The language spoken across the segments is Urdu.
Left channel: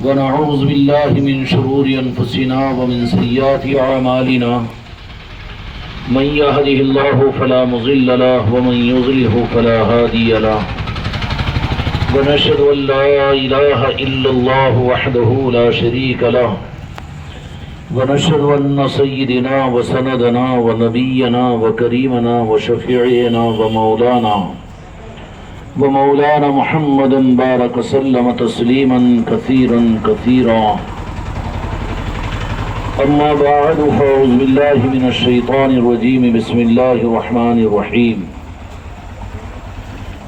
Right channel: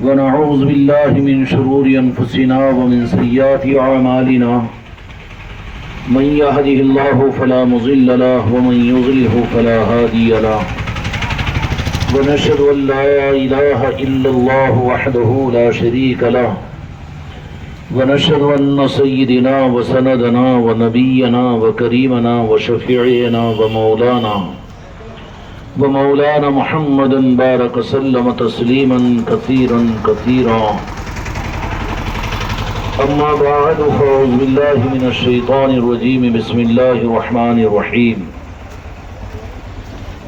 ونعوذ بالله من شرور أنفسنا ومن سيئات أعمالنا من يهده الله فلا مضل له ومن يضلل فلا هادي له ونشهد أن لا إله إلا الله وحده لا شريك له ونشهد أن سيدنا وسندنا ونبينا وكريمنا وشفيعنا ومولانا محمد بارك وسلم تسليما كثيرا كثيرا. أما بعد فأعوذ بالله من الشيطان الرجيم. بسم الله الرحمن الرحيم.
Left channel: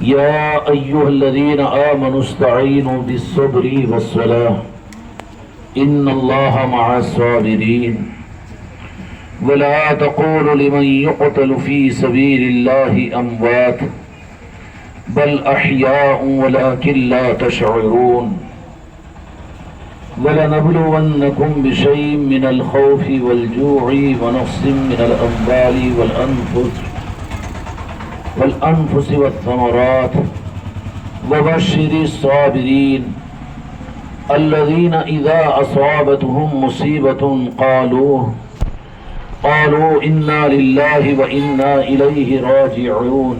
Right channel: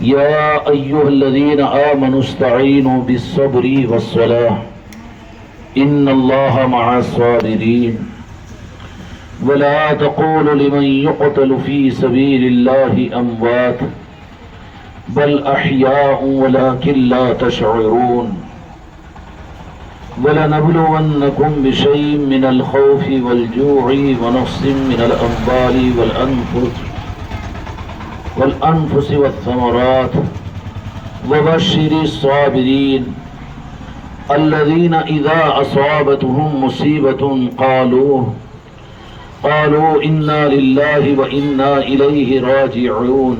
يا أيها الذين آمنوا استعينوا بالصبر والصلاة إن الله مع الصابرين ولا تقولوا لمن يقتل في سبيل الله أموات بل أحياء ولكن لا تشعرون. ولنبلونكم بشيء من الخوف والجوع ونقص من الأموال والأنفس والثمرات وبشر الصابرين الذين إذا أصابتهم مصيبة قالوا إنا لله وإنا إليه راجعون.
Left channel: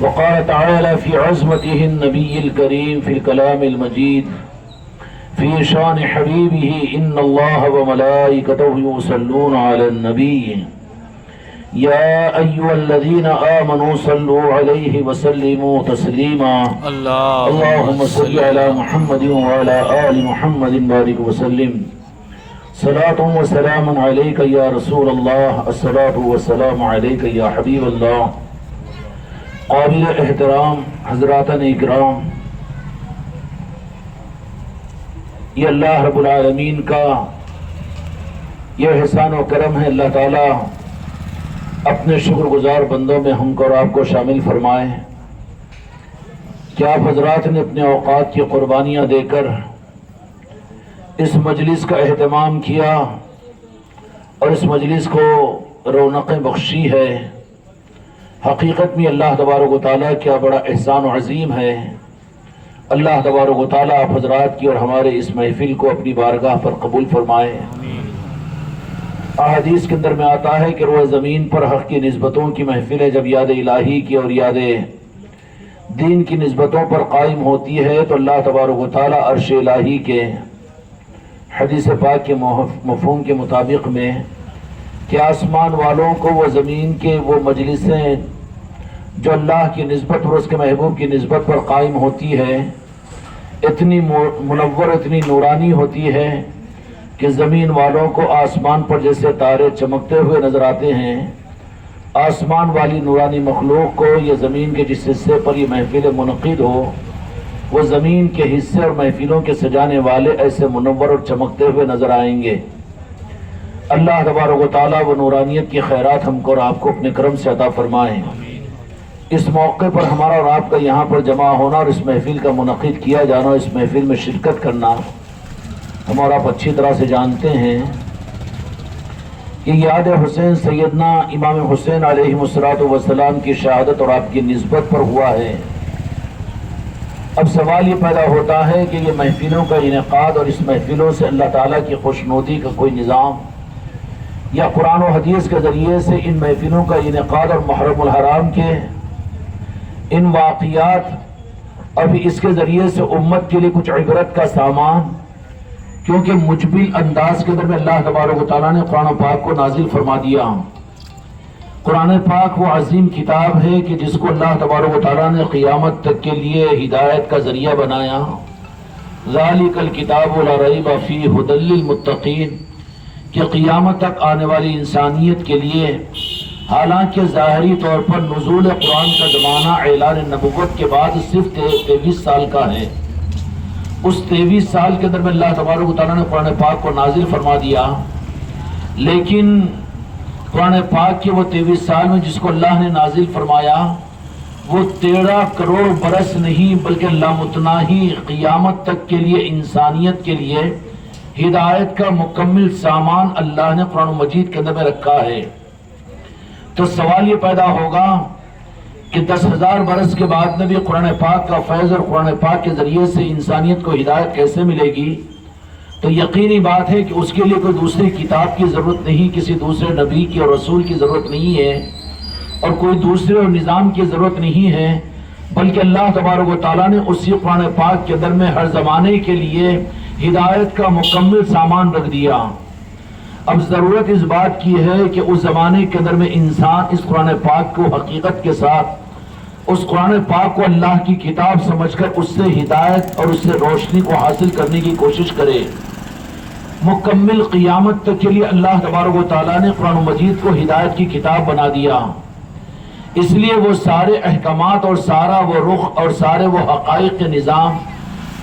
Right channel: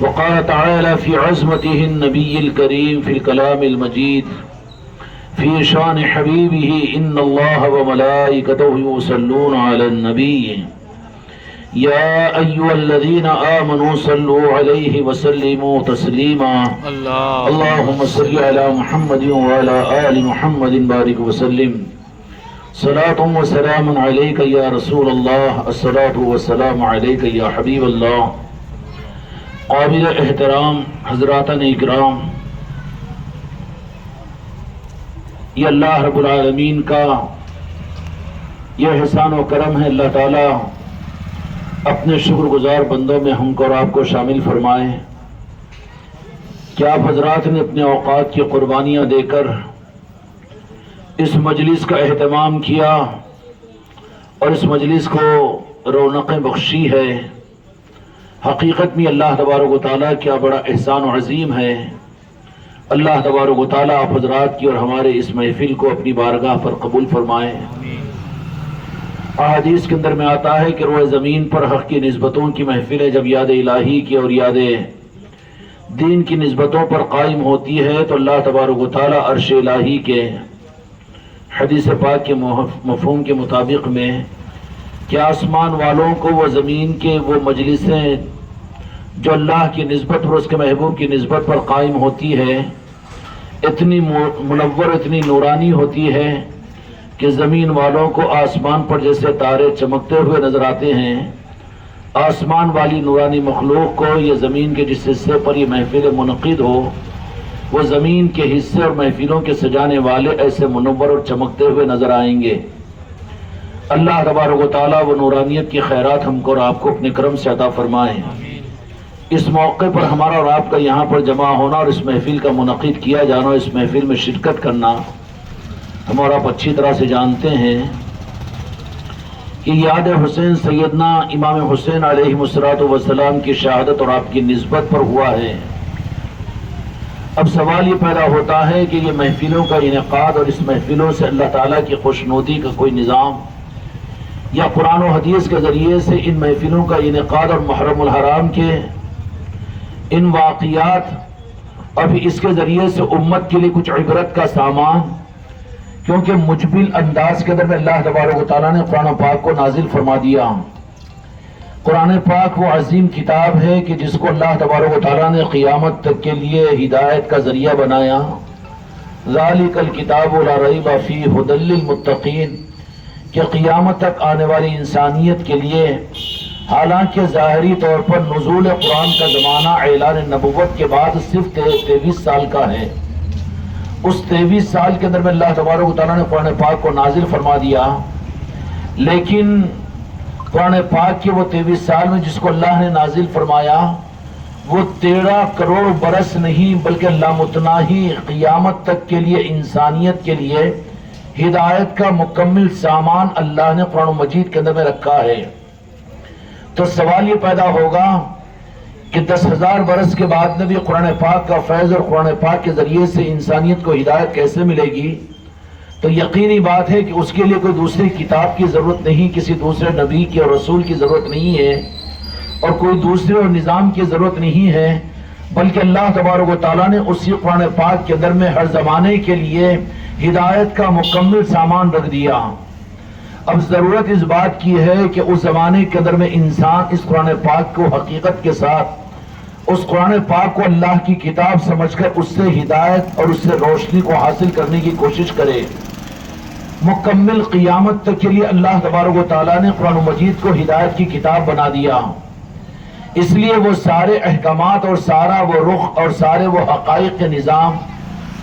وقال تعالى في عظمته النبي الكريم في الكلام المجيد في شان حبيبه إن الله وملائكته يصلون على النبي يا أيها الذين آمنوا صلوا عليه وسلموا تسليما. اللهم صل على محمد وعلى آل محمد بارك وسلم. صلاة وسلام عليك يا رسول الله. الصلاة والسلام عليك يا حبيب الله. قابل احترام حضراتن اکرام، یہ اللہ رب العالمین کا یہ احسان و کرم ہے. اللہ تعالیٰ اپنے شکر گزار بندوں میں ہم کو اور آپ کو شامل فرمائے کہ آپ حضرات نے اپنے اوقات کی قربانیاں دے کر اس مجلس کا اہتمام کیا اور اس مجلس کو رونقیں بخشی ہے. حقیقت میں اللہ تبارک و تعالیٰ کیا بڑا احسان و عظیم ہے. اللہ تبارک و تعالیٰ آپ حضرات کی اور ہمارے اس محفل کو اپنی بارگاہ پر قبول فرمائے. احادیث کے اندر میں آتا ہے کہ روئے زمین پر حق کی نسبتوں کی محفلیں جب یاد الہی کی اور یاد دین کی نسبتوں پر قائم ہوتی ہے تو اللہ تبارک و تعالیٰ عرش الہی کے حدیث پاک کے مفہوم کے مطابق میں کہ آسمان والوں کو وہ زمین کے وہ مجلسیں جو اللہ کی نسبت اور اس کے محبوب کی نسبت پر قائم ہوتی ہے اتنی منور اتنی نورانی ہوتی ہے کہ زمین والوں کو آسمان پر جیسے تارے چمکتے ہوئے نظر آتے ہیں. آسمان والی نورانی مخلوق کو یہ زمین کے جس حصے پر یہ محفل منعقد ہو وہ زمین کے حصے اور محفلوں کے سجانے والے ایسے منور اور چمکتے ہوئے نظر آئیں گے. اللہ تبارک و تعالیٰ وہ نورانیت کی خیرات ہم کو اور آپ کو اپنے کرم سے عطا فرمائیں. اس موقع پر ہمارا اور آپ کا یہاں پر جمع ہونا اور اس محفل کا منعقد کیا جانا، اس محفل میں شرکت کرنا ہم اور آپ اچھی طرح سے جانتے ہیں کہ یاد حسین سیدنا امام حسین علیہ السلام کی شہادت اور آپ کی نسبت پر ہوا ہے. اب سوال یہ پیدا ہوتا ہے کہ یہ محفلوں کا انعقاد اور اس محفلوں سے اللہ تعالیٰ کی خوشنودی کا کوئی نظام یا قرآن و حدیث کے ذریعے سے ان محفلوں کا انعقاد اور محرم الحرام کے ان واقعات ابھی اس کے ذریعے سے امت کے لیے کچھ عبرت کا سامان، کیونکہ مجبل انداز کے اندر میں اللہ تبارک و تعالیٰ نے قرآن پاک کو نازل فرما دیا. قرآن پاک وہ عظیم کتاب ہے کہ جس کو اللہ تبارک و تعالیٰ نے قیامت تک کے لیے ہدایت کا ذریعہ بنایا. ذالک الکتاب لا ریب فیہ ھدی للمتقین، کہ قیامت تک آنے والی انسانیت کے لیے، حالانکہ ظاہری طور پر نزول قرآن کا زمانہ اعلان نبوت کے بعد صرف 23 سال کا ہے، اس 23 سال کے اندر میں اللہ تبارک و تعالیٰ نے قرآن پاک کو نازل فرما دیا. لیکن قرآن پاک کے وہ 23 سال میں جس کو اللہ نے نازل فرمایا وہ 13 کروڑ برس نہیں بلکہ لامتناہی قیامت تک کے لیے انسانیت کے لیے ہدایت کا مکمل سامان اللہ نے قرآن مجید کے اندر میں رکھا ہے. تو سوال یہ پیدا ہوگا کہ 10,000 برس کے بعد نبی قرآن پاک کا فیض اور قرآن پاک کے ذریعے سے انسانیت کو ہدایت کیسے ملے گی، تو یقینی بات ہے کہ اس کے لیے کوئی دوسری کتاب کی ضرورت نہیں، کسی دوسرے نبی کی اور رسول کی ضرورت نہیں ہے، اور کوئی دوسرے اور نظام کی ضرورت نہیں ہے، بلکہ اللہ تبارک و تعالیٰ نے اسی قرآن پاک کے اندر میں ہر زمانے کے لیے ہدایت کا مکمل سامان رکھ دیا۔ اب ضرورت اس بات کی ہے کہ اس زمانے کے اندر میں انسان اس قرآن پاک کو حقیقت کے ساتھ، اس قرآن پاک کو اللہ کی کتاب سمجھ کر اس سے ہدایت اور اس سے روشنی کو حاصل کرنے کی کوشش کرے۔ مکمل قیامت تک کے لیے اللہ تبارک و تعالیٰ نے قرآن مجید کو ہدایت کی کتاب بنا دیا، اس لیے وہ سارے احکامات اور سارا وہ رخ اور سارے وہ حقائق کے نظام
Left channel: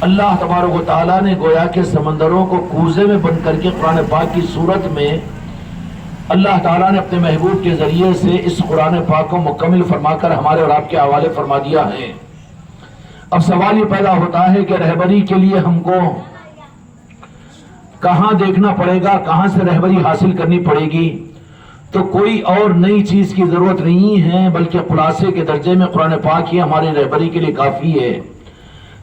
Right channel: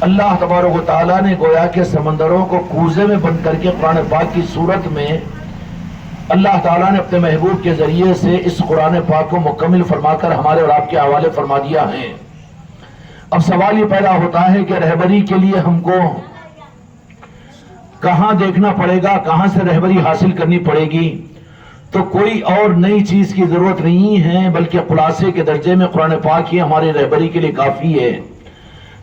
اللہ تبارک و تعالیٰ نے گویا کہ سمندروں کو کوزے میں بند کر کے قرآن پاک کی صورت میں اللہ تعالیٰ نے اپنے محبوب کے ذریعے سے اس قرآن پاک کو مکمل فرما کر ہمارے اور آپ کے حوالے فرما دیا ہے۔ اب سوال یہ پیدا ہوتا ہے کہ رہبری کے لیے ہم کو کہاں دیکھنا پڑے گا، کہاں سے رہبری حاصل کرنی پڑے گی؟ تو کوئی اور نئی چیز کی ضرورت نہیں ہے، بلکہ خلاصے کے درجے میں قرآن پاک ہی ہماری رہبری کے لیے کافی ہے۔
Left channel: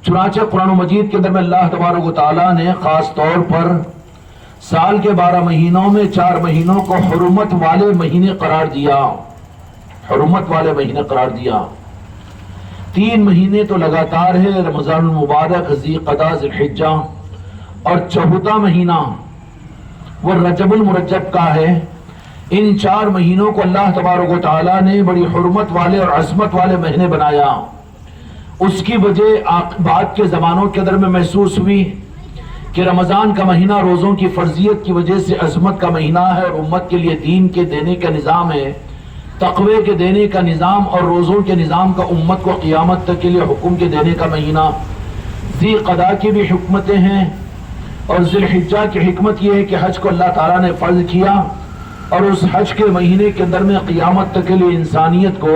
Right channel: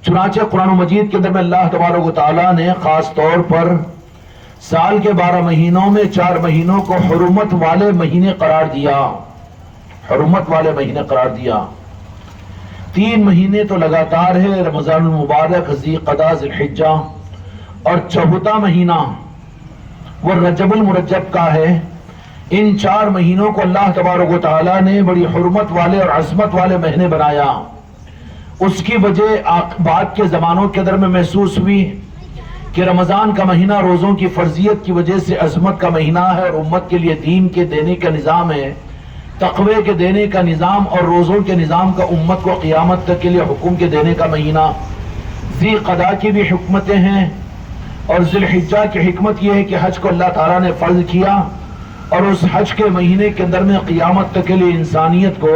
چنانچہ قرآن مجید کے اندر میں اللہ تبارک و تعالیٰ نے خاص طور پر سال کے 12 مہینوں میں 4 مہینوں کو حرمت والے مہینے قرار دیا، حرمت والے مہینے قرار دیا۔ 3 مہینے تو لگاتار ہے، رمضان المبارک، ذی قعدہ، ذی الحجہ، اور 14واں مہینہ وہ رجب المرجب کا ہے۔ ان 4 مہینوں کو اللہ تبارک و تعالیٰ نے بڑی حرمت والے اور عظمت والے مہینے بنایا۔ اس کی وجہ بعد کے زمانوں کے اندر میں محسوس ہوئی کہ رمضان کا مہینہ روزوں کی فرضیت کی وجہ سے عظمت کا مہینہ ہے، اور امت کے لیے دین کے دینے کا نظام ہے، تقوی کے دینے کا نظام اور روزوں کے نظام کا امت کو قیامت تک کے لیے حکم کے دینے کا مہینہ۔ ذی قعدہ کی بھی حکمتیں ہیں، اور ذی الحجہ کی حکمت یہ ہے کہ حج کو اللہ تعالیٰ نے فرض کیا، اور اس حج کے مہینے کے اندر میں قیامت تک کے لیے انسانیت کو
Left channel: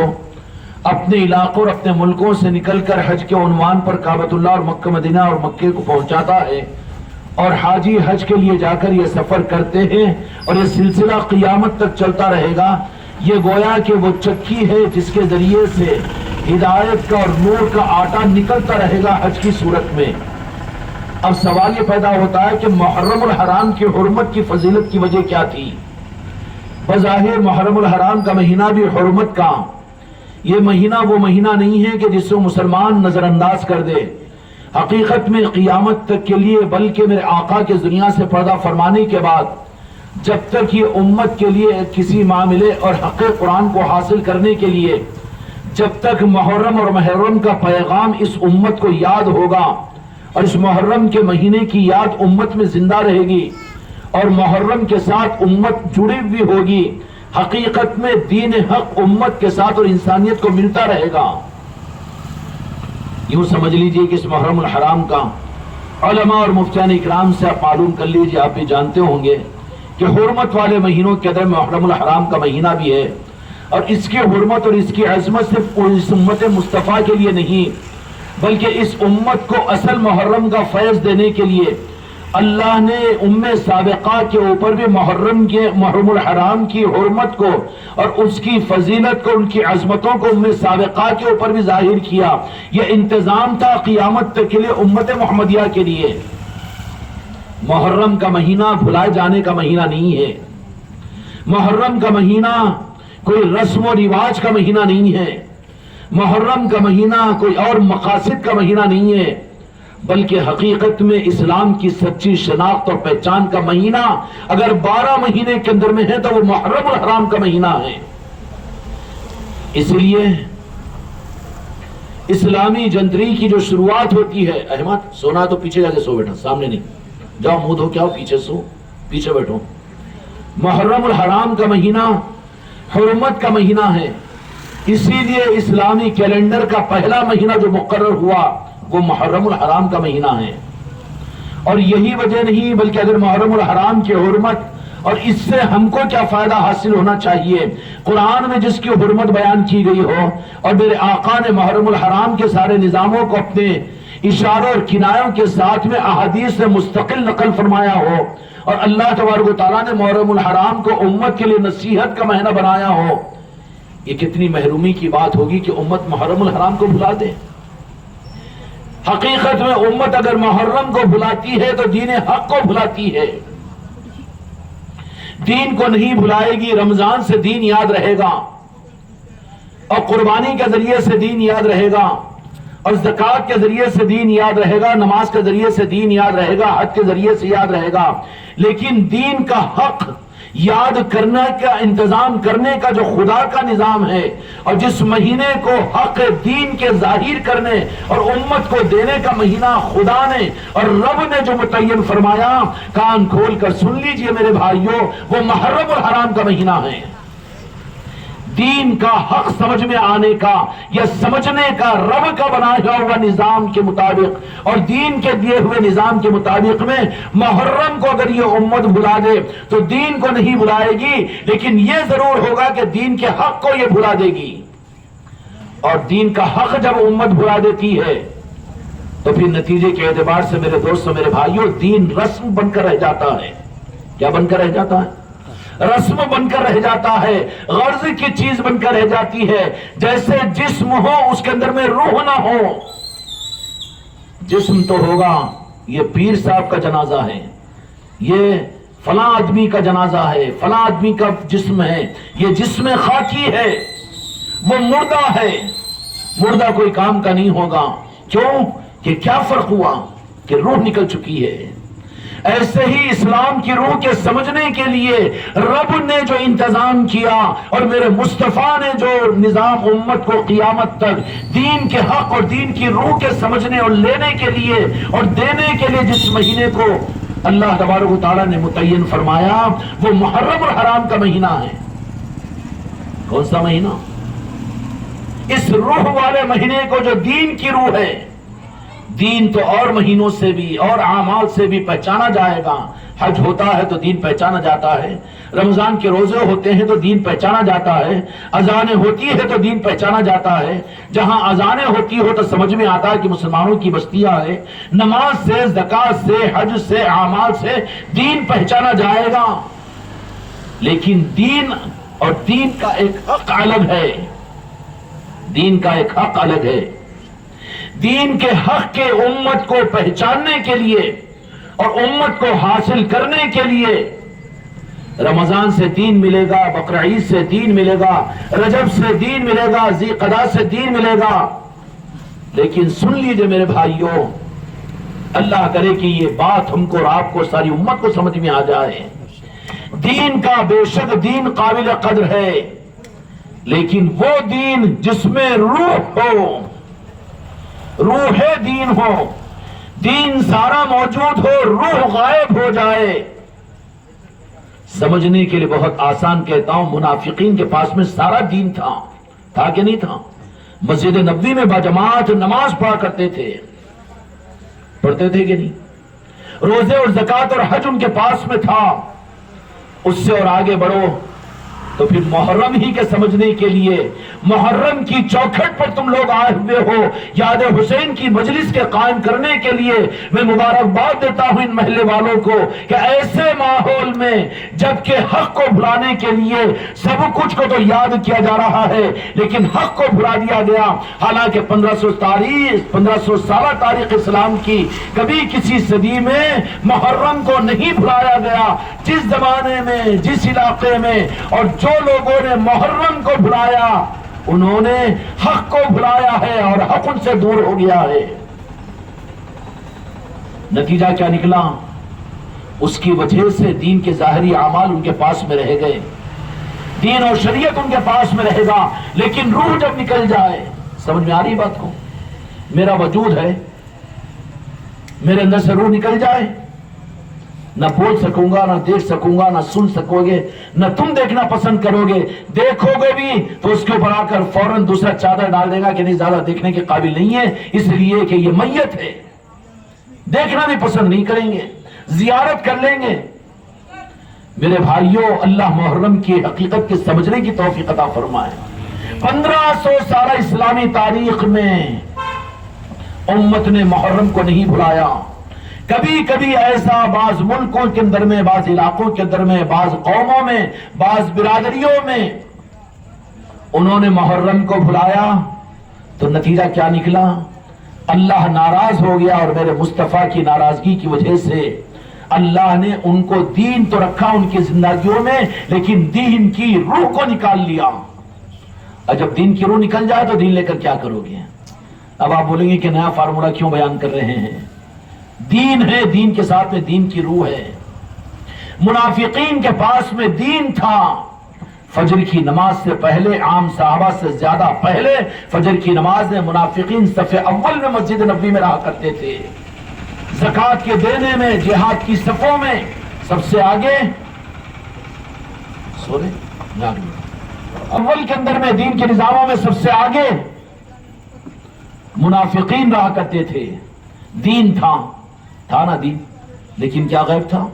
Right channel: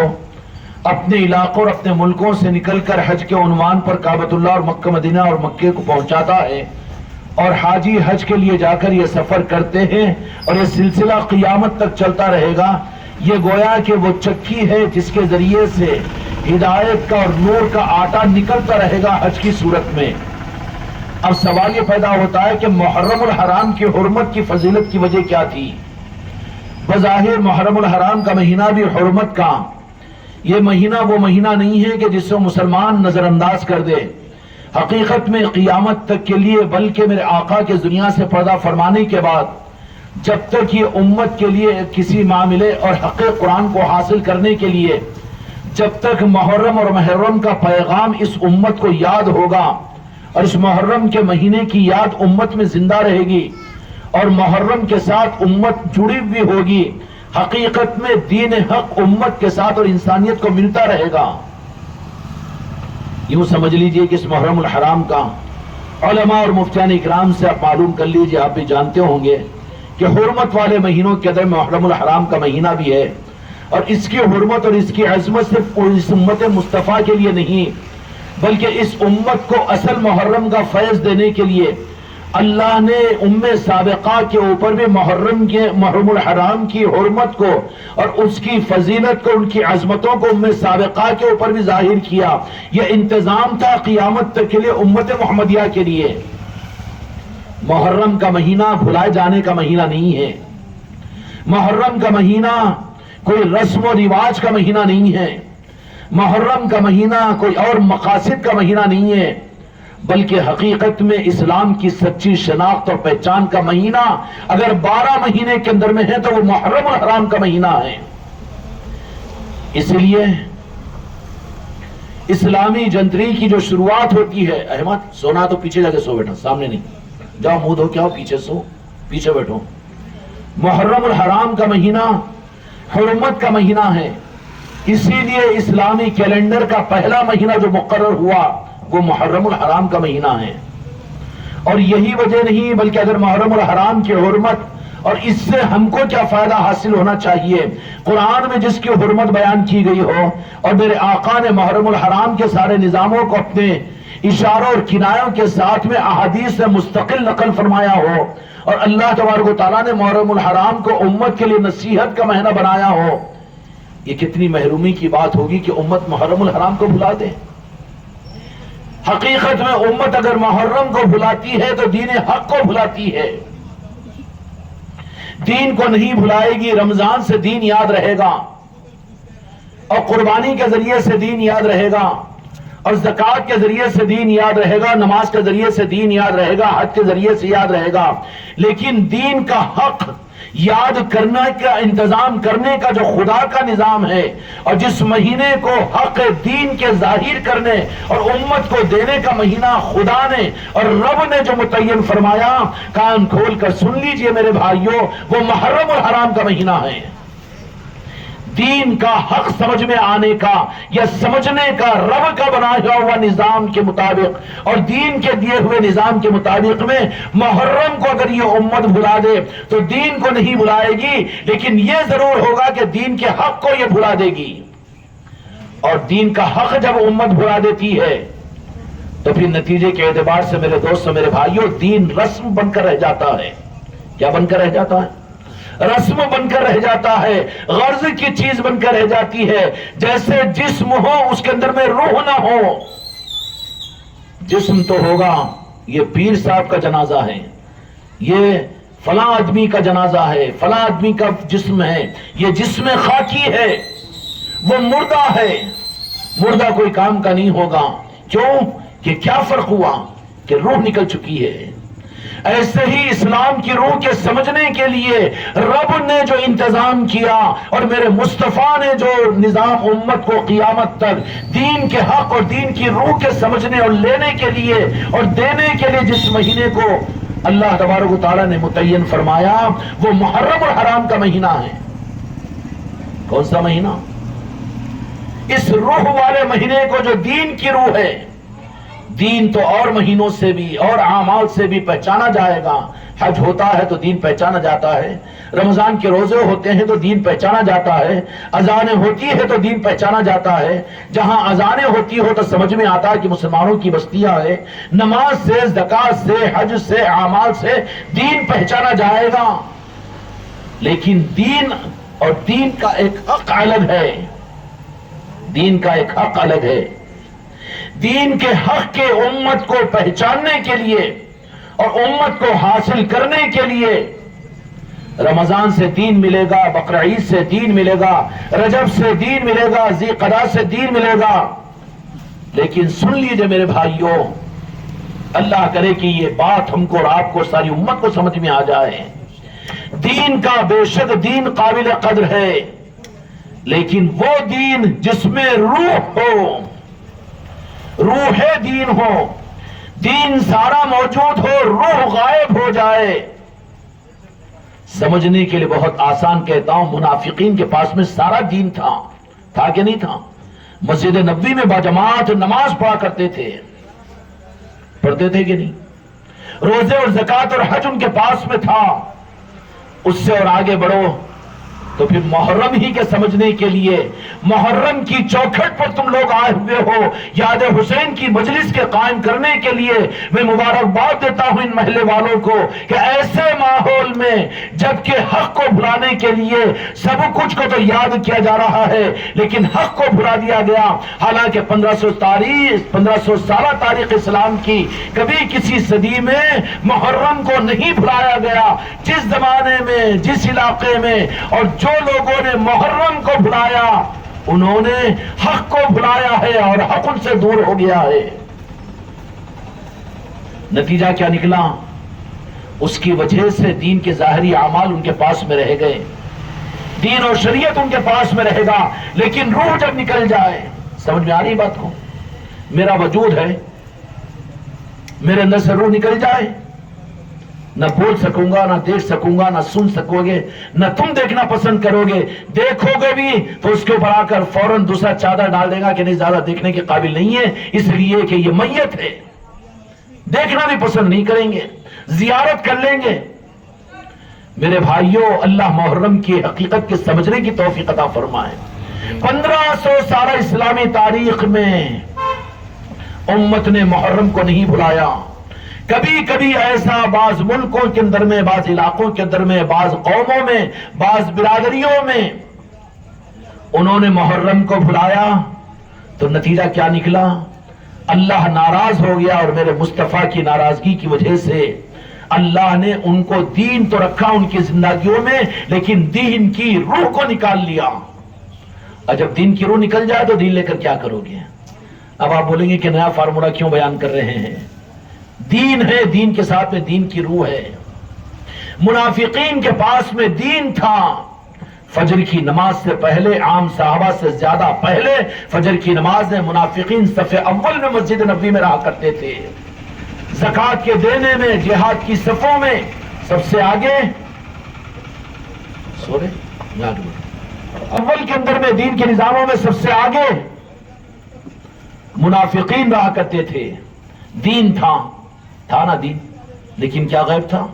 اپنے علاقوں اور اپنے ملکوں سے نکل کر حج کے عنوان پر کعبۃ اللہ اور مکہ مدینہ اور مکے کو پہنچاتا ہے، اور حاجی حج کے لیے جا کر یہ سفر کرتے ہیں، اور یہ سلسلہ قیامت تک چلتا رہے گا۔ یہ گویا کہ وہ چکی ہے جس کے ذریعے سے ہدایت کا اور نور کا آٹا نکلتا رہے گا حج کی صورت میں۔ اب سوال یہ پیدا ہوتا ہے کہ محرم الحرام کی حرمت کی فضیلت کی وجہ کیا تھی؟ بظاہر محرم الحرام کا مہینہ بھی حرمت کا، یہ مہینہ وہ مہینہ نہیں ہے کہ جس کو مسلمان نظر انداز کر دے۔ حقیقت میں قیامت تک کے لیے، بلکہ میرے آقا کے دنیا سے پردہ فرمانے کے بعد جب تک یہ امت کے لیے کسی معاملے اور حق قرآن کو حاصل کرنے کے لیے جب تک محرم اور محرم کا پیغام اس امت کو یاد ہوگا، اور اس محرم کے مہینے کی یاد امت میں زندہ رہے گی، اور محرم کے ساتھ امت جڑی ہوئی ہوگی، حقیقت میں دین حق امت کے ساتھ اور انسانیت کو ملتا رہے گا۔ یوں سمجھ لیجئے کہ اس محرم الحرام کا علماء اور مفتیان اکرام سے آپ معلوم کر لیجئے، آپ بھی جانتے ہوں گے کہ حرمت والے مہینوں کے اندر محرم الحرام کا مہینہ بھی ہے، اور اس کی حرمت اور اس کی عظمت صرف اس امت مصطفیٰ کے لیے نہیں، بلکہ اس امت کو اصل محرم کا فیض دینے کے لیے اللہ نے سابقہ کے اوپر بھی محرم الحرام کی حرمت کو اور اس کی فضیلت کو، ان کی عظمتوں کو سابقہ کے اوپر بھی ظاہر کیا۔ یہ انتظام تھا قیامت تک کے لیے امت محمدیہ کے لیے۔ محرم کا مہینہ بھلائے جانے کا مہینہ نہیں ہے، محرم کا مہینہ کوئی رسم و رواج کا مہینہ نہیں ہے، محرم کا مہینہ کوئی اور مقاصد کا مہینہ نہیں ہے، بلکہ حقیقت میں اسلام کی سچی شناخت اور پہچان کا مہینہ اگر 12 مہینے کے اندر میں ہے تو وہ محرم الحرام کا مہینہ ہے۔ اس لیے اسلامی جنتری کی جو شروعات ہوتی ہے، احمد سونا تو پیچھے جا کے سو بیٹھا، سامنے نہیں جاؤ، منہ دھو کے آؤ، پیچھے سو، پیچھے بیٹھو۔ محرم الحرام کا مہینہ حرمت کا مہینہ ہے، اسی لیے اسلامی کیلنڈر کا پہلا مہینہ جو مقرر ہوا وہ محرم الحرام کا مہینہ ہے۔ اور یہی وجہ نہیں، بلکہ اگر محرم الحرام کی حرمت اور اس سے ہم کو کیا فائدہ حاصل ہونا چاہیے، قرآن میں جس کی حرمت بیان کی گئی ہو، اور میرے آقا نے محرم الحرام کے سارے نظاموں کو اپنے اشاروں اور کنایوں کے ساتھ میں احادیث سے مستقل نقل فرمایا ہو، اور اللہ تبارک و تعالیٰ نے محرم الحرام کو امت کے لیے نصیحت کا مہینہ بنایا ہو، یہ کتنی محرومی کی بات ہوگی کہ امت محرم الحرام کو بھلا دے. حقیقت میں امت اگر محرم کو بھلاتی ہے تو دین حق کو بھلاتی ہے. دین کو نہیں بھلائے گی. رمضان سے دین یاد رہے گا اور قربانی کے ذریعے سے دین یاد رہے گا اور زکوٰۃ کے ذریعے سے دین یاد رہے گا, نماز کے ذریعے سے دین یاد رہے گا, حج کے ذریعے سے یاد رہے گا. لیکن دین کا حق یاد کرنے کا, انتظام کرنے کا جو خدا کا نظام ہے, اور جس مہینے کو حق دین کے ظاہر کرنے اور امت کو دینے کا مہینہ خدا نے اور رب نے جو متعین فرمایا, کان کھول کر سن لیجئے میرے بھائیوں, وہ محرم الحرام کا مہینہ ہے. دین کا حق سمجھ میں آنے کا یا سمجھنے کا رب کا بنایا ہوا نظام کے مطابق اور دین کے دیے ہوئے نظام کے مطابق میں محرم کو اگر یہ امت بھلا دے تو دین کو نہیں بھلائے گی, لیکن یہ ضرور ہوگا کہ دین کے حق کو یہ بھلا دے گی. اور دین کا حق جب امت بھلا دیتی ہے تو پھر نتیجے کے اعتبار سے میرے دوستوں, میرے بھائیوں, دین رسم بن کر رہ جاتا ہے. کیا بن کر رہ جاتا ہے؟ رسم بن کر رہ جاتا ہے, غرض کی چیز بن کر رہ جاتی ہے. جیسے جسم ہو اس کے اندر میں روح نہ ہو. جسم تو ہوگا, یہ پیر صاحب کا جنازہ ہے, یہ فلاں آدمی کا جنازہ ہے, فلاں آدمی کا جسم ہے, یہ جسم خاکی ہے, وہ مردہ ہے. مردہ کوئی کام کا نہیں ہوگا. کیوں کہ کیا فرق ہوا کہ روح نکل چکی ہے. ایسے ہی اسلام کی روح کے سمجھنے کے لیے رب نے جو انتظام کیا اور میرے مصطفیٰ نے جو نظام امت کو قیامت تک دین کے حق اور دین کی روح کے سمجھنے اور لینے کے لیے اور دینے کے لیے جس مہینے کو اللہ تبارک و تعالیٰ نے متعین فرمایا, وہ محرم الحرام کا مہینہ ہے. کون سا مہینہ؟ اس روح والے مہینے کو جو دین کی روح ہے. دین تو اور مہینوں سے بھی اور اعمال سے بھی پہچانا جائے گا. حج ہوتا ہے تو دین پہچانا جاتا ہے, رمضان کے روزے ہوتے ہیں تو دین پہچانا جاتا ہے, اذانیں ہوتی ہے تو دین پہچانا جاتا ہے. جہاں اذانیں ہوتی ہو تو سمجھ میں آتا ہے کہ مسلمانوں کی بستیاں ہے. نماز سے, زکوٰۃ سے, حج سے, اعمال سے دین پہچانا جائے گا. لیکن دین اور دین کا ایک حق الگ ہے. دین کا ایک حق الگ ہے. دین کے حق کے امت کو پہچاننے کے لیے اور امت کو حاصل کرنے کے لیے رمضان سے دین ملے گا, بقر عید سے دین ملے گا, رجب سے دین ملے گا, ذی قعدہ سے دین ملے گا. لیکن سن لیجئے میرے بھائیوں, اللہ کرے کہ یہ بات ہم کو اور آپ کو, ساری امت کو سمجھ میں آ جائے. دین کا بے شک دین قابل قدر ہے, لیکن وہ دین جس میں روح ہو, روح دین ہو, دین سارا موجود ہو, روح غائب ہو جائے. سمجھنے کے لیے بہت آسان کہتا ہوں, منافقین کے پاس میں سارا دین تھا کہ نہیں تھا؟ مسجد نبوی میں باجماعت نماز پڑھا کرتے تھے, پڑھتے تھے کہ نہیں؟ روزے اور زکوٰۃ اور حج ان کے پاس میں تھا. اس سے اور آگے بڑھو تو پھر محرم ہی کے سمجھنے کے لیے, محرم کی چوکھٹ پر تم لوگ آئے ہوئے ہو, یاد حسین کی مجلس کے قائم کرنے کے لیے میں مبارکباد دیتا ہوں ان محلے والوں کو کہ ایسے ماحول میں جبکہ حق کو بھلانے کے لیے سب کچھ کو تو یاد کیا جا رہا ہے لیکن حق کو بھلا دیا گیا. حالانکہ 1500 سالہ تاریخ اسلام کی کبھی کسی صدی میں محرم کو نہیں بھلایا گیا. جس زمانے میں, جس علاقے میں اور جو لوگوں نے محرم کو بھلایا انہوں نے حق کو بھلایا ہے اور حق ان سے دور ہو گیا ہے. نتیجہ کیا نکلا؟ اس کی وجہ سے دین کے ظاہری اعمال ان کے پاس میں رہ گئے, دین اور شریعت ان کے پاس میں رہے گا, لیکن روح جب نکل جائے, سمجھ میں آ رہی بات کو, میرا وجود ہے, میرے اندر سے روح نکل جائے, نہ بول سکوں گا, نہ دیکھ سکوں گا, نہ سن سکو گے, نہ تم دیکھنا پسند کرو گے. دیکھو گے بھی تو اس کے اوپر آ کر فوراً دوسرا چادر ڈال دے گا کہ نہیں, زیادہ دیکھنے کے قابل نہیں ہے, اس لیے کہ یہ میت ہے. دیکھنا بھی پسند نہیں کریں گے, زیارت کر لیں گے. میرے بھائیوں, اللہ محرم کی حقیقت کے سمجھنے کی توفیق عطا فرمائے. 1500 سالہ اسلامی تاریخ میں امت نے محرم کو نہیں بھلایا. کبھی کبھی ایسا بعض ملکوں کے اندر میں, بعض علاقوں کے اندر میں, بعض قوموں میں, بعض برادریوں میں انہوں نے محرم کو بھلایا تو نتیجہ کیا نکلا؟ اللہ ناراض ہو گیا، اور میرے مصطفیٰ کی ناراضگی کی وجہ سے اللہ نے ان کو دین تو رکھا ان کی زندگیوں میں، لیکن دین کی روح کو نکال لیا۔ اور جب دین کی روح نکل جائے تو دین لے کر کیا کرو گے؟ اب آپ بولیں گے کہ نیا فارمولا کیوں بیان کر رہے ہیں؟ دین ہے، دین کے ساتھ میں دین کی روح ہے۔ منافقین کے پاس میں دین تھا، فجر کی نماز سے پہلے، عام صحابہ سے زیادہ پہلے فجر کی نماز میں منافقین صف اول میں مسجد نبوی میں رہا کرتے تھے، زکوٰۃ کے دینے میں، جہاد کی صفوں میں سب سے آگے، اول کے اندر میں دین کے نظاموں میں سب سے آگے منافقین رہا کرتے تھے۔ دین تھا نا دین، لیکن کیا غیب تھا؟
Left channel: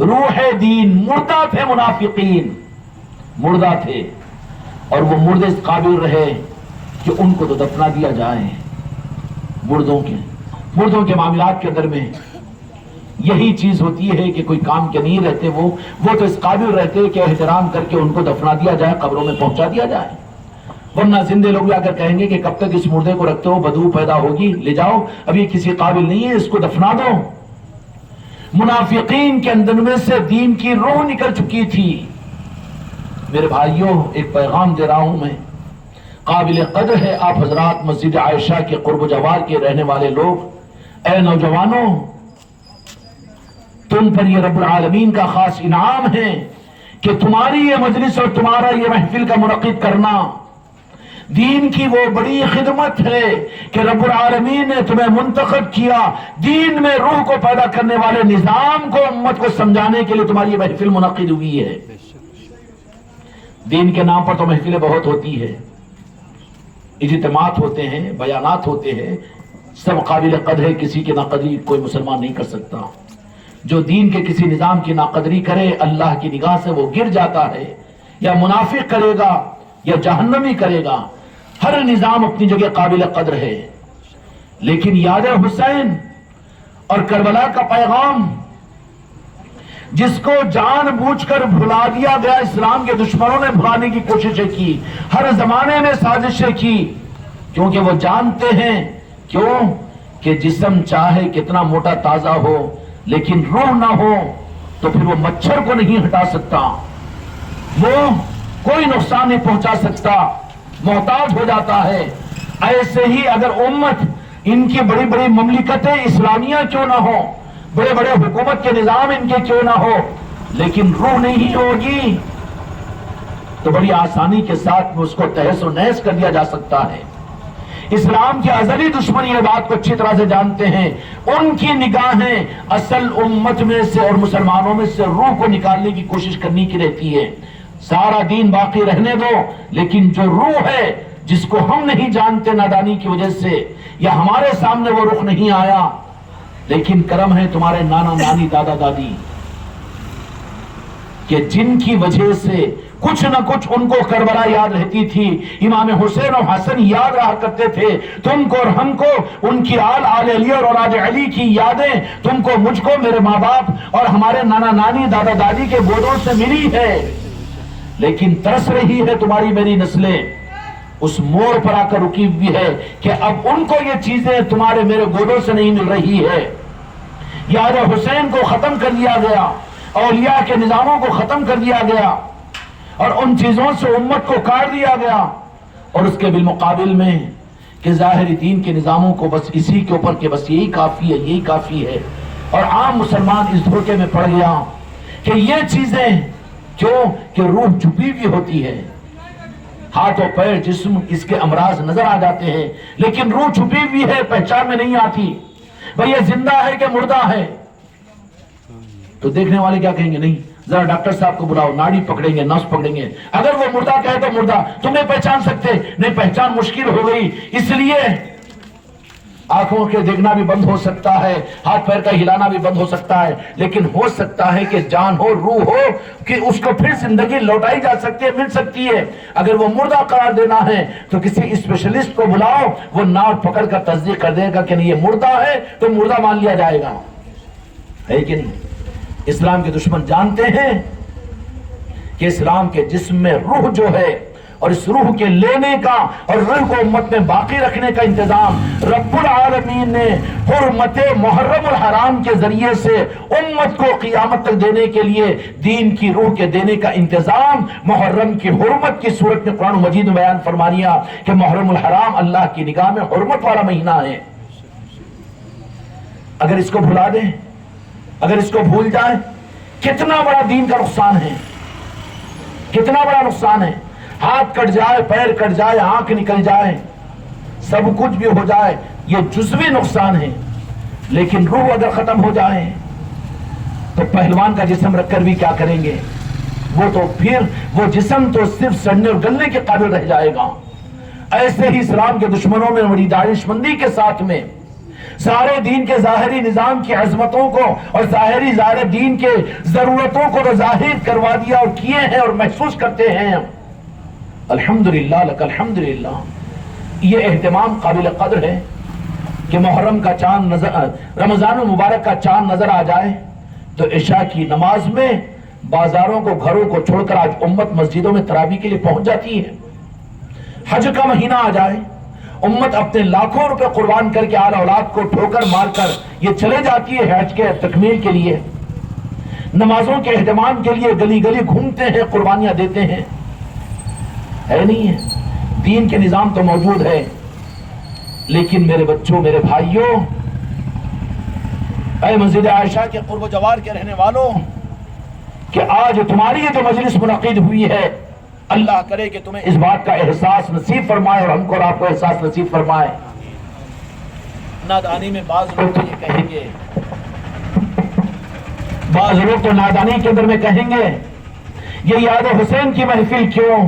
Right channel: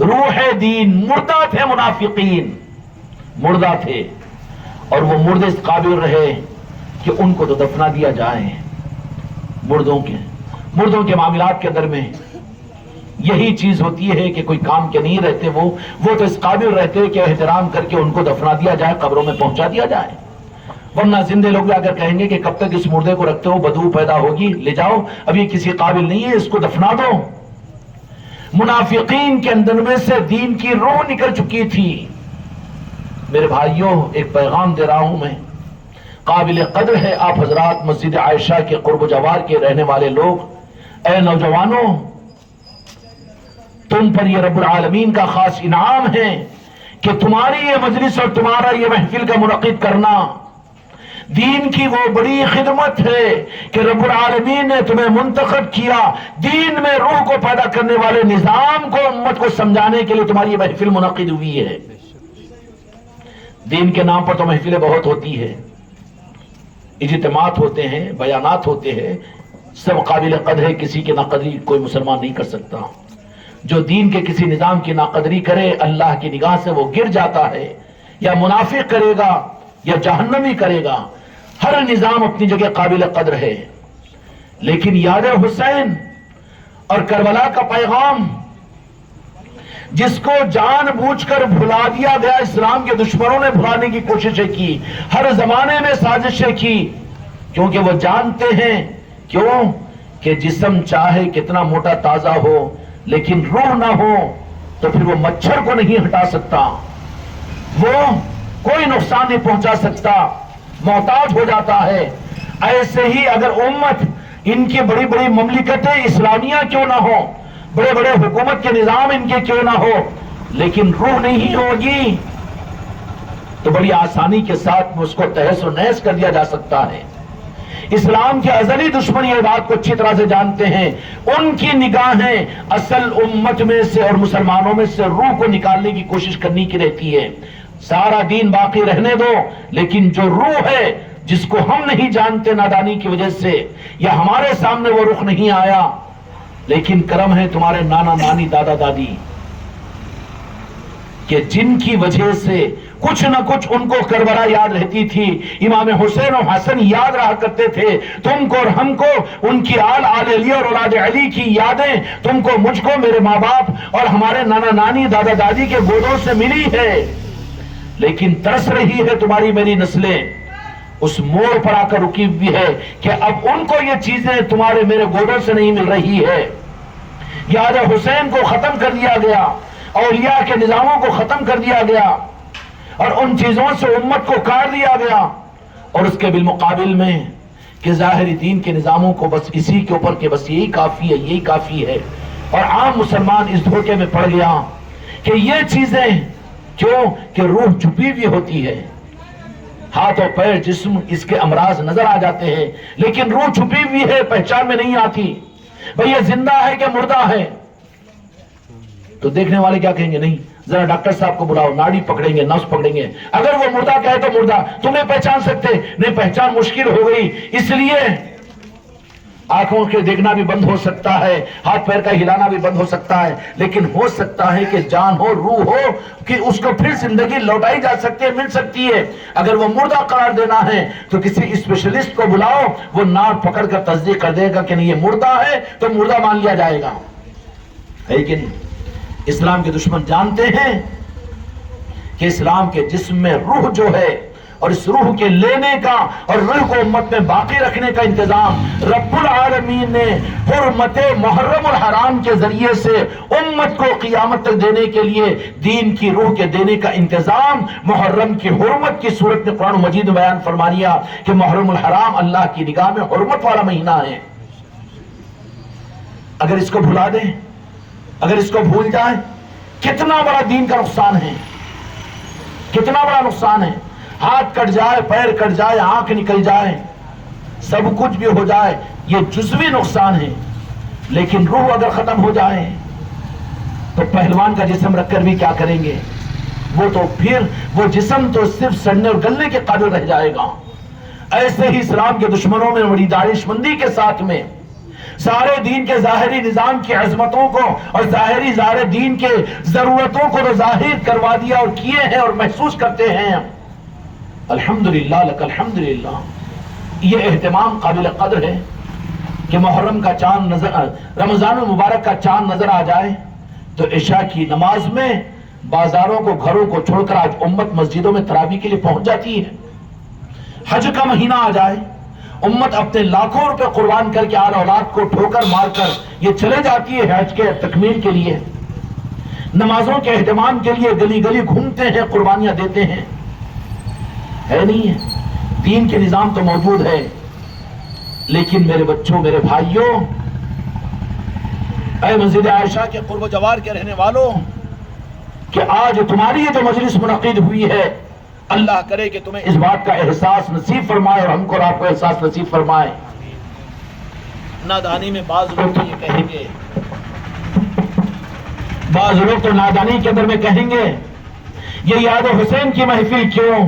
روح دین، مردہ تھے منافقین، مردہ تھے، اور وہ مردے اس قابل رہے کہ ان کو تو دفنا دیا جائے۔ مردوں کے معاملات کے اندر میں یہی چیز ہوتی ہے کہ کوئی کام کے نہیں رہتے، وہ تو اس قابل رہتے کہ احترام کر کے ان کو دفنا دیا جائے، قبروں میں پہنچا دیا جائے۔ ورنہ زندے لوگ اگر کہیں گے کہ کب تک اس مردے کو رکھتے ہو، بدبو پیدا ہوگی، لے جاؤ، اب یہ کسی قابل نہیں ہے، اس کو دفنا دو۔ منافقین کے اندر میں سے دین کی روح نکل چکی تھی۔ میرے بھائیوں، ایک پیغام دے رہا ہوں میں، قابل قدر ہے آپ حضرات مسجد عائشہ کے قرب و جوار کے رہنے والے لوگ، اے نوجوانوں، تم پر یہ رب العالمین کا خاص انعام ہے کہ تمہاری یہ مجلس اور تمہارا یہ محفل کا منعقد کرنا دین کی وہ بڑی خدمت ہے کہ رب العالمین نے تمہیں منتخب کیا، دین میں روح کو پیدا کرنے والے نظام کو امت کو سمجھانے کے لیے تمہاری یہ محفل منعقد ہوئی ہے۔ دین کے نام پر تو محفلیں بہت ہوتی ہے، اجتماعات ہوتے ہیں، بیانات ہوتے ہیں، سب قابل قدر ہے، کسی کی ناقدری کوئی مسلمان نہیں کر سکتا۔ جو دین کے کسی نظام کی ناقدری کرے، اللہ کی نگاہ سے وہ گر جاتا ہے، یا منافق کرے گا یا جہنمی کرے گا۔ ہر نظام اپنی جگہ قابل قدر ہے، لیکن یاد حسین اور کربلا کا پیغام جس کو جان بوجھ کر بھلا دیا گیا، اسلام کے دشمنوں نے بھلانے کی کوششیں کی، ہر زمانے میں سازشیں کی، کیونکہ وہ جانتے ہیں کیوں کہ جسم چاہے کتنا موٹا تازہ ہو لیکن روح نہ ہو تو پھر وہ مچھر کو نہیں ہٹا سکتا، وہ کوئی نقصان نہیں پہنچا سکتا، محتاج ہو جاتا ہے۔ ایسے ہی اگر امت، ان کی بڑی بڑی مملکتیں اسلامیہ کیوں نہ ہو، بڑے بڑے حکومت کے نظام ان کے کیوں نہ ہو، لیکن روح نہیں ہوگی تو بڑی آسانی کے ساتھ اس کو تہس و نہس کر دیا جا سکتا ہے۔ اسلام کے ازلی دشمن یہ بات کو اچھی طرح سے جانتے ہیں، ان کی نگاہیں اصل امت میں سے اور مسلمانوں میں سے روح کو نکالنے کی کوشش کرنے کی رہتی ہے۔ سارا دین باقی رہنے دو، لیکن جو روح ہے جس کو ہم نہیں جانتے نادانی کی وجہ سے، یا ہمارے سامنے وہ رخ نہیں آیا، لیکن کرم ہے تمہارے نانا نانی دادا دادی کہ جن کی وجہ سے کچھ نہ کچھ ان کو کربلا یاد رہتی تھی، امام حسین اور حسن یاد رہا کرتے تھے، تم کو اور ہم کو ان کی آل علی اور اولاد علی کی یادیں تم کو، مجھ کو، میرے ماں باپ اور ہمارے نانا نانی دادا دادی کے گودوں سے ملی ہے، لیکن ترس رہی ہے تمہاری میری نسلیں، اس موڑ پر آ کر رکی ہوئی ہے کہ اب ان کو یہ چیزیں تمہارے میرے گودوں سے نہیں مل رہی ہے۔ یاد حسین کو ختم کر دیا گیا، اولیاء کے نظاموں کو ختم کر دیا گیا، اور ان چیزوں سے امت کو کاٹ دیا گیا، اور اس کے بالمقابل میں کہ ظاہری دین کے نظاموں کو بس اسی کے اوپر کہ بس یہی کافی ہے، یہی کافی ہے، اور عام مسلمان اس دھوکے میں پڑ گیا کہ یہ چیزیں کیوں کہ روح چھپی ہوئی ہوتی ہے، ہاتھ اور پیر جسم اس کے امراض نظر آ جاتے ہیں، لیکن روح چھپی ہوئی ہے، پہچان میں نہیں آتی، بھئی یہ زندہ ہے کہ مردہ ہے؟ تو دیکھنے والے کیا کہیں گے؟ نہیں، ذرا ڈاکٹر صاحب کو بلاؤ، ناڑی پکڑیں گے، نس پکڑیں گے، اگر وہ مردہ کہے تو مردہ، تم نہیں پہچان سکتے، نہیں پہچان مشکل ہو گئی، اس لیے آنکھوں کے دیکھنا بھی بند ہو سکتا ہے، ہاتھ پیر کا ہلانا بھی بند ہو سکتا ہے، لیکن ہو سکتا ہے کہ جان ہو، روح ہو، کہ اس کو پھر زندگی لوٹائی جا سکتی ہے، مل سکتی ہے۔ اگر وہ مردہ قرار دینا ہے تو کسی اسپیشلسٹ کو بلاؤ، وہ ناڑ پکڑ کر تصدیق کر دے گا کہ نہیں یہ مردہ ہے تو مردہ مان لیا جائے گا، ہے کہ نہیں؟ اسلام کے دشمن جانتے ہیں کہ اسلام کے جسم میں روح جو ہے اور اس روح کے لینے کا اور روح کو امت میں باقی رکھنے کا انتظام رب العالمین نے حرمت محرم الحرام کے ذریعے سے امت کو قیامت تک دینے کے لیے دین کی روح کے دینے کا انتظام محرم کی حرمت کی صورت میں قرآن مجید میں بیان فرما دیا کہ محرم الحرام اللہ کی نگاہ میں حرمت والا مہینہ ہے۔ اگر اس کو بھلا دیں، اگر اس کو بھول جائیں، کتنا بڑا دین کا نقصان ہے، کتنا بڑا نقصان ہے۔ ہاتھ کٹ جائے، پیر کٹ جائے، آنکھ نکل جائے، سب کچھ بھی ہو جائے، یہ جزوی نقصان ہے، لیکن روح اگر ختم ہو جائے تو پہلوان کا جسم رکھ کر بھی کیا کریں گے؟ وہ تو پھر وہ جسم تو صرف سڑنے اور گلنے کے قابل رہ جائے گا۔ ایسے ہی اسلام کے دشمنوں نے بڑی دانش مندی کے ساتھ میں سارے دین کے ظاہری نظام کی عظمتوں کو اور ظاہر دین کے ضرورتوں کو تو ظاہر کروا دیا اور کیے ہیں اور محسوس کرتے ہیں۔ الحمدللہ لک الحمدللہ، یہ اہتمام قابل قدر ہے کہ محرم کا چاند رمضان المبارک کا چاند نظر آ جائے تو عشاء کی نماز میں بازاروں کو، گھروں کو چھوڑ کر آج امت مسجدوں میں تراویح کے لیے پہنچ جاتی ہے۔ حج کا مہینہ آ جائے، امت اپنے لاکھوں روپے قربان کر کے آل اولاد کو ٹھوکر مار کر یہ چلے جاتی ہے حج کے تکمیل کے لیے، نمازوں کے اہتمام کے لیے گلی گلی گھومتے ہیں، قربانیاں دیتے ہیں۔ ہے نہیں ہے؟ دین کے نظام تو موجود ہے، لیکن میرے بچوں، میرے بھائیوں، اے مسجد عائشہ کے قرب و جوار کے رہنے والوں، کہ آج تمہاری جو مجلس منعقد ہوئی ہے، اللہ کرے کہ تمہیں اس بات کا احساس نصیب فرمائے اور ہم کو اور آپ کو احساس نصیب فرمائے۔ نادانی میں بعض لوگ تو یہ کہیں گے، بعض لوگ تو نادانی کے اندر میں کہیں گے یہ یاد حسین کی محفل کیوں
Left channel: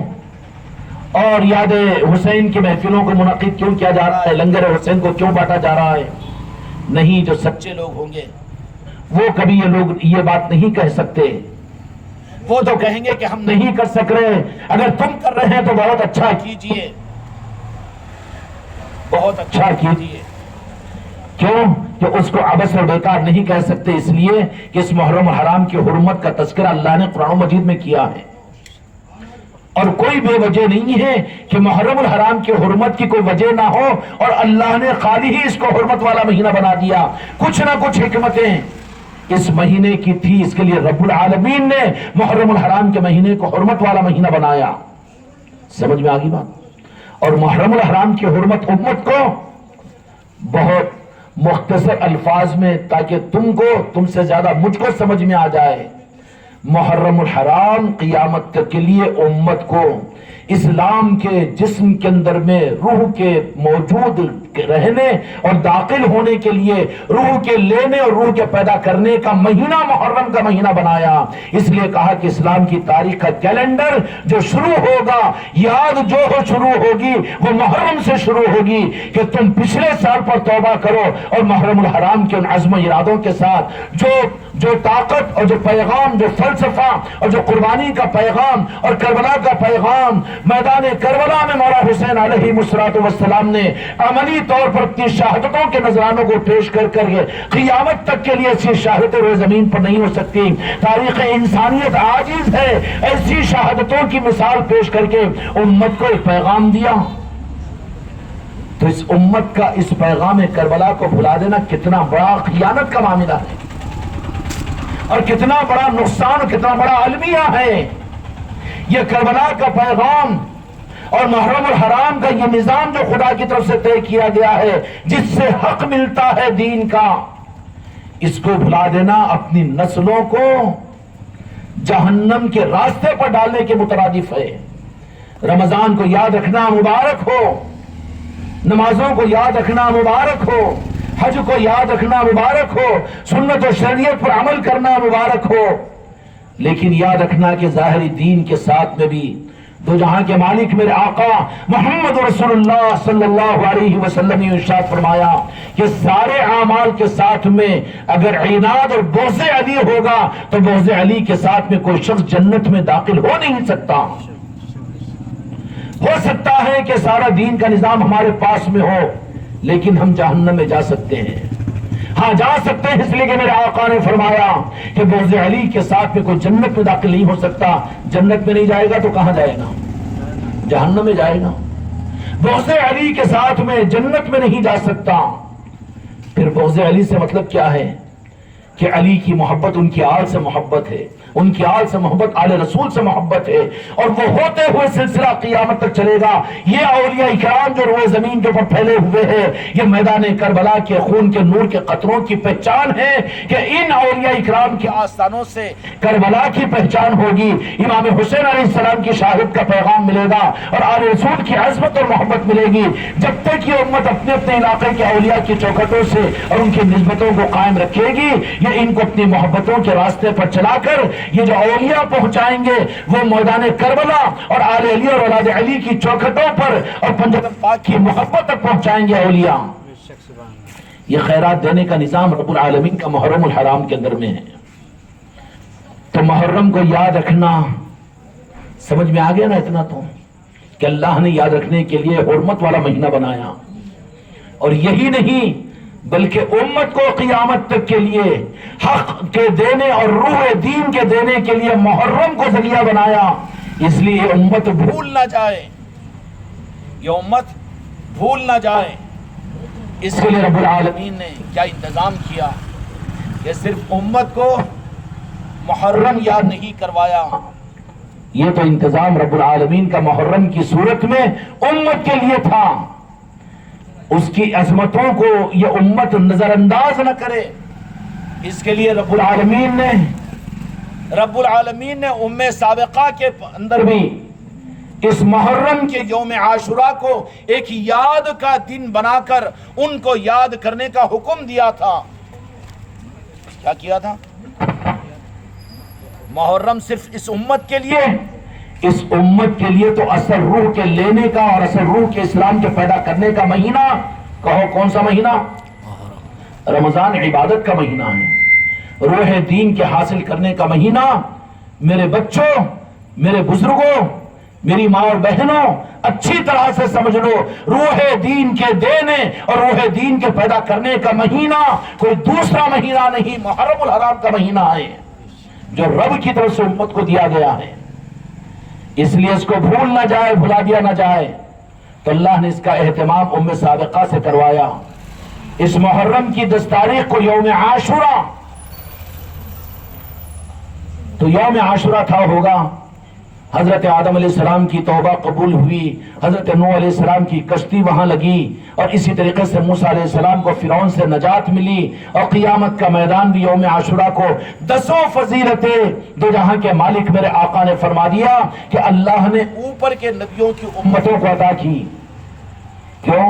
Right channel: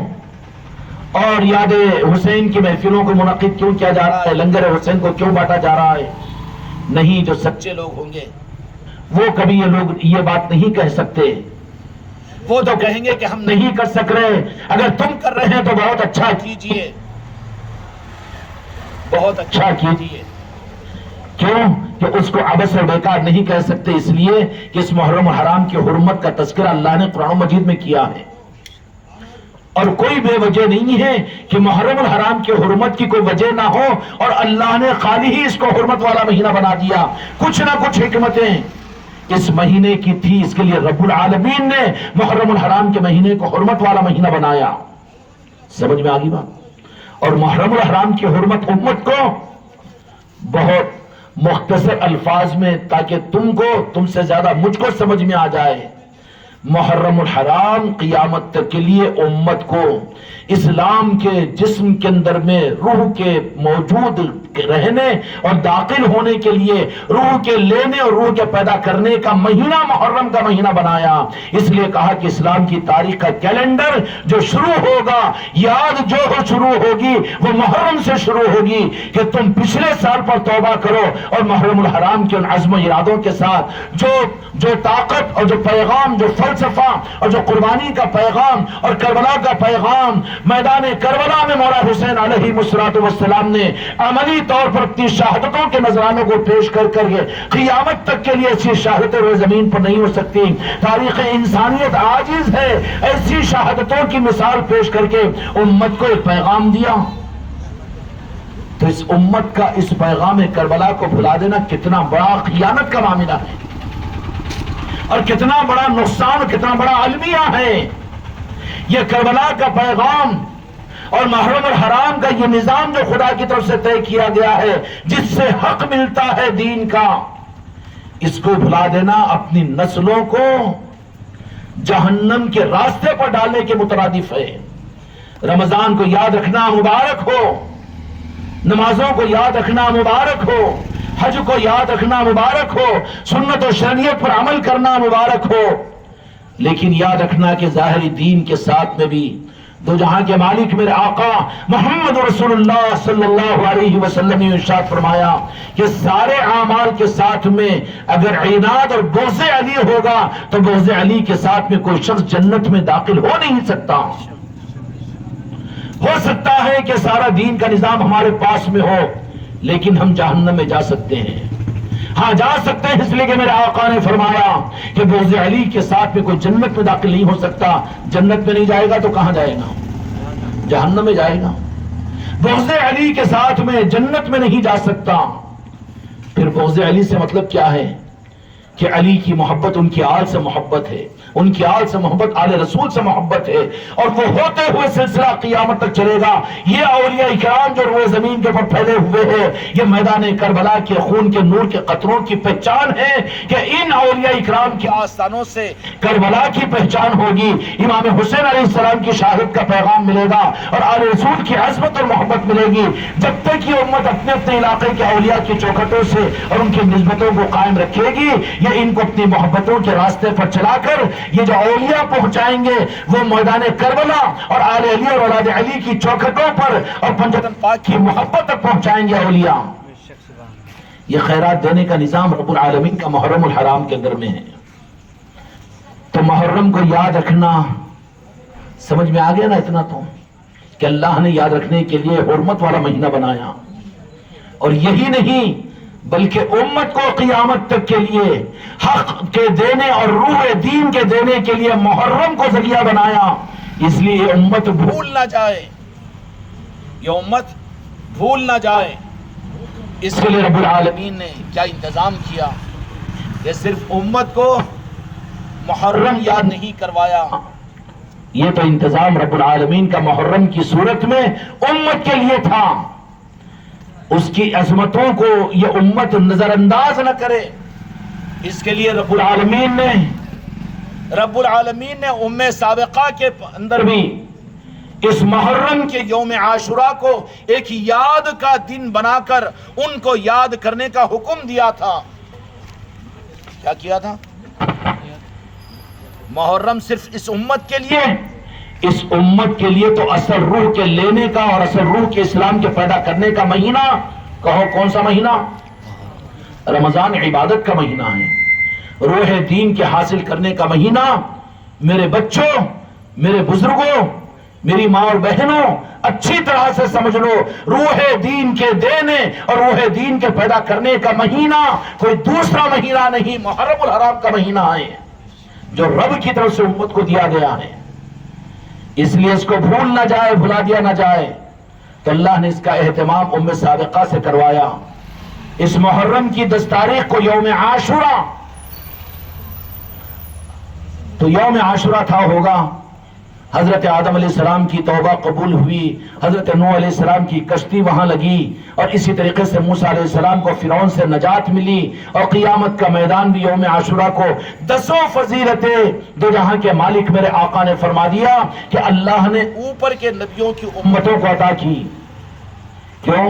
اور یاد حسین کی محفلوں کو منعقد کیوں کیا جا رہا ہے، لنگر حسین کو کیوں بانٹا جا رہا ہے؟ نہیں، جو سچے لوگ ہوں گے وہ کبھی یہ لوگ یہ بات نہیں کہہ سکتے، وہ تو کہیں گے کہ ہم نہیں کر سک رہے، اگر تم کر رہے ہیں تو بہت اچھا کیجئے، بہت اچھا کیجئے۔ کیوں کہ اس کو عبث اور بیکار نہیں کہہ سکتے، اس لیے کہ اس محرم الحرام کی حرمت کا تذکرہ اللہ نے قرآن مجید میں کیا ہے، اور کوئی بے وجہ نہیں ہے کہ محرم الحرام کی حرمت کی کوئی وجہ نہ ہو اور اللہ نے خالی ہی اس کو حرمت والا مہینہ بنا دیا۔ کچھ نہ کچھ حکمتیں اس مہینے کی تھی، اس کے لیے رب العالمین نے محرم الحرام کے مہینے کو حرمت والا مہینہ بنایا۔ سمجھ میں آگی بات؟ اور محرم الحرام کی حرمت امت کو بہت مختصر الفاظ میں، تاکہ تم سے زیادہ مجھ کو سمجھ میں آ جائے، محرم الحرام قیامت تک کے لیے امت کو اسلام کے جسم کے اندر میں روح کے موجود رہنے اور داخل ہونے کے لیے روح کے لینے اور روح کے پیدا کرنے کا مہینہ محرم کا مہینہ بنایا۔ اس لیے کہا کہ اسلام کی تاریخ کا کیلنڈر جو شروع ہوگا، یاد جو شروع ہوگی وہ محرم سے شروع ہوگی، کہ تم پچھلے سال پر توبہ کرو اور محرم الحرام کے ان عزم و ارادوں کے ساتھ جو طاقت اور جو پیغام، جو فلسفہ اور جو قربانی کا پیغام اور کربلا کا پیغام میدان کربلا میں مولا حسین علیہ السلام نے عملی طور پر اپنی شہادتوں کے نذرانوں کو پیش کر کے قیامت تک کے لیے ایسی شہادتیں روئے زمین پر نہیں ہو سکتی۔ تاریخ انسانیت عاجز ہے ایسی شہادتوں کی مثال پیش کر کے امت کو ایک پیغام دیا۔ تو اس امت کا اس پیغام کربلا کو بھلا دینا کتنا بڑا خیانت کا معاملہ ہے، اور کتنا بڑا نقصان، کتنا بڑا المیہ ہے۔ یہ کربلا کا پیغام اور محرم الحرام کا یہ نظام جو خدا کی طرف سے طے کیا گیا ہے، جس سے حق ملتا ہے دین کا، اس کو بھلا دینا اپنی نسلوں کو جہنم کے راستے پر ڈالنے کے مترادف ہے۔ رمضان کو یاد رکھنا مبارک ہو، نمازوں کو یاد رکھنا مبارک ہو، حج کو یاد رکھنا مبارک ہو، سنت و شریعت پر عمل کرنا مبارک ہو، لیکن یاد رکھنا کہ ظاہری دین کے ساتھ میں بھی دو جہاں کے مالک میرے آقا محمد رسول اللہ صلی اللہ علیہ وسلم نے ارشاد فرمایا کہ سارے اعمال کے ساتھ میں اگر عناد اور بغض علی ہوگا تو بغض علی کے ساتھ میں کوئی شخص جنت میں داخل ہو نہیں سکتا۔ ہو سکتا ہے کہ سارا دین کا نظام ہمارے پاس میں ہو، لیکن ہم جہنم میں جا سکتے ہیں۔ ہاں جا سکتے ہیں، اس لیے کہ میرے آقا نے فرمایا کہ بغض علی کے ساتھ میں کوئی جنت میں داخل نہیں ہو سکتا۔ جنت میں نہیں جائے گا تو کہاں جائے گا؟ جہنم میں جائے گا. بغض علی کے ساتھ میں جنت میں نہیں جا سکتا. پھر بغض علی سے مطلب کیا ہے کہ علی کی محبت ان کی آل سے محبت ہے، ان کی آل سے محبت آل رسول سے محبت ہے، اور وہ ہوتے ہوئے سلسلہ قیامت تک چلے گا. یہ اولیاء کرام جو روئے زمین کے اوپر پھیلے ہوئے ہیں، یہ میدان کربلا کے خون کے نور کے قطروں کی پہچان ہے کہ ان اولیاء کرام کی آستانوں سے کربلا کی پہچان ہوگی. امام حسین علیہ السلام کی شہادت کا پیغام ملے گا اور آل رسول کی عظمت اور محبت ملے گی. جب تک یہ امت اپنے اپنے علاقے کے اولیاء کی چوکھٹوں سے اور ان کی نسبتوں کو قائم رکھے گی، ان کو اپنی محبتوں کے راستے پر چلا کر یہ جو اولیاء پہنچائیں گے وہ میدان کربلا اور آل علی اور اولاد علی کی چوکھٹوں پر اور پنجتن پاک کی محبت تک پہنچائیں گے اولیاء. یہ خیرات دینے کا نظام رب العالمین کا محرم الحرام کے اندر میں ہے. تو محرم کو یاد رکھنا سمجھ میں آ گیا نا اتنا تو کہ اللہ نے یاد رکھنے کے لیے حرمت والا مہینہ بنایا. اور یہی نہیں بلکہ امت کو قیامت تک کے لیے حق کے دینے اور روح دین کے دینے کے لیے محرم کو ذریعہ بنایا. اس لیے یہ امت بھول نہ جائے، یہ امت بھول نہ جائے. اس کے لیے رب العالمین نے کیا انتظام کیا کہ صرف امت کو محرم یاد نہیں کروایا، یہ تو انتظام رب العالمین کا محرم کی صورت میں امت کے لیے تھا. اس کی عظمتوں کو یہ امت نظر انداز نہ کرے. اس کے لیے رب العالمین نے ام سابقہ کے اندر بھی اس محرم کے یوم عاشوراء کو ایک یاد کا دن بنا کر ان کو یاد کرنے کا حکم دیا تھا. کیا کیا تھا؟ محرم صرف اس امت کے لیے، اس امت کے لیے تو اصل روح کے لینے کا اور اصل روح کے اسلام کے پیدا کرنے کا مہینہ، کہو کون سا مہینہ؟ رمضان عبادت کا مہینہ ہے، روح دین کے حاصل کرنے کا مہینہ. میرے بچوں، میرے بزرگوں، میری ماں اور بہنوں، اچھی طرح سے سمجھ لو، روح دین کے دینے اور روح دین کے پیدا کرنے کا مہینہ کوئی دوسرا مہینہ نہیں، محرم الحرام کا مہینہ ہے جو رب کی طرف سے امت کو دیا گیا ہے. اس لیے اس کو بھول نہ جائے، بھلا دیا نہ جائے. تو اللہ نے اس کا اہتمام ام سابقہ سے کروایا. اس محرم کی 10 تاریخ کو یوم عاشوراء، تو یوم عاشوراء تھا ہوگا حضرت آدم علیہ السلام کی توبہ قبول ہوئی، حضرت نوح علیہ السلام کی کشتی وہاں لگی، اور اسی طریقے سے موسیٰ علیہ السلام کو فرعون سے نجات ملی، اور قیامت کا میدان بھی یوم عاشوراء کو 10 فضیلتیں دو جہاں کے مالک میرے آقا نے فرما دیا کہ اللہ نے اوپر کے نبیوں کی امتوں کو عطا کی. کیوں؟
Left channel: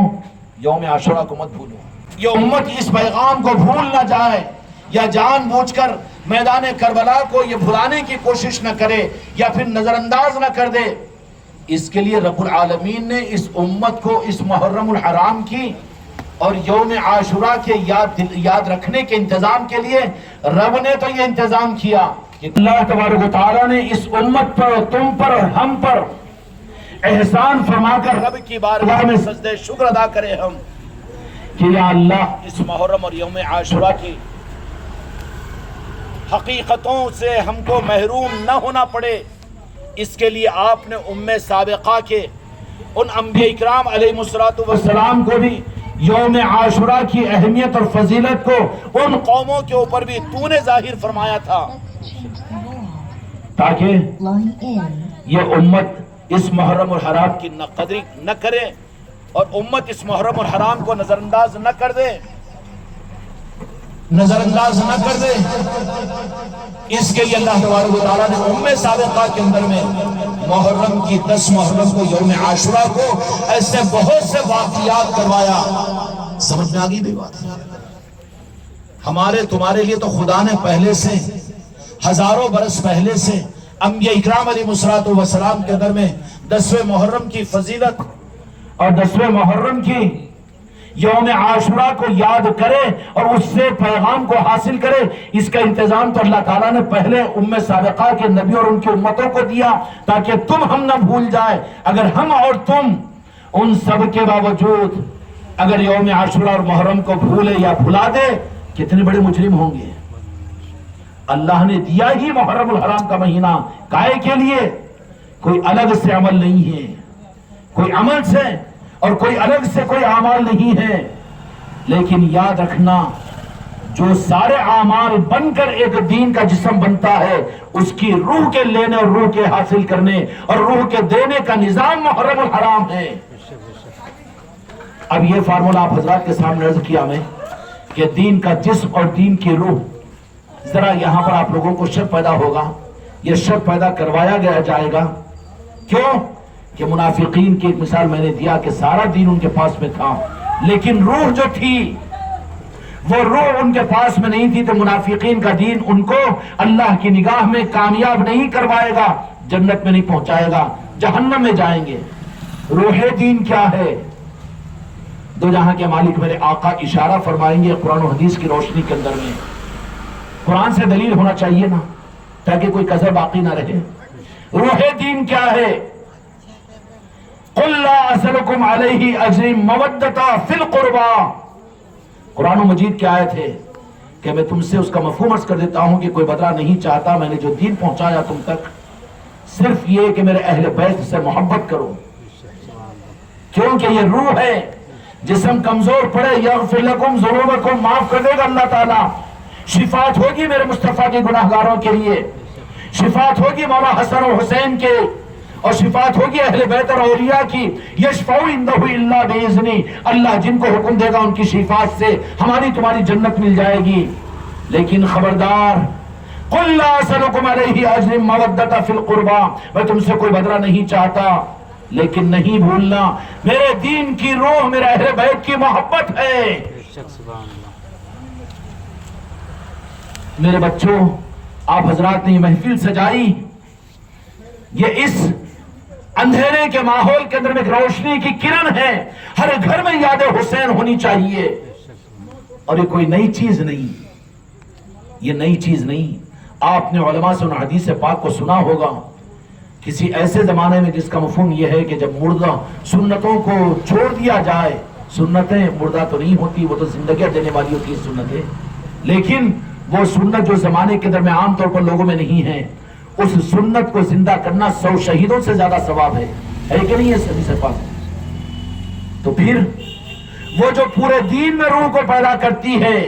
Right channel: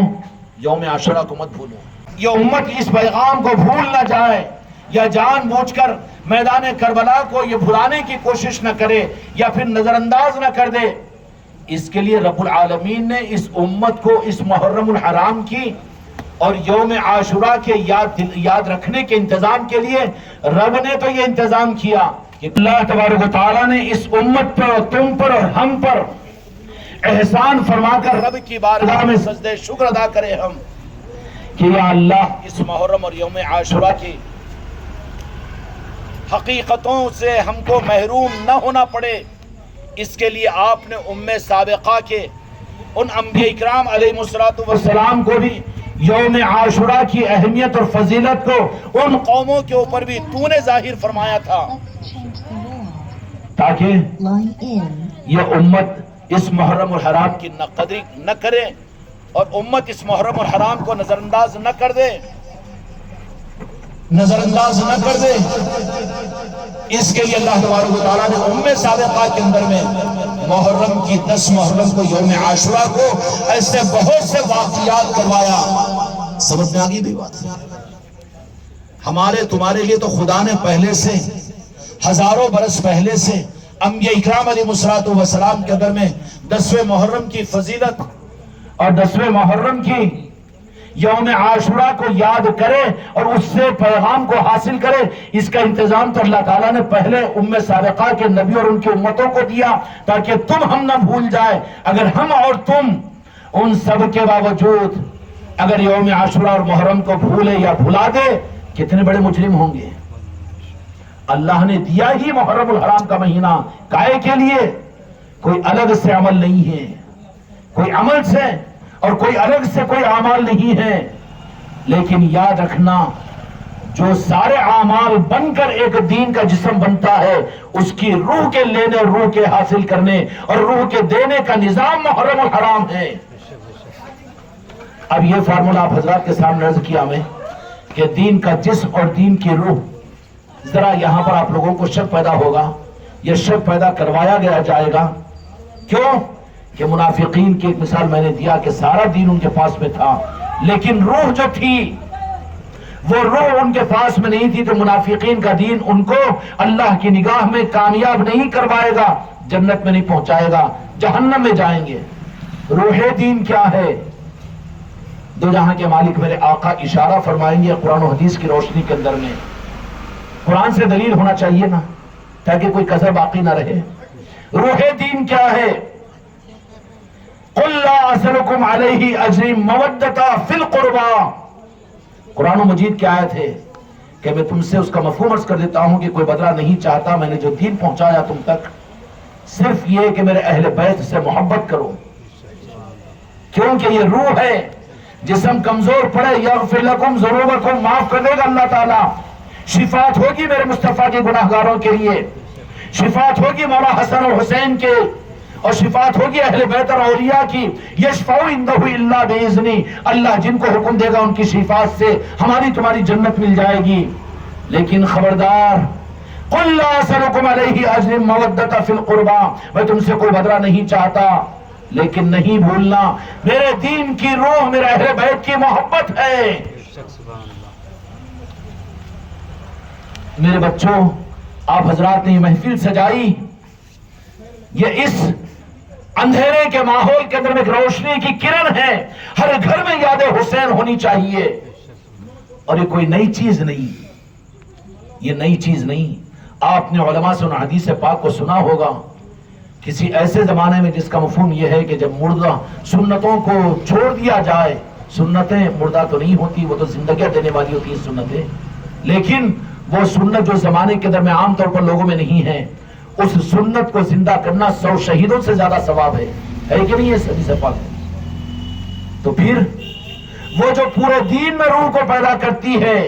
یوم عاشوراء کو مت بھولو. یہ امت اس پیغام کو بھول نہ جائے یا جان بوجھ کر میدان کربلا کو یہ بھلانے کی کوشش نہ کرے یا پھر نظر انداز نہ کر دے. اس کے لیے رب العالمین نے اس امت کو اس محرم الحرام کی اور یوم عاشوراء کے یاد رکھنے کے انتظام کے لیے رب نے تو یہ انتظام کیا کہ اللہ تبارک و تعالیٰ نے اس امت پر، تم پر اور ہم پر احسان فرما کر رب کی بارگاہ میں سجدہ شکر ادا کرے ہم کہ یا اللہ اس محرم اور یوم عاشوراء کی حقیقتوں سے ہم کو محروم نہ ہونا پڑے. اس کے لیے آپ نے ام سابقہ کے ان انبیاء اکرام علیہ السلام کو بھی یوم عاشوراء کی اہمیت اور فضیلت کو ان قوموں کے اوپر بھی تو نے ظاہر فرمایا تھا تاکہ یہ امت اس محرم الحرام کی نہ قدری نہ کرے اور امت اس محرم الحرام کو نظر انداز نہ کر دے، نظر انداز نہ کر دے. اس کے لیے اللہ تبارک و تعالیٰ نے ام سابقہ کے اندر میں محرم کی 10 محرم کو یوم عاشوراء کو ایسے بہت سے واقعات کروایا. سمجھ میں آگئی بھی بات؟ ہمارے تمہارے لیے تو خدا نے پہلے سے ہزاروں برس پہلے سے انبیاء اکرام علیہ السلام کے اندر میں 10ویں محرم کی فضیلت اور 10ویں محرم کی یوم عاشوراء کو یاد کرے اور اس سے پیغام کو حاصل کرے. اس کا انتظام تو اللہ تعالیٰ نے پہلے ام سابقہ کے نبی اور ان کی امتوں کو دیا تاکہ تم ہم نہ بھول جائے. اگر ہم اور تم ان سب کے باوجود اگر یوم عاشوراء اور محرم کو بھولے یا بھلا دے، کتنے بڑے مجرم ہوں گے. اللہ نے دیا ہی محرم الحرام کا مہینہ کائے کے لیے، کوئی الگ سے عمل نہیں ہے. کوئی عمل سے اور کوئی الگ سے کوئی اعمال نہیں ہے، لیکن یاد رکھنا جو سارے اعمال بن کر ایک دین کا جسم بنتا ہے، اس کی روح کے لینے اور روح کے حاصل کرنے اور روح کے دینے کا نظام محرم الحرام ہے۔ اب یہ فارمولہ آپ حضرات کے سامنے عرض کیا میں کہ دین کا جسم اور دین کی روح، ذرا یہاں پر آپ لوگوں کو شک پیدا ہوگا، یہ شک پیدا کروایا گیا جائے گا، کیوں کہ منافقین کی ایک مثال میں نے دیا کہ سارا دین ان کے پاس میں تھا، لیکن روح جو تھی وہ روح ان کے پاس میں نہیں تھی، تو منافقین کا دین ان کو اللہ کی نگاہ میں کامیاب نہیں کروائے گا، جنت میں نہیں پہنچائے گا، جہنم میں جائیں گے۔ روح دین کیا ہے؟ دو جہاں کے مالک میرے آقا اشارہ فرمائیں گے قرآن و حدیث کی روشنی کے اندر میں۔ قرآن سے دلیل ہونا چاہیے نا، تاکہ کوئی کذب باقی نہ رہے۔ روح دین کیا ہے؟ قُلْ لَا أَسْأَلُكُمْ عَلَيْهِ أَجْرٍ مَوَدَّةً فِي الْقُرْبَى۔ قرآن و مجید کی آیت ہے کہ میں تم سے اس کا مفہوم عرض کر دیتا ہوں کہ کوئی بدلہ نہیں چاہتا، میں نے جو دین پہنچایا تم تک صرف یہ کہ میرے اہل بیت سے محبت کرو، کیونکہ یہ روح ہے۔ جسم کمزور پڑے، یغفر لکم ذنوبکم، معاف کر دے گا اللہ تعالیٰ۔ شفاعت ہوگی میرے مصطفیٰ کے گناہگاروں کے لیے، شفاعت ہوگی مولا حسن و حسین کے، اور شفاعت ہوگی اہل بیت اور اولیاء کی۔ یشفعوا عنہ الا باذنہ، اللہ جن کو حکم دے گا ان کی شفاعت سے ہماری تمہاری جنت مل جائے گی۔ لیکن خبردار، قل لا اسألکم علیہ اجر مودۃ فی القربى، میں تم سے کوئی بدلہ نہیں چاہتا، لیکن نہیں بھولنا میرے دین کی روح میرے اہل بیت کی محبت ہے۔ میرے بچوں، آپ حضرات نے یہ محفل سجائی، یہ اس اندھیرے کے ماحول کے اندر میں ایک روشنی کی کرن ہے۔ ہر گھر میں یاد حسین ہونی چاہیے، اور یہ کوئی نئی چیز نہیں، یہ نئی چیز نہیں۔ آپ نے علماء سے ان حدیث پاک کو سنا ہوگا، کسی ایسے زمانے میں جس کا مفہوم یہ ہے کہ جب مردہ سنتوں کو چھوڑ دیا جائے، سنتیں مردہ تو نہیں ہوتی، وہ تو زندگیاں دینے والی ہوتی ہیں سنتیں، لیکن وہ سنت جو زمانے کے اندر میں عام طور پر لوگوں میں نہیں ہے، اس سنت کو زندہ کرنا 100 شہیدوں سے زیادہ ثواب ہے کہ نہیں ہے صحیح سے پاس؟ تو پھر وہ جو پورے دین میں روح کو پیدا کرتی ہے،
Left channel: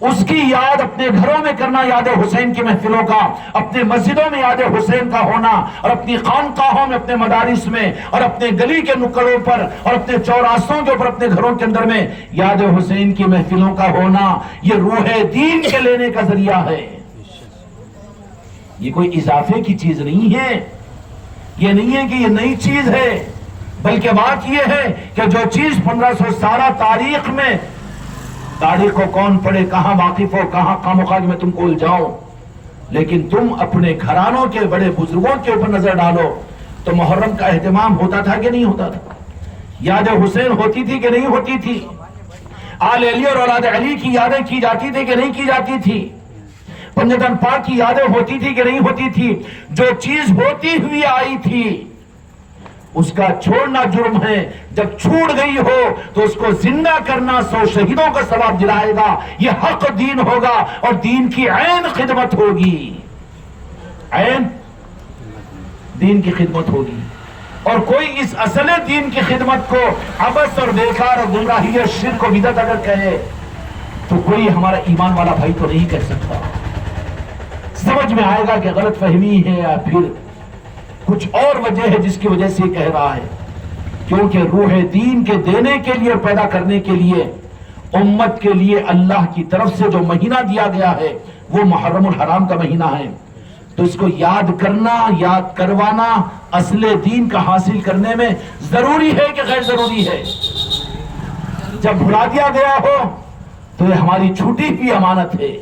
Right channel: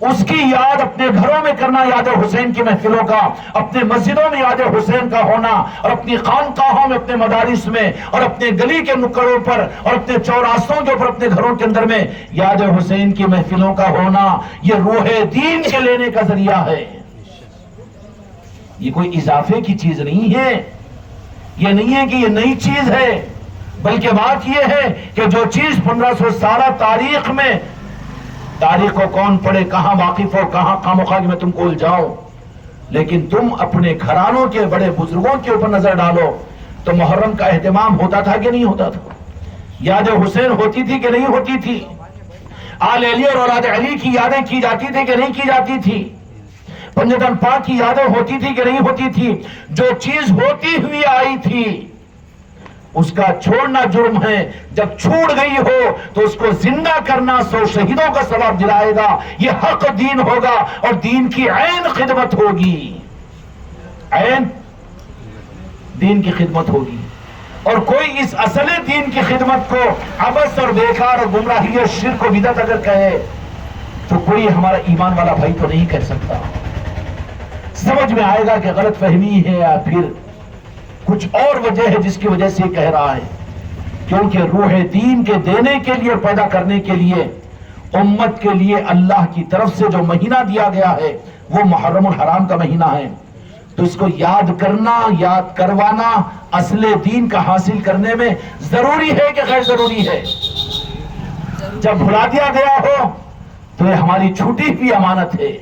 اس کی یاد اپنے گھروں میں کرنا، یاد حسین کی محفلوں کا، اپنے مسجدوں میں یاد حسین کا ہونا، اور اپنی خانقاہوں میں، اپنے مدارس میں، اور اپنے گلی کے نکڑوں پر، اور اپنے چوراستوں کے اوپر، اپنے گھروں کے اندر میں یاد حسین کی محفلوں کا ہونا، یہ روح دین کے لینے کا ذریعہ ہے۔ یہ کوئی اضافے کی چیز نہیں ہے، یہ نہیں ہے کہ یہ نئی چیز ہے، بلکہ بات یہ ہے کہ جو چیز 1500 سالہ تاریخ میں، تاریخ کو کون پڑھے، کہاں واقف ہو، کہاں خامخواہ میں تم کو الجھاؤ، لیکن تم اپنے گھرانوں کے بڑے بزرگوں کے اوپر نظر ڈالو تو محرم کا اہتمام ہوتا تھا کہ نہیں ہوتا تھا؟ یاد حسین ہوتی تھی کہ نہیں ہوتی تھی؟ آل علی اور اولاد علی کی یادیں کی جاتی تھی کہ نہیں کی جاتی تھی؟ پنجتن پاک کی یادیں ہوتی تھی کہ نہیں ہوتی تھی؟ جو چیز ہوتی ہوئی آئی تھی اس کا چھوڑنا جرم ہے، جب چھوٹ گئی ہو تو اس کو زندہ کرنا 100 شہیدوں کا ثواب دلائے گا۔ یہ حق دین ہوگا اور دین کی عین خدمت ہوگی، عین دین کی خدمت ہوگی۔ اور کوئی اس اصل دین کی خدمت کو عبث اور بیکار اور گمراہی اور شرک و بدعت اگر کہے تو کوئی ہمارا ایمان والا بھائی تو نہیں کہہ سکتا۔ سمجھ میں آئے گا کہ غلط فہمی ہے یا پھر کچھ اور وجہ ہے جس کی وجہ سے یہ کہہ رہا ہے، کیونکہ روح دین کے دینے کے لیے اور پیدا کرنے کے لیے امت کے لیے اللہ کی طرف سے جو مہینہ دیا گیا ہے وہ محرم الحرام کا مہینہ ہے۔ تو اس کو یاد کرنا، یاد کروانا اصل دین کا حاصل کرنے میں ضروری ہے کہ غیر ضروری ہے؟ جب بھلا دیا گیا ہو تو یہ ہماری چھوٹی ہوئی امانت ہے،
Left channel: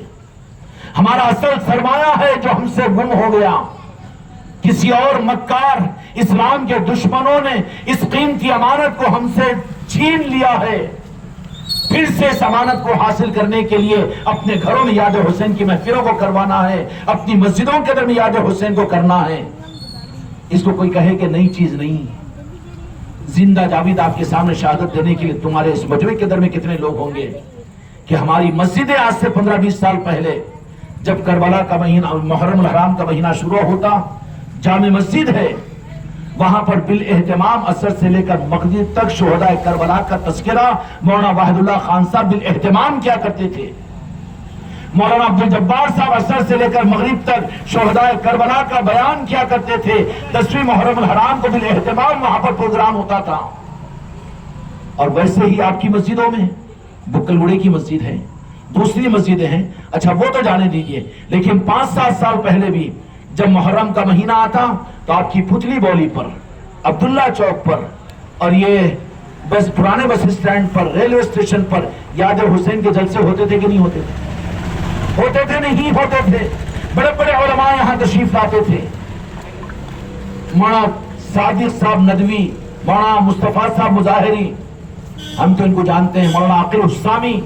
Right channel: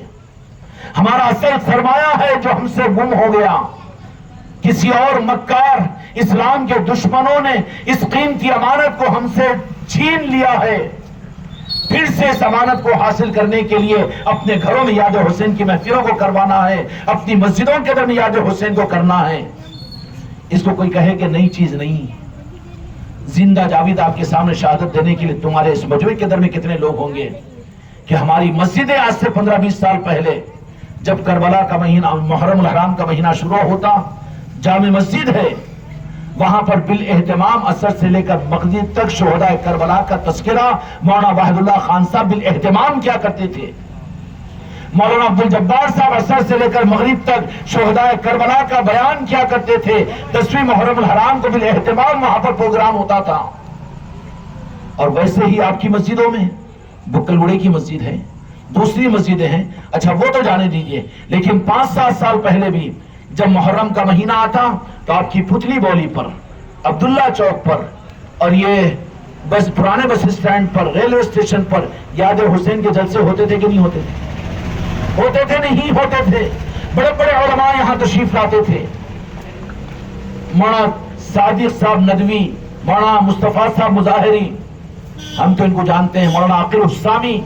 ہمارا اصل سرمایہ ہے جو ہم سے گم ہو گیا۔ کسی اور مکار اسلام کے دشمنوں نے اس قیمتی امانت کو ہم سے چھین لیا ہے۔ پھر سے اس امانت کو حاصل کرنے کے لیے اپنے گھروں میں یاد حسین کی محفلوں کو کروانا ہے، اپنی مسجدوں کے اندر میں یاد حسین کو کرنا ہے۔ اس کو کوئی کہے کہ نئی چیز نہیں، زندہ جاوید آپ کے سامنے شہادت دینے کے لیے تمہارے اس مجمع کے اندر میں کتنے لوگ ہوں گے کہ ہماری مسجدیں آج سے 15-20 سال پہلے جب کربلا کا مہینہ، محرم الحرام کا مہینہ شروع ہوتا، جامع مسجد ہے، وہاں پر بالاہتمام اثر سے لے کر مغرب تک شہداء کربلا کا تذکرہ مولانا واحد اللہ خان صاحب بالاہتمام کیا کرتے تھے. مولانا عبد الجبار صاحب اثر سے لے کر مغرب تک شہداء کربلا کا بیان کیا کرتے تھے. 10ویں محرم الحرام کو بالاہتمام وہاں پر پروگرام ہوتا تھا. اور ویسے ہی آپ کی مسجدوں میں بکل گڑے کی مسجد ہے, دوسری مسجدیں ہیں, اچھا وہ تو جانے دیجئے, لیکن 5-7 سال پہلے بھی جب محرم کا مہینہ آتا تو آپ کی پتلی بولی پر, عبداللہ چوک پر, اور یہ بس پرانے بس اسٹینڈ پر, ریلوے اسٹیشن پر یاد حسین کے جلسے ہوتے تھے کہ نہیں ہوتے تھے؟ ہوتے تھے نہیں ہوتے تھے. بڑے بڑے علماء یہاں تشریف لاتے تھے. مولانا صادق صاحب ندوی, مولانا مصطفیٰ صاحب مظاہری, ہم تو ان کو جانتے ہیں, مولانا عاقل السامی,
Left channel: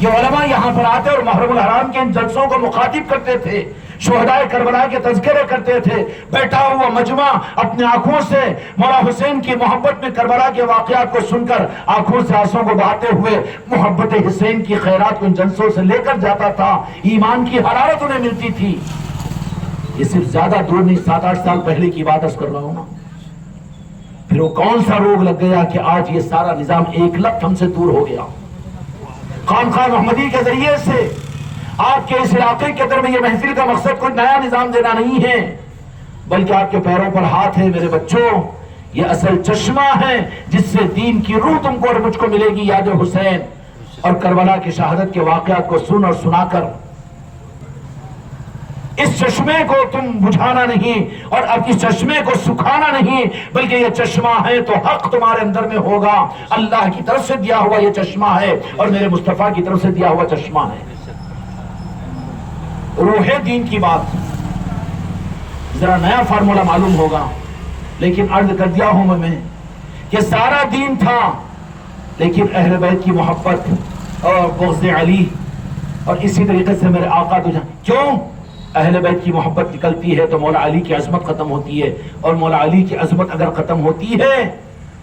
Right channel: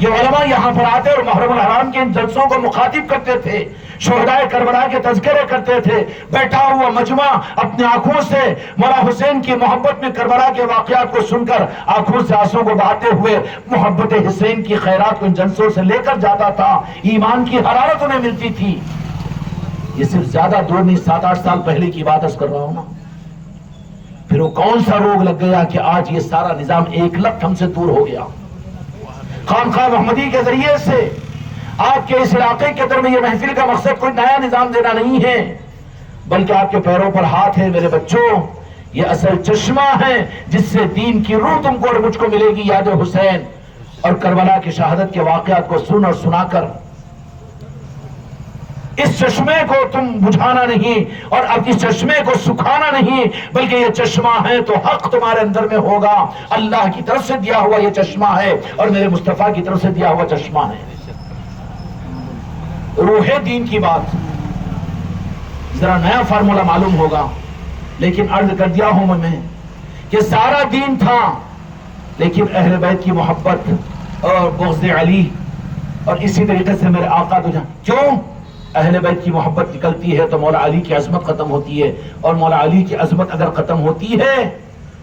یہ علماء یہاں پر آتے اور محرم الحرام کے ان جلسوں کو مخاطب کرتے تھے, شہداء کربلا کے تذکرے کرتے تھے. بیٹھا ہوا مجمع اپنے آنکھوں سے مولا حسین کی محبت میں کربلا کے واقعات کو سن کر آنکھوں سے آنسوں کو بہاتے ہوئے محبت حسین کی خیرات کو ان جلسوں سے لے کر جاتا تھا. ایمان کی حرارت انہیں ملتی تھی. یہ صرف زیادہ دور نہیں, 7-8 سال پہلے کی بات کر رہا ہوں نا. پھر وہ کون سا روگ لگ گیا کہ آج یہ سارا نظام ایک لفظ ہم سے دور ہو گیا. خانقاہ محمدی کے ذریعے سے آپ کے اس علاقے کے اندر میں یہ محفل کا مقصد کوئی نیا نظام دینا نہیں ہے, بلکہ آپ کے پیروں پر ہاتھ ہے میرے بچوں. یہ اصل چشمہ ہے جس سے دین کی روح تم کو اور مجھ کو ملے گی. یاد حسین اور کربلا کی شہادت کے واقعات کو سن اور سنا کر اس چشمے کو تم بجھانا نہیں اور اب اس چشمے کو سکھانا نہیں, بلکہ یہ چشمہ ہے تو حق تمہارے اندر میں ہوگا. اللہ کی طرف سے دیا ہوا یہ چشمہ ہے اور میرے مصطفیٰ کی طرف سے دیا ہوا چشمہ ہے. روح دین کی بات ذرا نیا فارمولا معلوم ہوگا, لیکن عرض کر دیا ہوں میں کہ سارا دین تھا, لیکن اہل بیت کی محبت اور بغض علی اور اسی طریقے سے میرے آقا تو کیوں اہل بیت کی محبت نکلتی ہے تو مولا علی کی عظمت ختم ہوتی ہے, اور مولا علی کی عظمت اگر ختم ہوتی ہے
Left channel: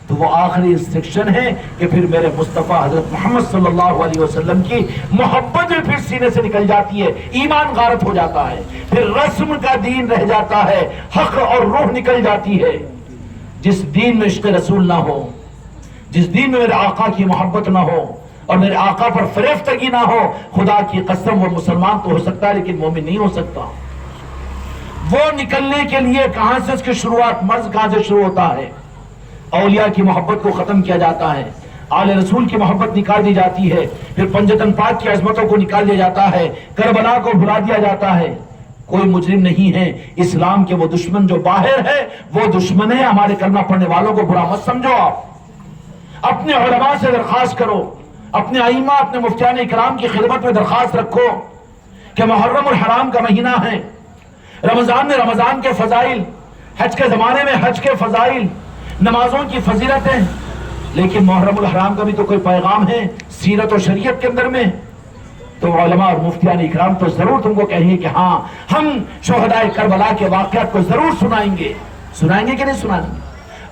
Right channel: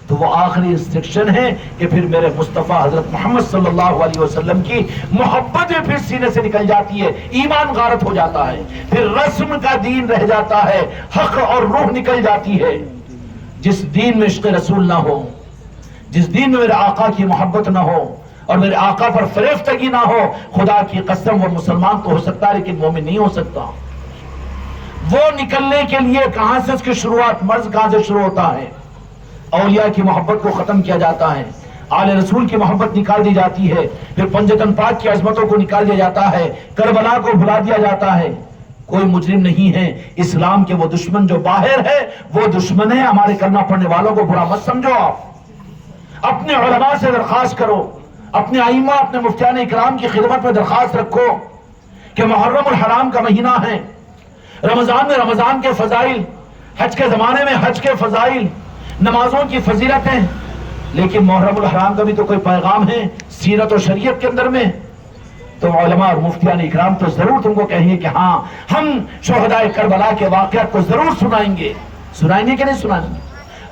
تو وہ آخری انسٹرکشن ہے کہ پھر میرے مصطفیٰ حضرت محمد صلی اللہ علیہ وسلم کی محبت میں پھر سینے سے نکل جاتی ہے, ایمان غارت ہو جاتا ہے, پھر رسم کا دین رہ جاتا ہے, حق اور روح نکل جاتی ہے. جس دین میں عشق رسول نہ ہو, جس دین میں میرے آقا کی محبت نہ ہو اور میرے آقا پر فریفتگی نہ ہو, خدا کی قسم وہ مسلمان تو ہو سکتا ہے لیکن مومن نہیں ہو سکتا. وہ نکلنے کے لیے کہاں سے اس کی شروعات, مرض کہاں سے شروع ہوتا ہے؟ اولیاء کی محبت کو ختم کیا جاتا ہے, آل رسول کی محبت نکال دی جاتی ہے, پھر پنجتن پاک کی عظمتوں کو نکال دیا جاتا ہے, کربلا کو بھلا دیا جاتا ہے. کوئی مجرم نہیں ہے. اسلام کے وہ دشمن جو باہر ہے وہ دشمن ہے, ہمارے کلمہ پڑھنے والوں کو برا مت سمجھو. آپ اپنے علماء سے درخواست کرو, اپنے ائمہ اپنے مفتیان اکرام کی خدمت میں درخواست رکھو کہ محرم الحرام کا مہینہ ہے, رمضان میں رمضان کے فضائل, حج کے زمانے میں حج کے فضائل, نمازوں کی فضیلتیں, لیکن محرم الحرام کا بھی تو کوئی پیغام ہے سیرت و شریعت کے اندر میں. تو علماء اور مفتیان اکرام تو ضرور تم کو کہیں کہ ہاں ہم شہداء کربلا کے واقعات کو ضرور سنائیں گے. سنائیں گے کہ نہیں سنائیں گے؟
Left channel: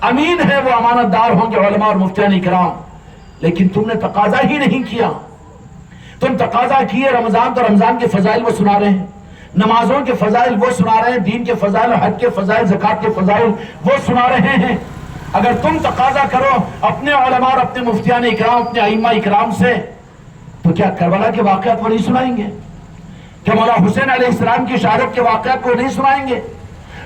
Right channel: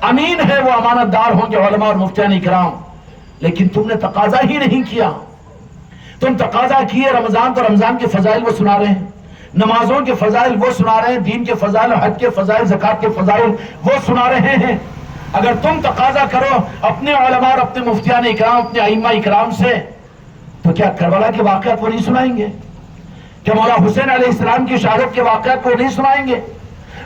امین ہے وہ, امانت دار ہوں گے علماء اور مفتیان اکرام, لیکن تم نے تقاضا ہی نہیں کیا. تم تقاضا کیے رمضان تو رمضان کے فضائل وہ سنا رہے ہیں, نمازوں کے فضائل وہ سنا رہے ہیں, دین کے فضائل, حج کے فضائل, زکات کے فضائل وہ سنا رہے ہیں. اگر تم تقاضا کرو اپنے علماء اور اپنے مفتیان اکرام, اپنے ائمہ اکرام سے, تو کیا کربلا کے واقعات وہ نہیں سنائیں گے؟ کیا مولا حسین علیہ السلام کی شہادت کے واقعات کو نہیں سنائیں گے؟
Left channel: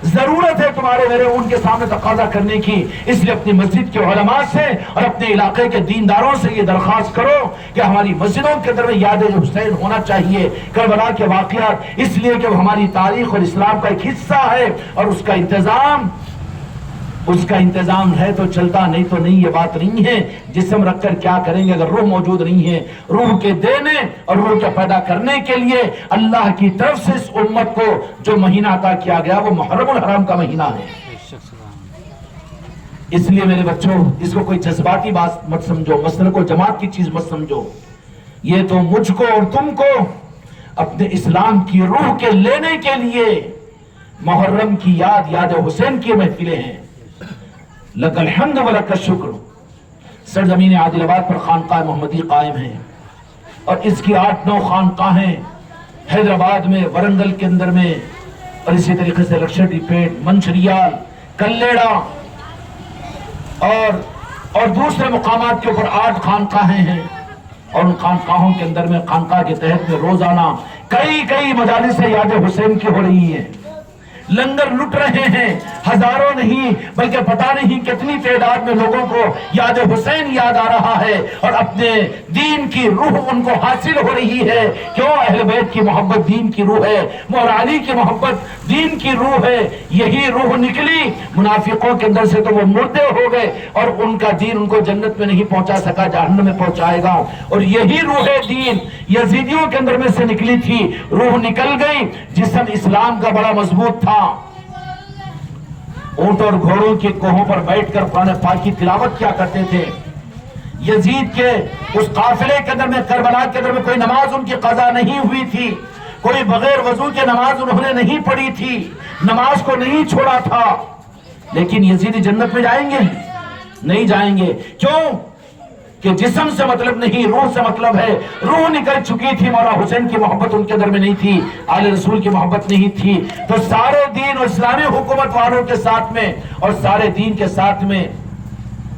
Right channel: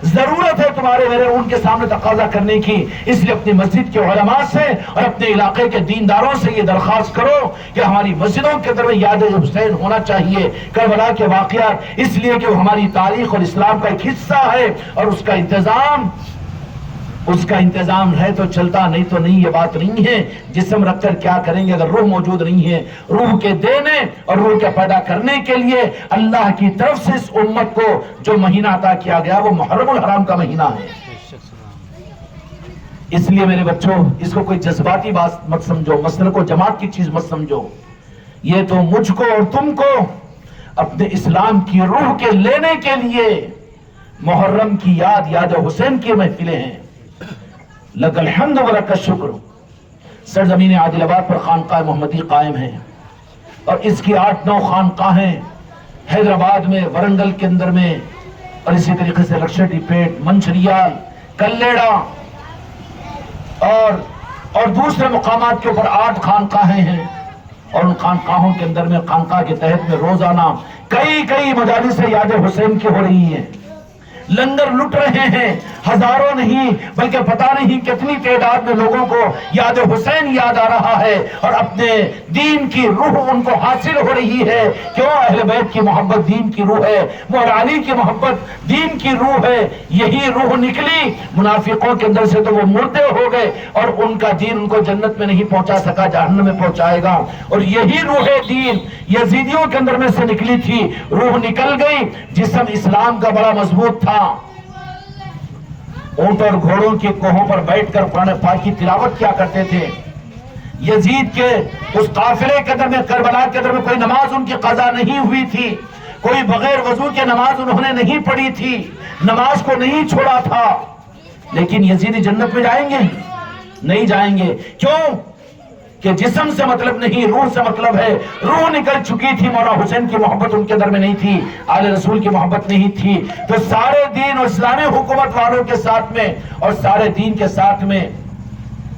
ضرورت ہے تمہارے میرے ان کے سامنے تقاضا کرنے کی. اس لیے اپنی مسجد کے علماء سے اور اپنے علاقے کے دینداروں سے یہ درخواست کرو کہ ہماری مسجدوں کے اندر یاد حسین ہونا چاہیے, کربلا کے واقعات, اس لیے کہ وہ ہماری تاریخ اور اسلام کا ایک حصہ ہے, اور اس کا انتظام ہے تو چلتا, نہیں تو نہیں. یہ بات نہیں ہے جسم رکھ کر کیا کریں گے اگر روح موجود نہیں ہے. روح کے دینے اور روح کے پیدا کرنے کے لیے اللہ کی طرف سے اس امت کو جو مہینہ عطا کیا گیا وہ محرم الحرام کا مہینہ ہے. اس لیے میرے بچوں اس کو کوئی جذباتی بات مت سمجھو, مسئلہ کو جماعت کی چیز مت سمجھو. یہ تو مجھ کو اور تم کو اپنے اسلام کی روح کے لینے کے لیے محرم کی یاد حسین کی محفلیں ہیں. لک الحمد ولک الشکر. سرزمین عادل آباد پر خانقاہ محمدی قائم ہے, اور اس کی 8-9 خانقاہیں حیدرآباد میں, ورنگل کے اندر میں, اور اسی طریقے سے لکشدی پیٹ, منچریال, کلیڑا, اور دوسرے مقامات کے اوپر 8 خانقاہیں ہیں، اور ان خانقاہوں کے اندر میں خانقاہ کے تحت میں روزانہ کئی مجالس یاد حسین کی ہو رہی ہیں، لنگر لٹ رہے ہیں، ہزاروں نہیں بلکہ پتہ نہیں کتنی تعداد میں لوگوں کو یاد حسین یاد آ رہا ہے، اور اپنے دین کی روح ان کو حاصل ہو رہی ہے۔ کیوں؟ اہل بیت کی محبت دین کی روح ہے، مولا علی کی محبت دین کی روح ہے۔ یہی روح نکلی منافقوں کے اندر سے تو وہ مردے ہو گئے، اور ان کا دین ان کو جنت میں نہیں پہنچا سکا، جہنم میں پہنچائے گا۔ اور یہی روح دین یزیدیوں کے اندر میں سے نکلی تھی، روح نکل گئی، جسم اسلام کا بڑا مضبوط تھا، اونٹ اور گھوڑوں کے کوہوں پر بیٹھ کر قرآن پاک کی تلاوت کیا کرتے تھے۔ یزید کے اس قافلے کے اندر میں، کربلا کے اندر میں کوئی نماز ان کی قضا نہیں ہوئی تھی، کوئی بغیر وضو کے نماز انہوں نے نہیں پڑھی تھی، نماز کو نہیں چھوڑا تھا، لیکن یزیدی جنت میں جائیں گے؟ نہیں جائیں گے۔ کیوں؟ کہ جسم سے مطلب نہیں، روح سے مطلب ہے۔ روح نکل چکی تھی، مولا حسین کی محبت ان کے اندر میں نہیں تھی، آل رسول کی محبت نہیں تھی۔ تو سارے دین اور اسلامی حکومت والوں کے ساتھ میں اور سارے دین کے ساتھ میں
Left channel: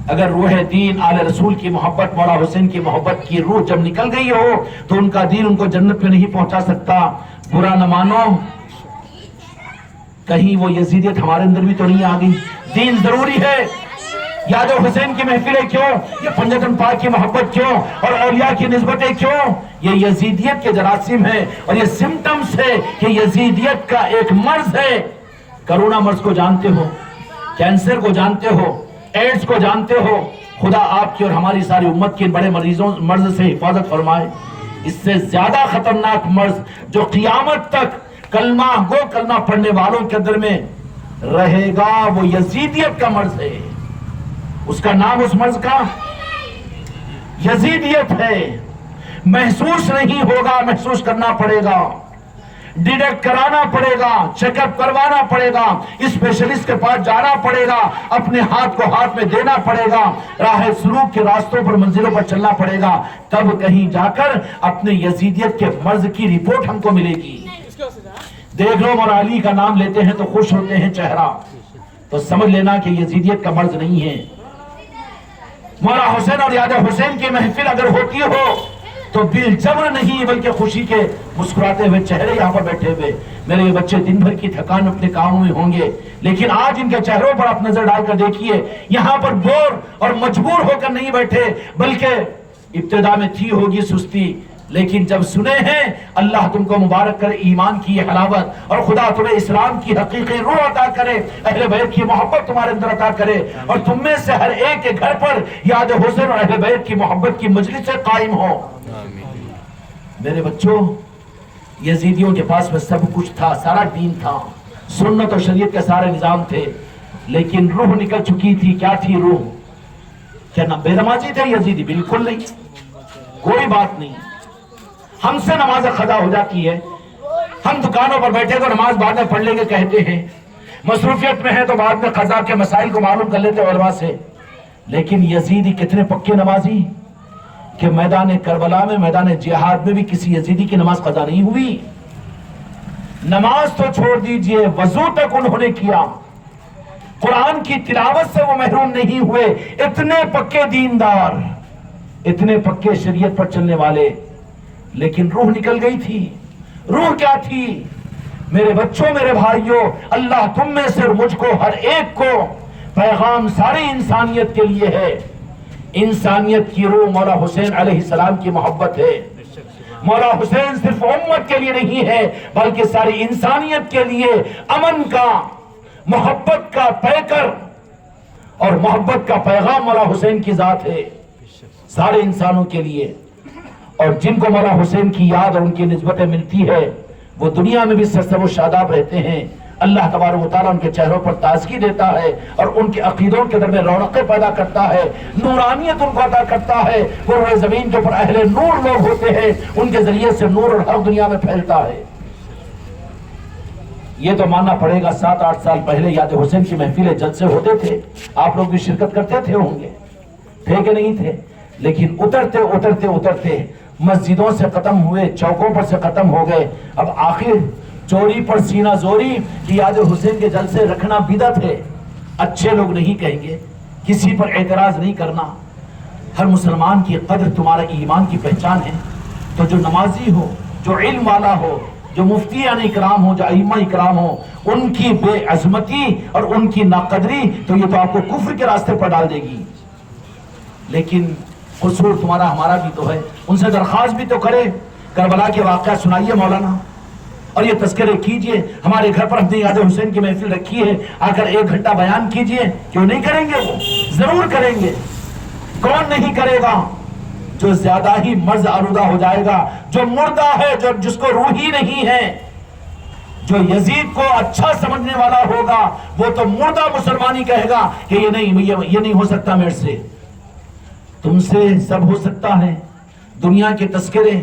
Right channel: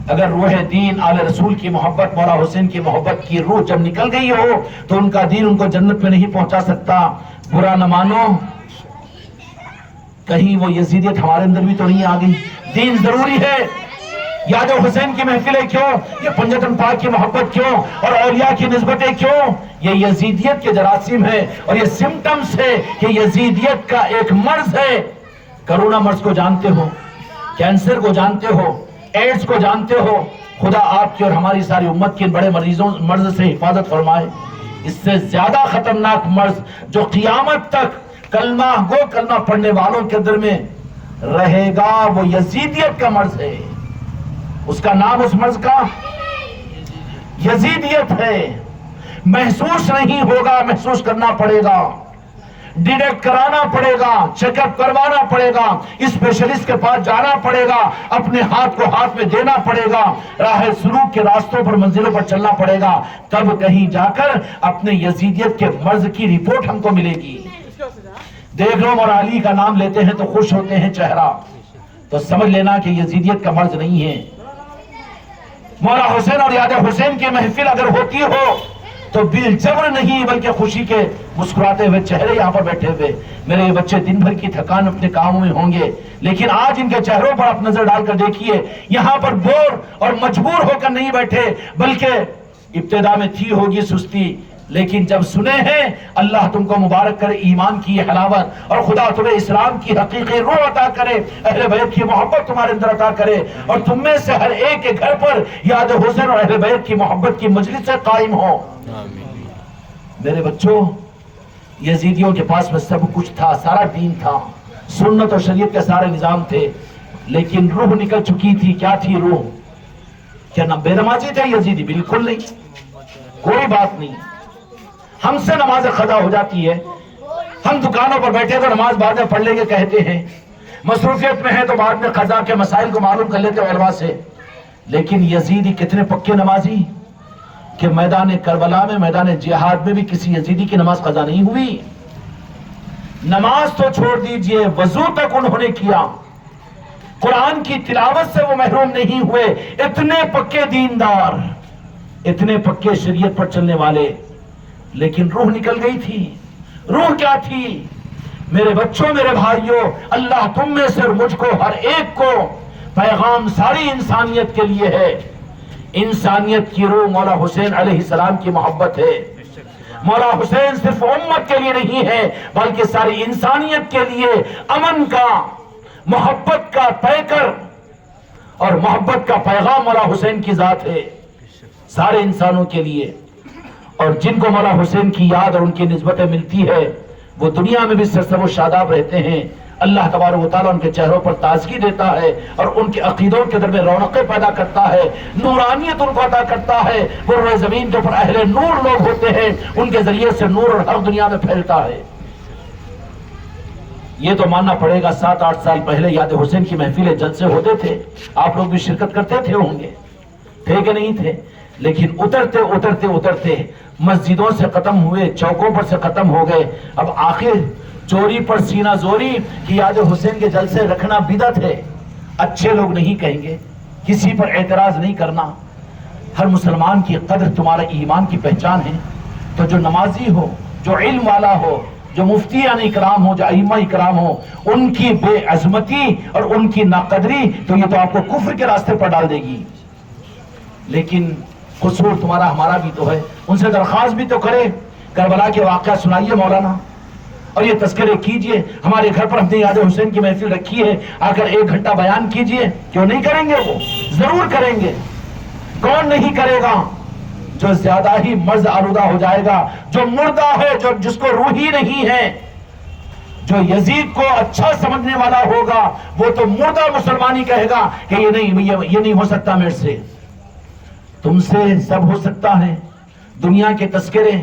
اگر روح دین آل رسول کی محبت، مولا حسین کی محبت کی روح جب نکل گئی ہو تو ان کا دین ان کو جنت میں نہیں پہنچا سکتا۔ برا نہ مانو، کہیں وہ یزیدیت ہمارے اندر بھی تو نہیں آ گئی۔ دین ضروری ہے، یاد حسین کی محفلیں کیوں، یہ پنجتن پاک کی محبت کیوں، اور اولیاء کی نسبتیں کیوں؟ یہ یزیدیت کے جراثیم ہے، اور یہ سمٹمز ہے کہ یزیدیت کا ایک مرض ہے۔ کرونا مرض کو جانتے ہو، کینسر کو جانتے ہو، ایڈز کو جانتے ہو۔ خدا آپ کی اور ہماری ساری امت کی ان بڑے مرض سے حفاظت فرمائے۔ اس سے زیادہ خطرناک مرض جو قیامت تک کلمہ گو کلمہ پڑھنے والوں کے اندر میں رہے گا، وہ یزیدیت کا مرض ہے۔ اس کا نام اس مرض کا یزیدیت ہے۔ محسوس نہیں ہوگا، محسوس کرنا پڑے گا، ڈیٹیکٹ کرانا پڑے گا، چیک اپ کروانا پڑے گا، اسپیشلسٹ کے پاس جانا پڑے گا، اپنے ہاتھ کو ہاتھ میں دینا پڑے گا، راہ سلوک کے راستوں پر منزلوں پر چلنا پڑے گا، تب کہیں جا کر اپنے یزیدیت کے مرض کی رپورٹ ہم کو ملے گی۔ دیکھ لو، مولا علی کا نام لیتے ہیں تو خوش ہوتے ہیں چہرہ، تو سمجھ لینا کہ یزیدیت کا مرض نہیں ہے۔ مولا حسین اور یاد حسین کی محفل اگر ہوتی ہو تو بالجبر نہیں بلکہ خوشی کے مسکراتے ہوئے چہرے یہاں پر بیٹھے ہوئے۔ میرے بچے دن بھر کی تھکان اپنے کاموں میں ہوں گے، لیکن آج ان کے چہروں پر آپ نظر ڈال کر دیکھیے، یہاں پر بور اور مجبور ہو کر نہیں بیٹھے، بلکہ ابتدا میں تھی ہوگی سستی، لیکن جب سنے ہیں اللہ تم کو مبارک کرے ایمان کی یہ حلاوت، اور خدا تمہیں اسلام کی حقیقی روح عطا کرے، اہل بیت کی محبت تمہارے اندر عطا کرے، اور تم میں سے ہر ایک کے گھر پر یاد حسین اور اہل بیت کی محبت کی مجلس قائم ہو۔ میرے بچوں، یزیدیوں کے پاس میں سب کچھ تھا، سارا دین تھا، سنت اور شریعت کے سارے نظام تھے، لیکن روح نکل چکی تھی۔ کیا تھی روح؟ کیا نہ بے نمازی تھے یزیدی؟ بالکل نہیں، کوئی بات نہیں۔ ہم سے نماز قضا ہو جاتی ہے، ہم دکانوں پر بیٹھے تو نماز بعد میں پڑھ لیں گے کہتے ہیں، مصروفیت میں ہے تو بعد میں قضا کے مسائل کو معلوم کر لیتے علماء سے، لیکن یزیدی کتنے پکے نمازی کہ میدان کربلا میں، میدان جہاد میں بھی کسی یزیدی کی نماز قضا نہیں ہوئی۔ نماز تو چھوڑ دیجئے، وضو تک انہوں نے کیا، قرآن کی تلاوت سے وہ محروم نہیں ہوئے۔ اتنے پکے دیندار، اتنے پکے شریعت پر چلنے والے، لیکن روح نکل گئی تھی۔ روح کیا تھی؟ میرے بچوں، میرے بھائیوں، اللہ تم میں سے اور مجھ کو، ہر ایک کو پیغام ساری انسانیت کے لیے ہے۔ انسانیت کی روح مولا حسین علیہ السلام کی محبت ہے۔ مولا حسین صرف امت کے لیے نہیں ہے بلکہ ساری انسانیت کے لیے امن کا، محبت کا پیکر اور محبت کا پیغام مولا حسین کی ذات ہے، سارے انسانوں کے لیے۔ اور جن کو مولا حسین کی یاد اور ان کی نسبتیں ملتی ہے وہ دنیا میں بھی سرسبز و شاداب رہتے ہیں۔ اللہ تبارک و تعالیٰ ان کے چہروں پر تازگی دیتا ہے اور ان کے عقیدوں کے در میں رونقیں پیدا کرتا ہے، نورانیت ان کو عطا کرتا ہے۔ وہ روئے زمین کے اوپر اہل نور لوگ ہوتے ہیں، ان کے ذریعے سے نور اور حق دنیا میں پھیلتا ہے۔ یہ تو ماننا پڑے گا 7-8 سال پہلے یاد حسین کی محفلیں جلسے ہوتے تھے، آپ لوگ بھی شرکت کرتے تھے ہوں گے، تھے کہ نہیں تھے؟ لیکن اترتے اترتے اترتے مسجدوں سے ختم ہوئے، چوکوں پر سے ختم ہو گئے، اب آخر چوری پر سینہ زوری کہ یاد حسین کے جلسے رکھنا بدعت ہے۔ اچھے لوگ نہیں کہیں گے کسی پر اعتراض نہیں کرنا. ہر مسلمان کی قدر تمہارے ایمان کی پہچان ہے. تو جو نمازی ہو، جو علم والا ہو، جو مفتیان اکرام ہو، جو ائمہ اکرام ہو، ان کی بے عظمتی اور ان کی ناقدری تو یہ تو آپ کو کفر کے راستے پر ڈال دے گی. لیکن قصور تمہارا ہمارا بھی تو ہے. ان سے درخواست بھی تو کرے، کربلا کے واقعہ سنائیے مولانا، اور یہ تذکرے کیجئے. ہمارے گھر پر ہم نے یاد حسین کی محفل رکھی ہے، آ کر 1 گھنٹہ بیان کیجئے. کیوں نہیں کریں گے؟ وہ ضرور کریں گے. کون نہیں کرے گا؟ جو زیادہ ہی مرض آلودہ ہو جائے گا، جو مردہ ہے، جو جس کو روح ہی نہیں ہے، جو یزید کو اچھا سمجھنے والا ہوگا، وہ تو مردہ مسلمانی کہے گا کہ یہ نہیں ہو سکتا میرے سے. تم سے سب ہو سکتا ہے، دنیا کے تذکرے،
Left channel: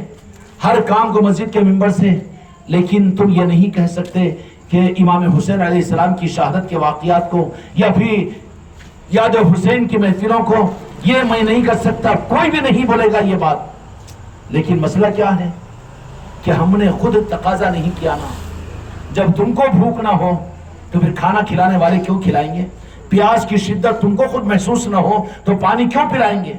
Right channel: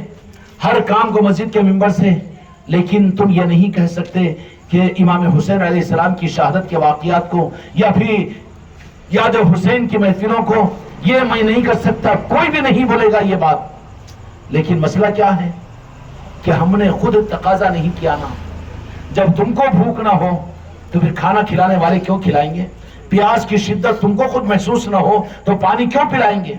ہر کام کو مسجد کے ممبر سے، لیکن تم یہ نہیں کہہ سکتے کہ امام حسین علیہ السلام کی شہادت کے واقعات کو یا پھر یاد حسین کی محفلوں کو یہ میں نہیں کر سکتا. کوئی بھی نہیں بولے گا یہ بات. لیکن مسئلہ کیا ہے کہ ہم نے خود تقاضا نہیں کیا نا. جب تم کو بھوک نہ ہو تو پھر کھانا کھلانے والے کیوں کھلائیں گے؟ پیاس کی شدت تم کو خود محسوس نہ ہو تو پانی کیوں پلائیں گے؟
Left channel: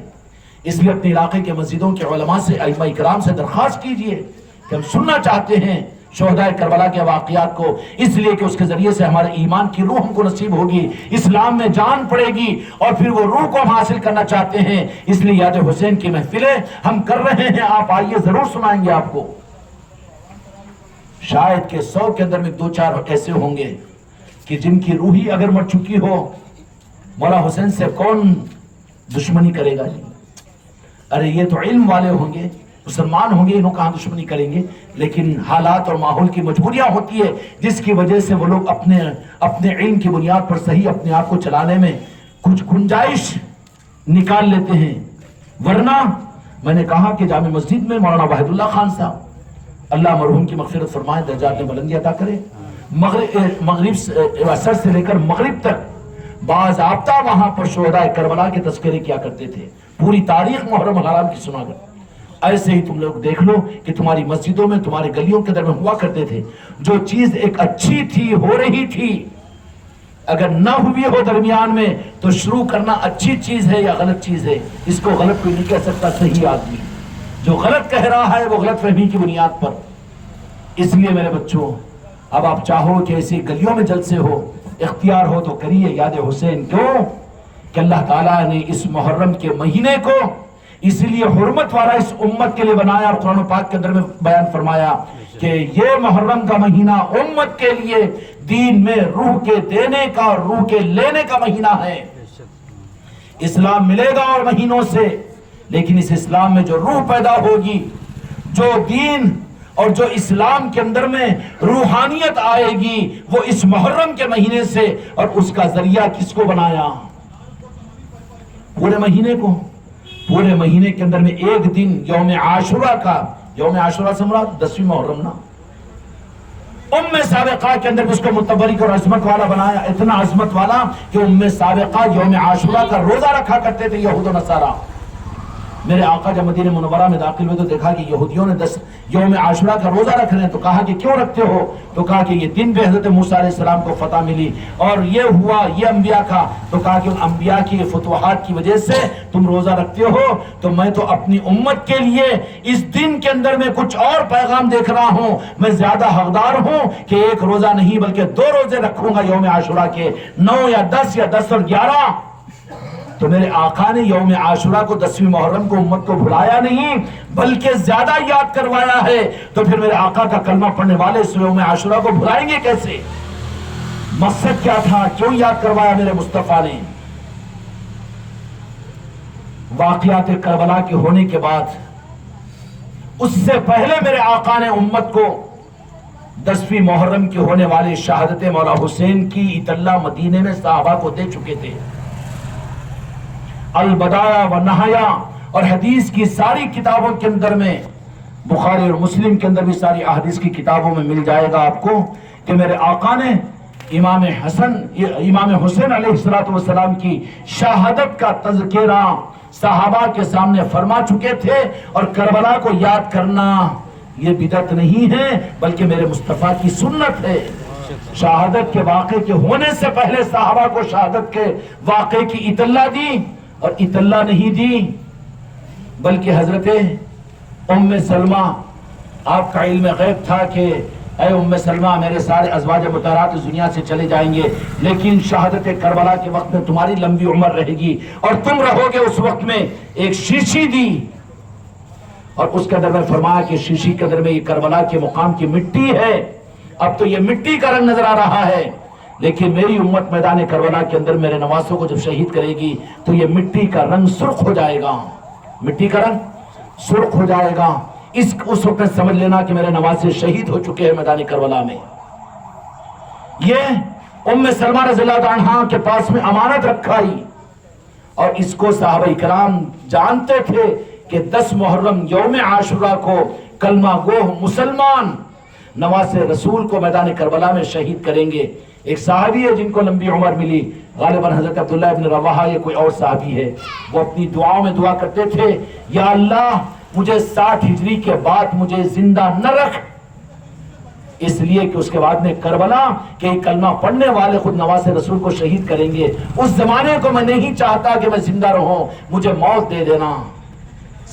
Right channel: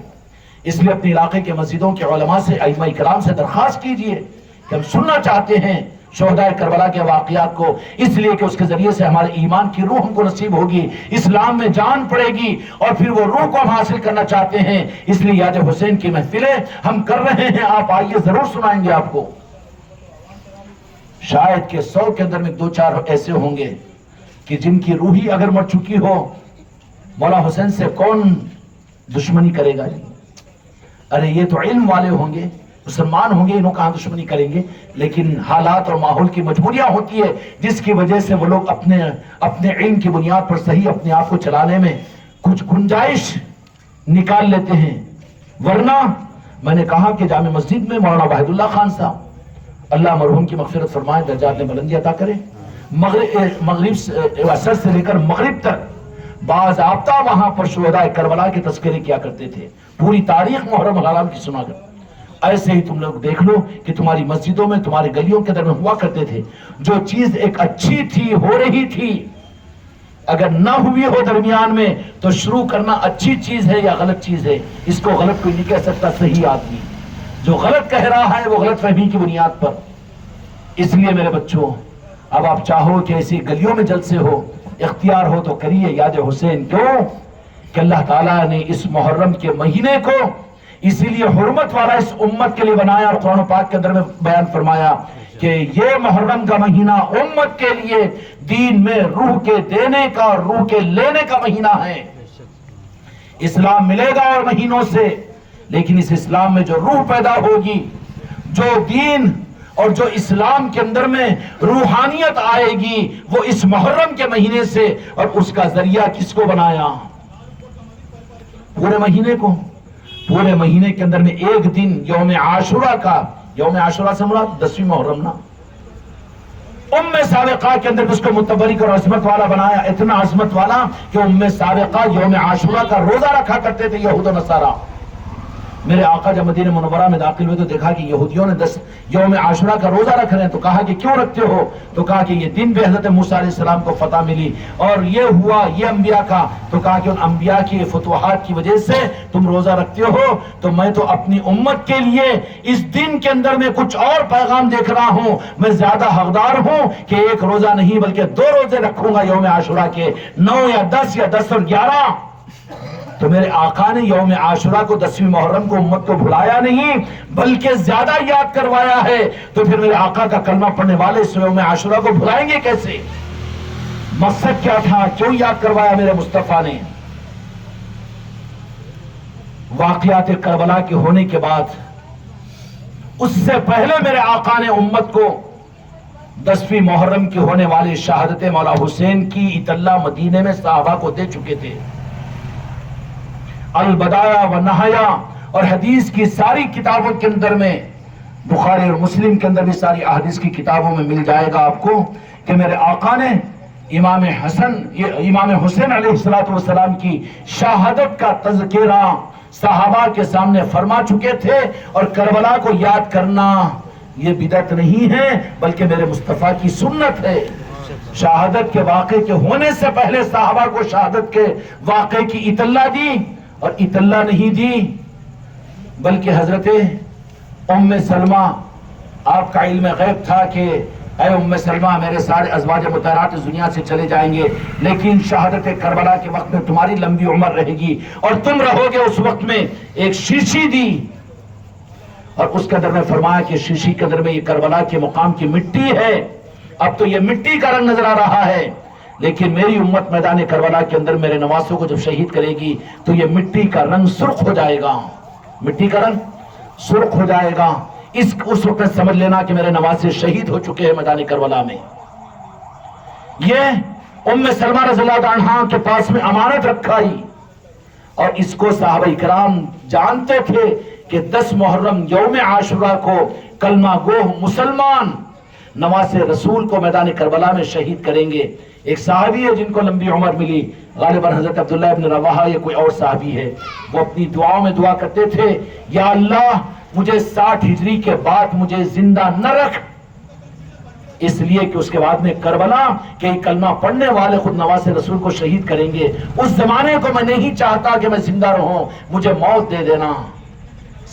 اس لیے اپنے علاقے کے مسجدوں کے علماء سے، ائمہ اکرام سے درخواست کیجئے کہ ہم سننا چاہتے ہیں شہدائے کربلا کے واقعات کو، اس لیے کہ اس کے ذریعے سے ہمارے ایمان کی روح ہم کو نصیب ہوگی، اسلام میں جان پڑے گی، اور پھر وہ روح کو ہم حاصل کرنا چاہتے ہیں. اس لیے یاد حسین کی محفلیں ہم کر رہے ہیں. آپ آئیے، ضرور سنائیں گے آپ کو. شاید کہ 100 کے اندر میں 2-4 ایسے ہوں گے کہ جن کی روحی اگر مر چکی ہو، مولا حسین سے کون دشمنی کرے گا؟ ارے یہ تو علم والے ہوں گے، مسلمان ہوں گے، انہوں کہاں دشمنی کریں گے. لیکن حالات اور ماحول کی مجبوریاں ہوتی ہے جس کی وجہ سے وہ لوگ اپنے علم کی بنیاد پر صحیح اپنے آپ کو چلانے میں کچھ گنجائش نکال لیتے ہیں. ورنہ میں نے کہا کہ جامع مسجد میں مولانا واحد اللہ خان صاحب، اللہ مرحوم کی مغفرت فرمائے، درجات میں بلندی عطا کرے، مغرب عصر سے لے کر مغرب تک باضابطہ وہاں پر شہدائے کربلا کے تذکرے کیا کرتے تھے. پوری تاریخ محرم الحرام کی سنا کر. ایسے ہی تم لوگ دیکھ لو کہ تمہاری مسجدوں میں، تمہاری گلیوں کے درمیان ہوا کرتے تھے. جو چیز ایک اچھی تھی، ہو رہی تھی، اگر نہ ہوئی ہو درمیان میں تو شروع کرنا اچھی چیز ہے یا غلط چیز ہے؟ اس کو غلط کوئی نہیں کہہ سکتا. صحیح آدمی جو غلط کہہ رہا ہے وہ غلط فہمی کی بنیاد پر. اس لیے میرے بچوں، اب آپ چاہو کہ ایسی گلیوں میں جلسے ہو، اختیار ہو تو کریے یاد حسین. کیوں کہ اللہ تعالیٰ نے اس محرم کے مہینے کو اسی لیے حرمت والا اس امت کے لیے بنایا، اور قرآن پاک کے اندر میں بیان فرمایا کہ یہ محرم کا مہینہ امت کے لیے دین میں روح کے دینے کا اور روح کے لینے کا مہینہ ہے. اسلام ملے گا اور مہینوں سے، لیکن اس اسلام میں جو روح پیدا ہوگی، جو دین اور جو اسلام کے اندر میں روحانیت آئے گی، وہ اس محرم کے مہینے سے. اور اس کا ذریعہ کس کو بنایا؟ پورے مہینے کے اندر میں ایک دن یوم عاشورہ کا، یوم عاشورہ سے مراد 10ویں محرم نا. سابقہ کے اندر اس کو متبرک اور عظمت والا بنایا، اتنا عظمت والا کہ سابقہ یوم عاشورہ کا روزہ رکھا کرتے تھے یہود و نصارہ. میرے آقا جب مدینہ منورہ میں داخل ہوئے تو دیکھا کہ یہودیوں نے 10 یوم عاشورہ کا روزہ رکھ رہے ہیں. تو کہا کہ کیوں رکھتے ہو؟ تو کہا کہ یہ دن پہ حضرت موسیٰ علیہ السلام کو فتح ملی اور یہ ہوا، یہ انبیاء کا. تو کہا کہ ان انبیاء کی فتوحات کی وجہ سے تم روزہ رکھتے ہو، تو میں تو اپنی امت کے لیے اس دن کے اندر میں کچھ اور پیغام دیکھ رہا ہوں. میں زیادہ حقدار ہوں کہ ایک روزہ نہیں بلکہ 2 روزے رکھوں گا یوم عاشورہ کے، 9 یا 10 یا 10 اور 11. تو میرے آقا نے یوم عاشورہ کو 10ویں محرم کو امت کو بھلایا نہیں بلکہ زیادہ یاد کروایا ہے. تو پھر میرے آقا کا کلمہ پڑھنے والے اس یوم عاشورہ کو بھلائیں گے کیسے؟ مقصد کیا تھا؟ کیوں یاد کروایا میرے مصطفیٰ نے؟ واقعات کربلا کے ہونے کے بعد، اس سے پہلے میرے آقا نے امت کو 10ویں محرم کی ہونے والی شہادت مولا حسین کی اطلاع مدینے میں صحابہ کو دے چکے تھے. البدایہ و نہایا اور حدیث کی ساری کتابوں کے اندر میں، بخاری اور مسلم کے اندر بھی ساری احادیث کی کتابوں میں مل جائے گا آپ کو کہ میرے آقا نے امام حسین علیہ السلام کی شہادت کا تذکرہ صحابہ کے سامنے فرما چکے تھے. اور کربلا کو یاد کرنا یہ بدعت نہیں ہے بلکہ میرے مصطفیٰ کی سنت ہے. شہادت کے واقعے کے ہونے سے پہلے صحابہ کو شہادت کے واقعے کی اطلاع دی، اور اطلاع نہیں دی بلکہ حضرت ام سلمہ، آپ کا علم غیب تھا کہ اے ام سلمہ میرے سارے ازواج مطہرات اس دنیا سے چلے جائیں گے، لیکن شہادت کربلا کے وقت میں تمہاری لمبی عمر رہے گی اور تم رہو گے۔ اس وقت میں ایک شیشی دی اور اس قدر میں فرمایا کہ شیشی قدر میں یہ کربلا کے مقام کی مٹی ہے، اب تو یہ مٹی کا رنگ نظر آ رہا ہے، لیکن میری امت میدان کربلا کے اندر میرے نواسوں کو جب شہید کرے گی تو یہ مٹی کا رنگ سرخ ہو جائے گا، مٹی کا رنگ سرخ ہو جائے گا۔ اس وقت سمجھ لینا کہ میرے نواسے شہید ہو چکے ہیں میدان کربلا میں۔ یہ ام سلمہ رضی اللہ عنہا کے پاس میں امانت رکھائی، اور اس کو صحابہ کرام جانتے تھے کہ 10 محرم یوم عاشورہ کو کلمہ گو مسلمان نواسے رسول کو میدان کربلا میں شہید کریں گے۔ ایک صحابی ہے جن کو لمبی عمر ملی، غالباً حضرت عبداللہ ابن رواحہ یا کوئی اور صحابی ہے، وہ اپنی دعاؤں میں دعا کرتے تھے، یا اللہ مجھے 60 ہجری کے بعد مجھے زندہ نہ رکھ، اس لیے کہ اس کے بعد میں کربلا کہ کلمہ پڑھنے والے خود نواسے رسول کو شہید کریں گے، اس زمانے کو میں نہیں چاہتا کہ میں زندہ رہوں، مجھے موت دے دینا۔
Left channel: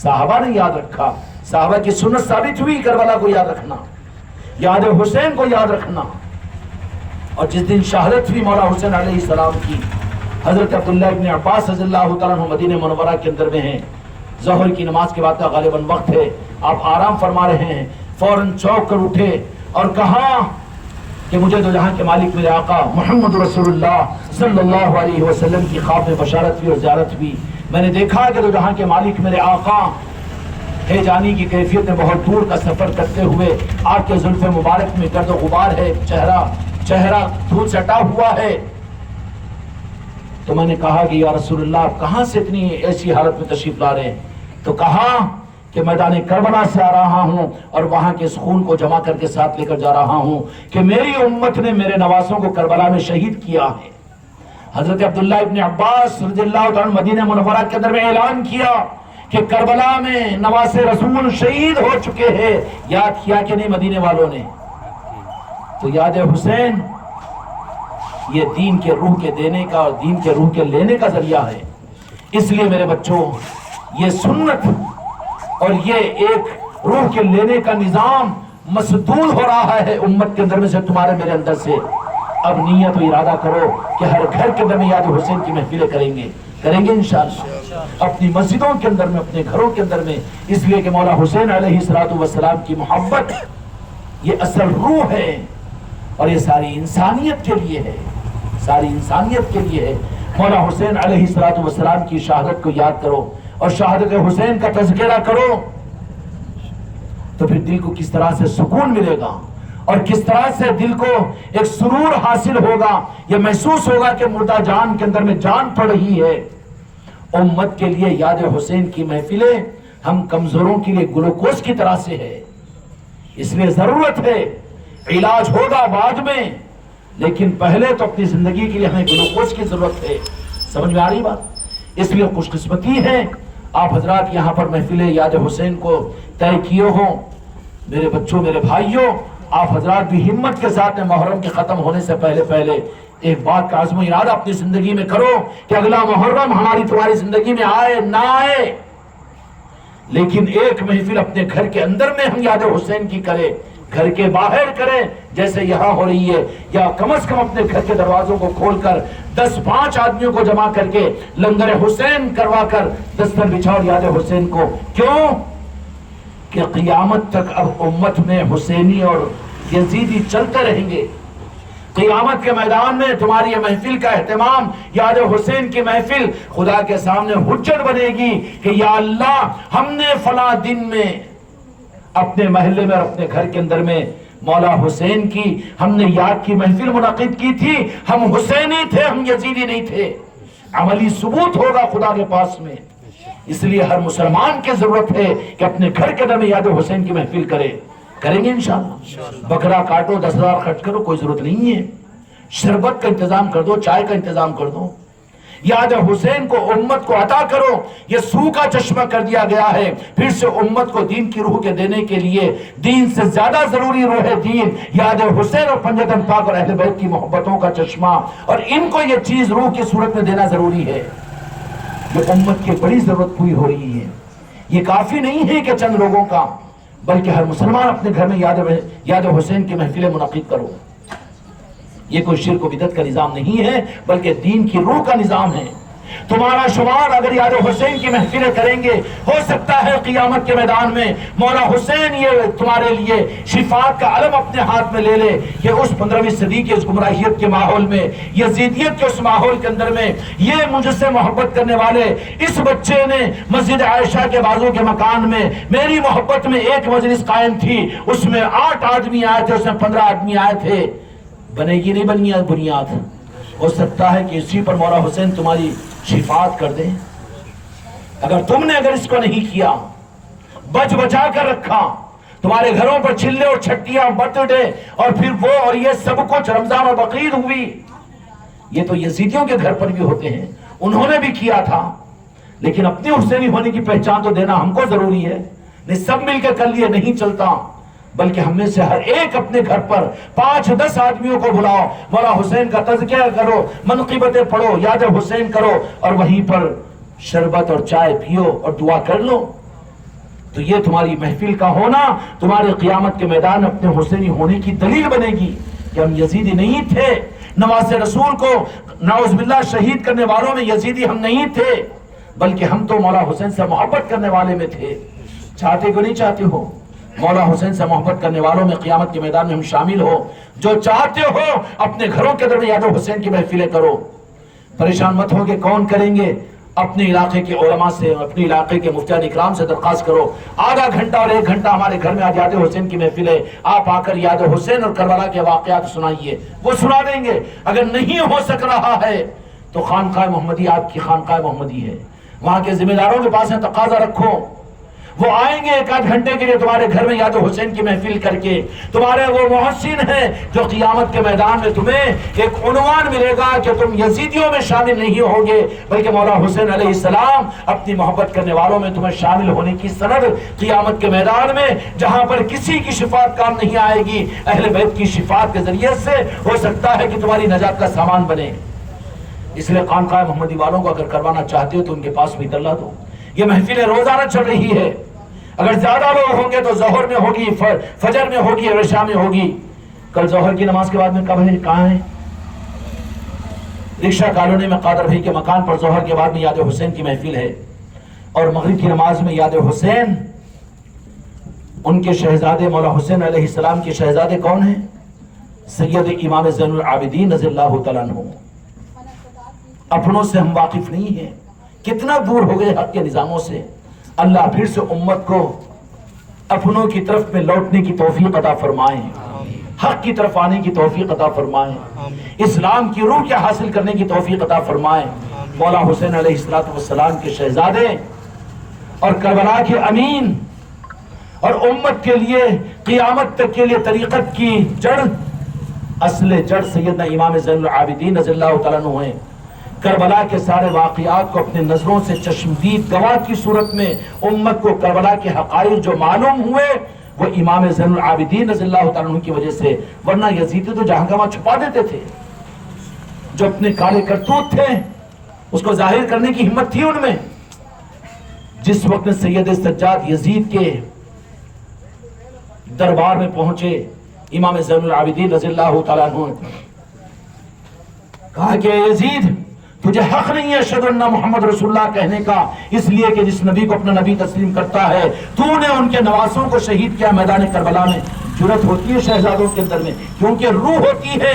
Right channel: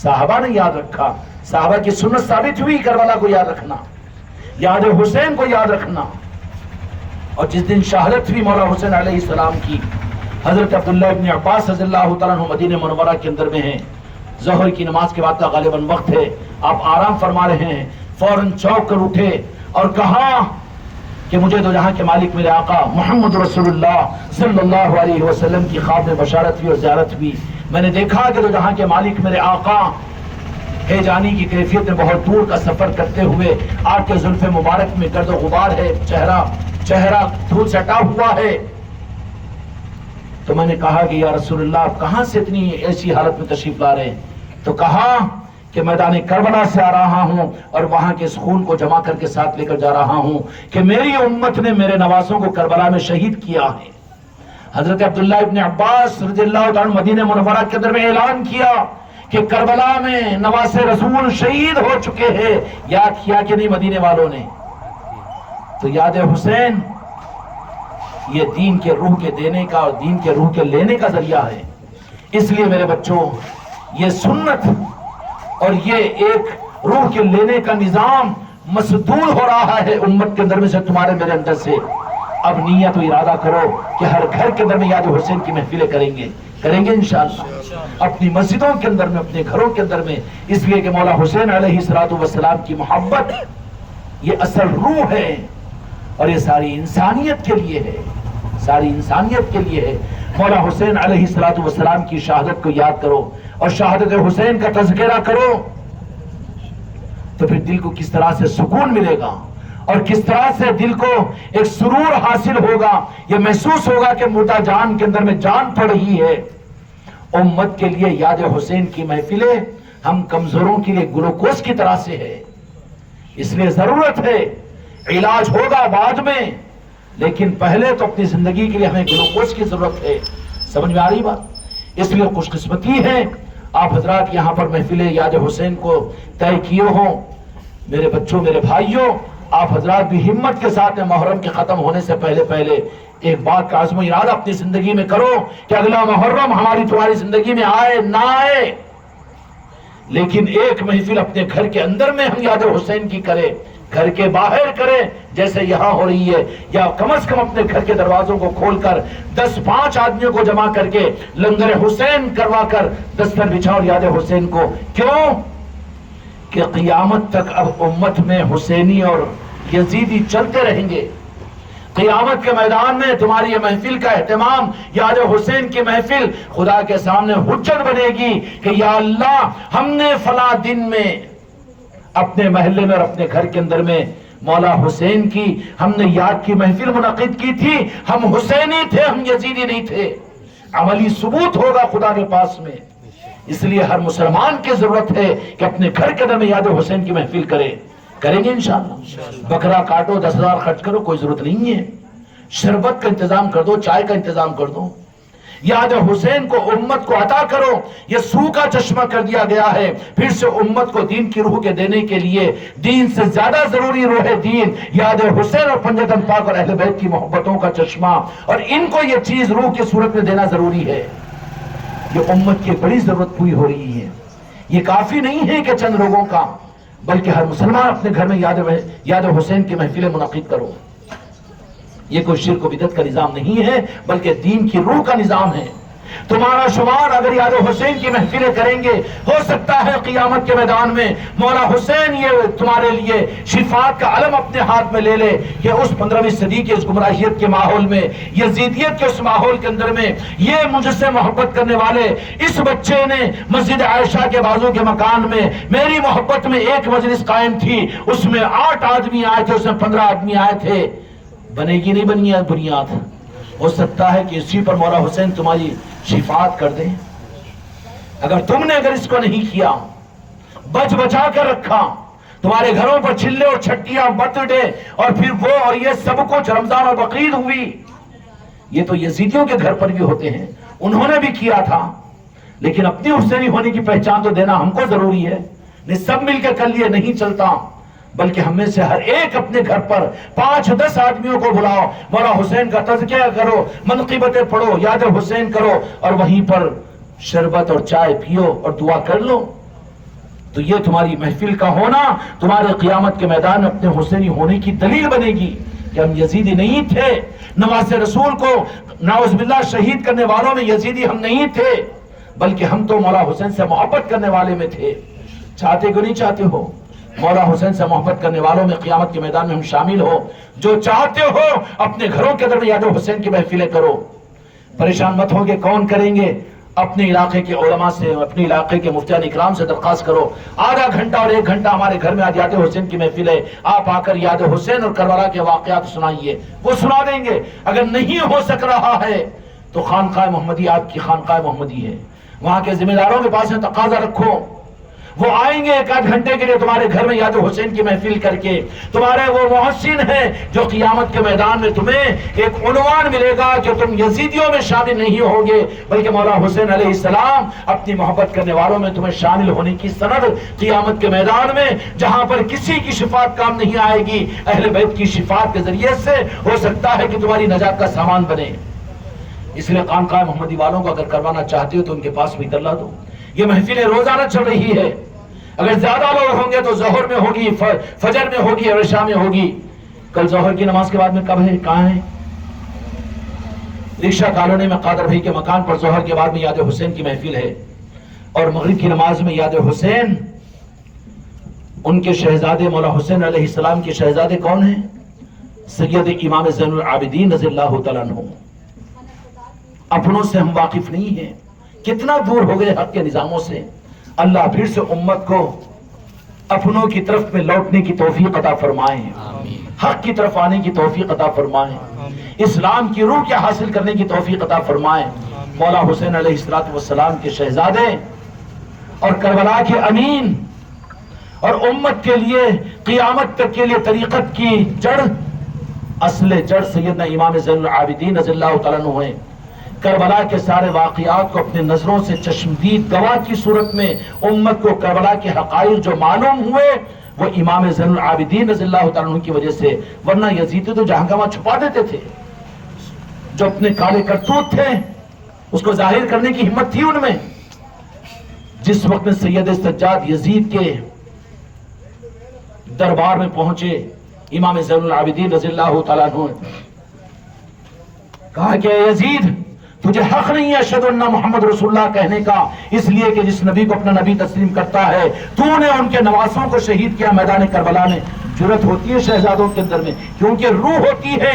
صحابہ نے یاد رکھا، صحابہ کی سنت ثابت ہوئی کربلا کو یاد رکھنا، یاد حسین کو یاد رکھنا۔ اور جس دن شہادت ہوئی مولا حسین علیہ السلام کی، حضرت عبداللہ ابن عباس رضی اللہ تعالیٰ عنہ مدینہ منورہ کے اندر میں ہیں، ظہر کی نماز کے بعد کا غالباً وقت ہے، آپ آرام فرما رہے ہیں، فوراً چوک کر اٹھے اور کہا کہ مجھے دو جہاں کے مالک میرے آقا محمد رسول اللہ صلی اللہ علیہ وسلم کی خواب میں بشارت ہوئی اور زیارت ہوئی، میں نے دیکھا کہ دو جہاں کے مالک میرے آقا ہے جانی کی کیفیت میں بہت دور کا سفر کرتے ہوئے، آپ کے زلف مبارک میں گرد و غبار ہے، چہرہ دھول سٹا ہوا ہے۔ تو میں نے کہا کہ یا رسول اللہ آپ کہاں سے اتنی ایسی حالت میں تشریف لا رہے ہیں؟ تو کہا کہ میدان کربلا سے آ رہا ہوں اور وہاں کے اس خون کو جمع کر کے ساتھ لے کر جا رہا ہوں کہ میری امت نے میرے نواسوں کو کربلا میں شہید کیا ہے۔ حضرت عبداللہ ابن عباس رضی اللہ عنہ مدینہ منورہ کے اندر میں اعلان کیا کہ کربلا میں نواسے رسول شہید ہو چکے ہیں، یاد کیا کہ نہیں مدینے والوں نے؟ تو یاد حسین یہ دین کے روح کے دینے کا اور دین کے روح کے لینے کا ذریعہ ہے۔ اس لیے میرے بچوں یہ سنت اور یہ ایک روح کے لینے کا نظام مسدود ہو رہا ہے امت کے اندر میں سے، تمہارے میرے اندر سے۔ اب نیت و ارادہ کرو کہ ہر گھر کے اندر میں یاد حسین کی محفلیں کریں گے انشاءاللہ، اپنی مسجدوں کے اندر میں، اپنے گھروں کے اندر میں، اس لیے کہ مولا حسین علیہ السلام کی محبت یہ اصل روح ہے اور یہ ساری انسانیت کے لیے ہے، ساری انسانیت کے لیے ہے۔ مولا حسین علیہ السلام کی شہادت کو یاد کرو اور شہادت حسین کا تذکرہ کرو، تو پھر دل کو کس طرح سے سکون ملے گا اور کس طرح سے دل کو ایک سرور حاصل ہوگا، یہ محسوس ہوگا کہ مردہ جان کے اندر میں جان پڑ رہی ہے۔ امت کے لیے یاد حسین کی محفلیں ہم کمزوروں کے لیے گلوکوز کی طرح سے ہے، اس لیے ضرورت ہے، علاج ہوگا بعد میں، لیکن پہلے تو اپنی زندگی کے لیے ہمیں گلوکوز کی ضرورت ہے۔ سمجھ میں آ رہی بات؟ اس لیے خوش قسمتی ہے آپ حضرات یہاں پر محفل یاد حسین کو طے کیے ہوں۔ میرے بچوں، میرے بھائیوں، آپ حضرات بھی ہمت کے ساتھ محرم کے ختم ہونے سے پہلے ایک بات کا عزم و ارادہ اپنی زندگی میں کرو کہ اگلا محرم ہماری تمہاری زندگی میں آئے نہ آئے، لیکن ایک محفل اپنے گھر کے اندر میں ہم یاد حسین کی کریں، گھر کے باہر کریں جیسے یہاں ہو رہی ہے، یا کم از کم اپنے گھر کے دروازوں کو کھول کر 10-5 آدمیوں کو جمع کر کے لنگر حسین کروا کر دستر بچھاؤ یاد حسین کو۔ کیوں کہ قیامت تک اب امت میں حسینی اور یزیدی چلتے رہیں گے۔ قیامت کے میدان میں تمہاری یہ محفل کا اہتمام، یاد حسین کی محفل خدا کے سامنے حجت بنے گی کہ یا اللہ ہم نے فلاں دن میں اپنے محلے میں اور اپنے گھر کے اندر میں مولا حسین کی ہم نے یاد کی محفل منعقد کی تھی، ہم حسینی تھے، ہم یزیدی نہیں تھے۔ عملی ثبوت ہوگا خدا کے پاس میں۔ اس لیے ہر مسلمان کی ضرورت ہے کہ اپنے گھر کے اندر میں یاد حسین کی محفل کریں گے انشاءاللہ۔ بکرا کاٹو، 10,000 خرچ کرو، کوئی ضرورت نہیں ہے۔ شربت کا انتظام کر دو، چائے کا انتظام کر دو، یاد حسین کو امت کو عطا کرو، یہ سوکھا چشمہ کر دیا گیا ہے۔ پھر سے امت کو دین کی روح کے دینے کے لیے دین سے زیادہ ضروری روح دین یاد حسین اور پنجتن پاک اور اہل بیت کی محبتوں کا چشمہ، اور ان کو یہ چیز روح کی صورت میں دینا ضروری ہے۔ یہ امت کی بڑی ضرورت پوری ہو رہی ہے۔ یہ کافی نہیں ہے کہ چند لوگوں کا، بلکہ ہر مسلمان اپنے گھر میں یاد حسین کی محفلیں منعقد کرو۔ یہ کوئی شرک و بدعت کا نظام نہیں ہے، بلکہ دین کی روح کا نظام ہے۔ تمہارا شمار اگر یاد حسین کی محفلیں کریں گے، ہو سکتا ہے قیامت کے میدان میں مولا حسین یہ تمہارے لیے شفاعت کا علم اپنے ہاتھ میں لے لے کہ اس 15ویں صدی کے اس گمراہیت کے ماحول میں، یزیدیت کے اس ماحول کے اندر میں، یہ مجھ سے محبت کرنے والے اس بچے نے مسجد عائشہ کے بازو کے مکان میں میری محبت میں ایک مجلس قائم تھی، اس میں 8 آدمی آئے تھے، اس میں 15 آدمی آئے تھے۔ بنے گی نہیں بنی بنیاد؟ ہو سکتا ہے کہ اسی پر مولا حسین تمہاری شفاعت کر دیں۔ اگر تم نے اس کو نہیں کیا، بچا کر رکھا، تمہارے گھروں پر چلے اور چھٹیاں، برتھ ڈے اور پھر وہ اور یہ سب کچھ، رمضان اور بقرعید ہوئی، یہ تو یزیدیوں کے گھر پر بھی ہوتے ہیں، انہوں نے بھی کیا تھا، لیکن اپنی حسینی ہونے کی پہچان تو دینا ہم کو ضروری ہے۔ نہیں سب مل کے کر لیے نہیں چلتا، بلکہ ہم میں سے ہر ایک اپنے گھر پر 5-10 آدمیوں کو بلاؤ، مولا حسین کا تذکرہ کرو، منقبتیں پڑھو، یاد حسین کرو، اور وہیں پر شربت اور چائے پیو اور دعا کر لو۔ تو یہ تمہاری محفل کا ہونا تمہارے قیامت کے میدان میں اپنے حسینی ہونے کی دلیل بنے گی کہ ہم یزیدی نہیں تھے، نواز رسول کو نعوذ باللہ شہید کرنے والوں میں یزیدی ہم نہیں تھے، بلکہ ہم تو مولا حسین سے محبت کرنے والے میں تھے۔ چاہتے کو نہیں چاہتے ہو مولا حسین سے محبت کرنے والوں میں قیامت کے میدان میں ہم شامل ہو؟ جو چاہتے ہو اپنے گھروں کے اندر یاد حسین کی محفلیں کرو۔ پریشان مت ہو کہ کون کریں گے، اپنے علاقے کے علماء سے، اپنے علاقے کے مفتیان اکرام سے درخواست کرو، آدھا گھنٹہ اور 1 گھنٹہ ہمارے گھر میں آج یاد حسین کی محفل ہے، آپ آ کر یاد حسین اور کربلا کے واقعات سنائیے، وہ سنا دیں گے۔ اگر نہیں ہو سک رہا ہے تو خانقاہ محمدی آپ کی خانقاہ محمدی ہے، وہاں کے ذمہ داروں کے پاس تقاضا رکھو، وہ آئیں گے 1 گھنٹے کے لیے تمہارے گھر میں یاد حسین کی محفل کر کے۔ تمہارے وہ محسن ہیں جو قیامت کے میدان میں تمہیں ایک عنوان ملے گا کہ تم یزیدیوں میں شامل نہیں ہوگے، بلکہ مولا حسین علیہ السلام اپنی محبت کرنے والوں میں تمہیں شامل ہونے کی سند قیامت کے میدان میں، جہاں پر کسی کی شفاعت کام نہیں آئے گی، اہل بیت کی شفاعت کے ذریعے سے ہو سکتا ہے کہ تمہاری نجات کا سامان بنے۔ اس لیے خانقاہ محمدی والوں کو اگر کروانا چاہتے ہو تو ان کے پاس بھی کرلا دو۔ یہ محفلیں روزانہ چل رہی ہے، اگر زیادہ لوگ ہوں گے تو ظہر میں ہوگی، فجر میں ہوگی اور عشاء میں ہوگی۔ کل ظہر کی نماز کے بعد میں کب ہے، کہاں ہے؟ رکشہ کالونی میں قادر بھائی کے مکان پر ظہر کے بعد میں یاد حسین کی محفل ہے، اور مغرب کی نماز میں یاد حسین، ان کے شہزادے مولا حسین علیہ السلام کے شہزادے کون ہیں؟ سید امام زین العابدین رضی اللہ تعالیٰ عنہ۔ اپنوں سے ہم واقف نہیں ہیں، کتنا دور ہو گئے حق کے نظاموں سے۔ اللہ پھر سے امت کو اپنوں کی طرف میں لوٹنے کی توفیق عطا فرمائے، حق کی طرف آنے کی توفیق عطا فرمائے، اسلام کی روح کے حاصل کرنے کی توفیق عطا فرمائے۔ مولا حسین علیہ السلام کے شہزادے اور کربلا کے امین، اور امت کے لیے قیامت تک کے لیے طریقت کی جڑ، اصل جڑ سیدنا امام زین العابدین رضی اللہ تعالیٰ عنہ ہیں۔ کربلا کے سارے واقعات کو اپنے نظروں سے چشمدید گواہ کی صورت میں امت کو کربلا کے حقائق جو معلوم ہوئے وہ امام زین العابدین رضی اللہ تعالیٰ عنہ کی وجہ سے، ورنہ یزیدی تو جہاں گواہ چھپا دیتے تھے، جو اپنے کالے کرتوت تھے اس کو ظاہر کرنے کی ہمت تھی ان میں۔ جس وقت میں سید سجاد یزید کے دربار میں پہنچے امام زین العابدین رضی اللہ تعالیٰ عنہ، کہا کہ یزید تجھے حق نہیں ہے اشہد ان محمد رسول اللہ کہنے کا، اس لیے کہ جس نبی کو اپنا نبی تسلیم کرتا ہے تو نے ان کے نواسوں کو شہید کیا میدان کربلا میں۔ جرأت ہوتی ہے شہزادوں کے اندر میں، کیونکہ روح ہوتی ہے،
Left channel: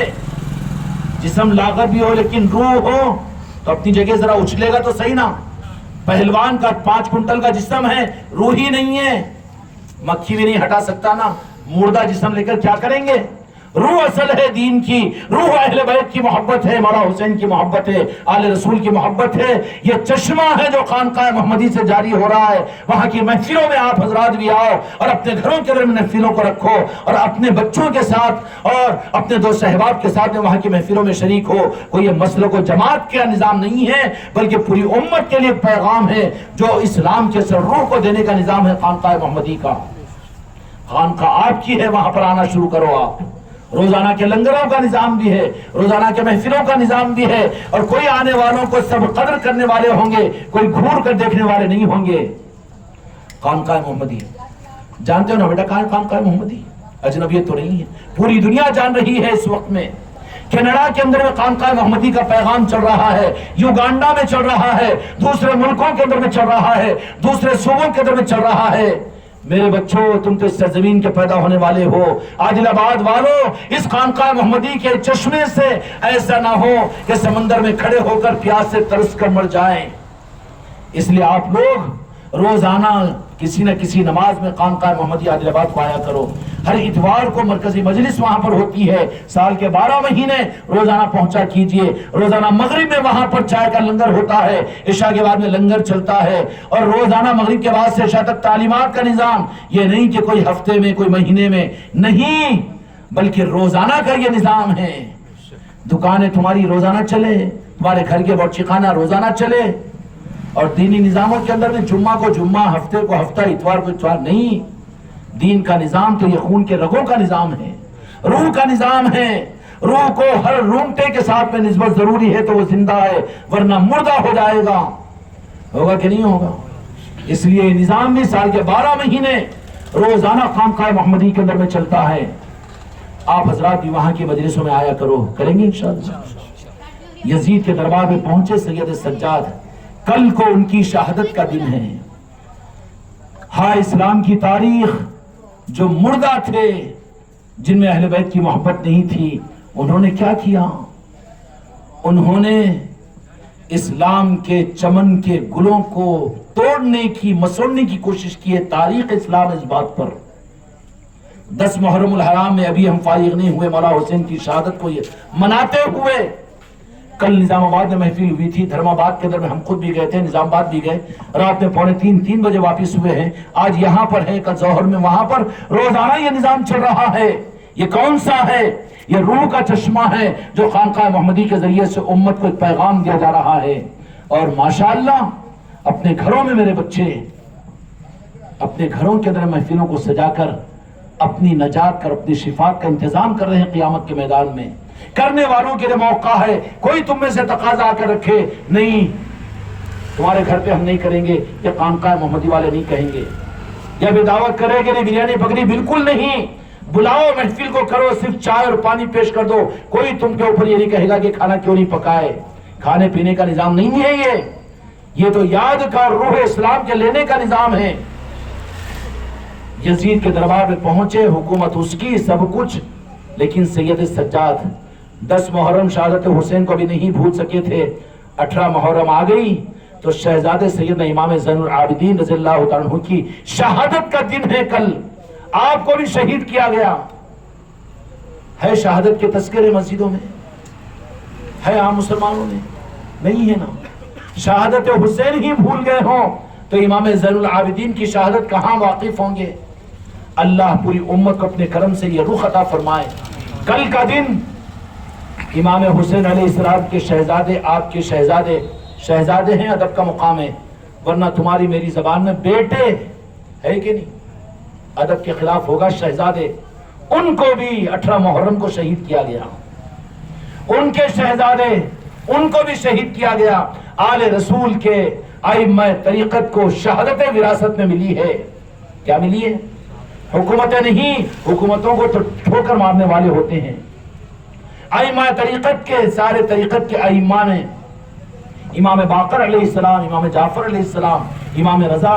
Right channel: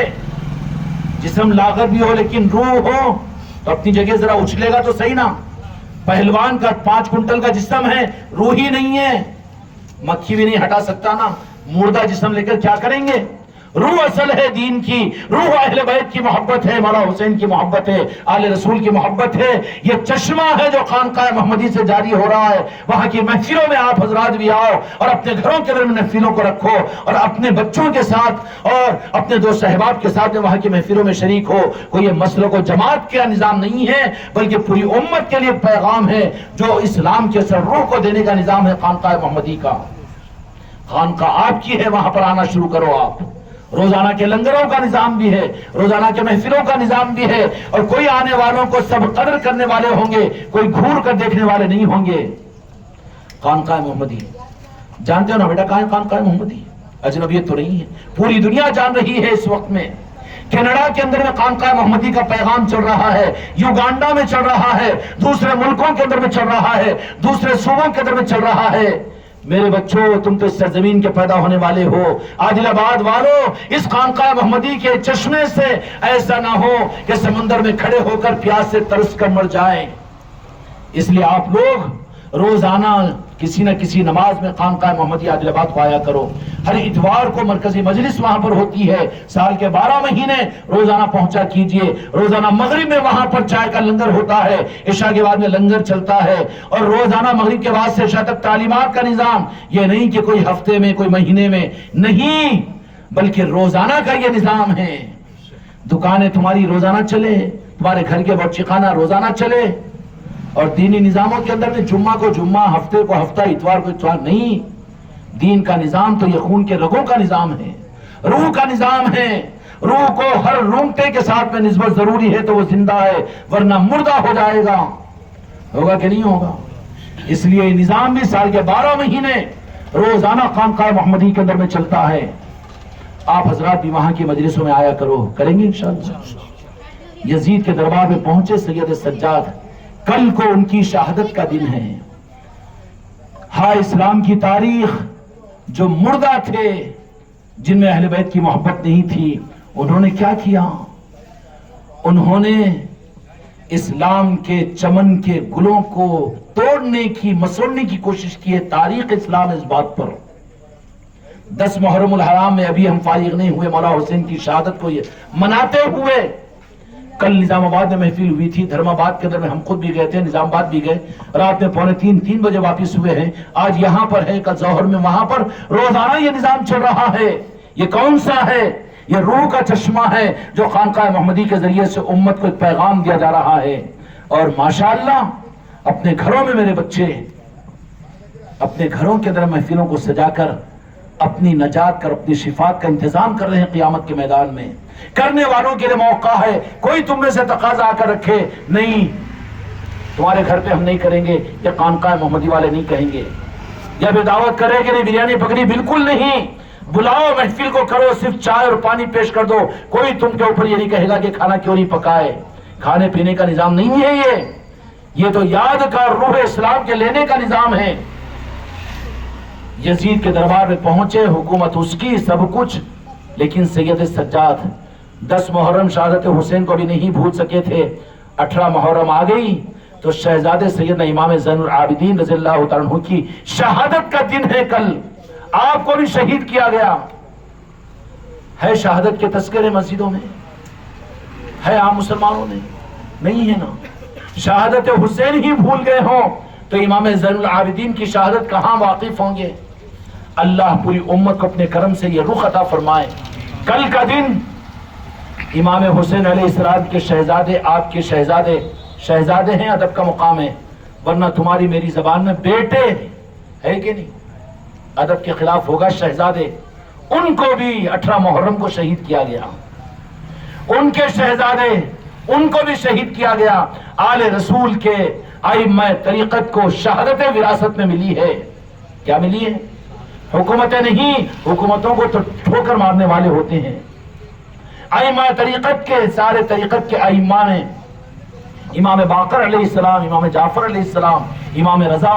جسم لاغر بھی ہو لیکن روح ہو تو اپنی جگہ ذرا اچھلے گا تو صحیح نا۔ پہلوان کا 5 کنٹل کا جسم ہے، روح ہی نہیں ہے، مکھی بھی نہیں ہٹا سکتا نا، مردہ جسم لے کر کیا کریں گے؟ روح اصل ہے دین کی، روح اہل بیت کی محبت ہے، مولا حسین کی محبت ہے، آل رسول کی محبت ہے۔ یہ چشمہ ہے جو خانقاہ محمدی سے جاری ہو رہا ہے۔ وہاں کی محفلوں میں آپ حضرات بھی آؤ اور اپنے گھروں کے اندر محفلوں کو رکھو اور اپنے بچوں کے ساتھ اور اپنے دوست احباب کے ساتھ وہاں کی محفلوں میں شریک ہو۔ کوئی یہ مسلک و جماعت کا نظام نہیں ہے، بلکہ پوری امت کے لیے پیغام ہے جو اسلام کے سر روح کو دینے کا نظام ہے خانقاہ محمدی کا۔ خانقاہ آپ کی ہے، وہاں پر آنا شروع کرو آپ۔ روزانہ کے لنگروں کا نظام بھی ہے، روزانہ کے محفلوں کا نظام بھی ہے، اور کوئی آنے والوں کو سب قدر کرنے والے ہوں گے، کوئی گھور کر دیکھنے والے نہیں ہوں گے۔ خانقاہ محمدی جانتے ہو نا بیٹا کہاں ہے خانقاہ محمدی؟ اجنبیت تو نہیں ہے، پوری دنیا جان رہی ہے اس وقت میں۔ کینیڈا کے اندر میں خانقاہ محمدی کا پیغام چل رہا ہے، یوگانڈا میں چل رہا ہے، دوسرے ملکوں کے اندر میں چل رہا ہے، دوسرے صوبوں کے اندر میں چل رہا ہے۔ میرے بچوں، تم تو اس سرزمین کے پیدا ہونے والے ہو، عادل آباد والوں، اس خانقاہ محمدی کے چشمے سے ایسا نہ ہو کہ سمندر میں کھڑے ہو کر پیاس سے ترس کر مر جائیں۔ اس لیے آپ لوگ روزانہ کسی نہ کسی نماز میں خانقاہ محمدی عادل آباد کو آیا کرو۔ ہر اتوار کو مرکزی مجلس وہاں پر ہوتی ہے، سال کے 12 مہینے روزانہ پہنچا کیجئے۔ روزانہ مغرب میں وہاں پر چائے کا لنگر ہوتا ہے، عشاء کے بعد میں لنگر چلتا ہے، اور روزانہ مغرب کے بعد سے عشاء تک تعلیمات کا نظام۔ یہ نہیں کہ کوئی ہفتے میں کوئی مہینے میں نہیں، بلکہ روزانہ کا یہ نظام ہے۔ دکانیں تمہاری روزانہ چلے، تمہارے گھر کے باورچی خانہ روزانہ چلے، اور دینی نظاموں کے اندر میں جمعہ کو جمعہ، ہفتے کو ہفتہ، اتوار کو اتوار نہیں۔ دین کا نظام تو یہ خون کے رگوں کا نظام ہے، روح کا نظام ہے۔ روح کو ہر رونگٹے کے ساتھ میں نسبت ضروری ہے تو وہ زندہ ہے، ورنہ مردہ ہو جائے گا۔ ہوگا کہ نہیں ہوگا؟ اس لیے یہ نظام بھی سال کے 12 مہینے روزانہ خانقاہ محمدی کے اندر میں چلتا ہے۔ آپ حضرات بھی وہاں کی مجلسوں میں آیا کرو، کریں گے انشاءاللہ۔ یزید کے دربار میں پہنچے سید سجاد، کل کو ان کی شہادت کا دن ہے۔ ہاں، اسلام کی تاریخ، جو مردہ تھے، جن میں اہل بیت کی محبت نہیں تھی، انہوں نے کیا کیا؟ انہوں نے اسلام کے چمن کے گلوں کو توڑنے کی، مسوڑنے کی کوشش کی ہے۔ تاریخ اسلام اس بات پر 10 محرم الحرام میں ابھی ہم فارغ نہیں ہوئے مولا حسین کی شہادت کو یہ مناتے ہوئے۔ کل نظام آباد میں محفل ہوئی تھی، دھرم آباد کے اندر میں ہم خود بھی گئے تھے، نظام آباد بھی گئے، رات میں 2:45-3 بجے واپس ہوئے ہیں۔ آج یہاں پر ہے، کل ظہر میں وہاں پر، روزانہ یہ نظام چل رہا ہے۔ یہ کون سا ہے؟ یہ روح کا چشمہ ہے جو خانقاہ محمدی کے ذریعے سے امت کو ایک پیغام دیا جا رہا ہے۔ اور ماشاءاللہ اپنے گھروں میں میرے بچے اپنے گھروں کے اندر محفلوں کو سجا کر اپنی نجات کر، اپنی شفاعت کا انتظام کر رہے ہیں قیامت کے میدان میں۔ کرنے والوں کے لیے موقع ہے، کوئی تم میں سے تقاضا آ کر رکھے نہیں تمہارے گھر پہ ہم نہیں کریں گے، یہ خانقاہ محمدی والے نہیں کہیں گے۔ جب یہ دعوت کرے کہ نہیں بریانی پکڑی، بالکل نہیں، بلاؤ، محفل کو کرو، صرف چائے اور پانی پیش کر دو۔ کوئی تم کے اوپر یہ نہیں کہے گا کہ کھانا کیوں نہیں پکائے۔ کھانے پینے کا نظام نہیں ہے یہ تو یاد کا اور روح اسلام کے لینے کا نظام ہے۔ یزید کے دربار میں پہنچے، حکومت اس کی، سب کچھ، لیکن سید سجاد 10 محرم شہادت حسین کو بھی نہیں بھول سکے تھے۔ 18 محرم آ گئی تو شہزادے سیدنا امام زین العابدین رضی اللہ تعالیٰ عنہ کی شہادت کا دن ہے کل۔ آپ کو بھی شہید کیا گیا ہے۔ شہادت کے تذکرے مسجدوں میں ہے، عام مسلمانوں میں نہیں ہے نا۔ شہادت حسین ہی بھول گئے ہوں تو امام زین العابدین کی شہادت کہاں واقف ہوں گے؟ اللہ پوری امت کو اپنے کرم سے یہ رخ عطا فرمائے۔ کل کا دن امام حسین علیہ السلام کے شہزادے، آپ کے شہزادے ہیں، ادب کا مقام ہے، ورنہ تمہاری میری زبان میں بیٹے ہے کہ نہیں؟ ادب کے خلاف ہوگا شہزادے۔ ان کو بھی 18 محرم کو شہید کیا گیا، ان کے شہزادے، ان کو بھی شہید کیا گیا۔ آل رسول کے ائمہ طریقت کو شہادت وراثت میں ملی ہے۔ کیا ملی ہے؟ حکومتیں نہیں، حکومتوں کو تو ٹھوکر مارنے والے ہوتے ہیں۔ ائمہ طریقت کے، سارے طریقت کے ائمہ نے، امام باقر علیہ السلام، امام جعفر علیہ السلام، امام رضا،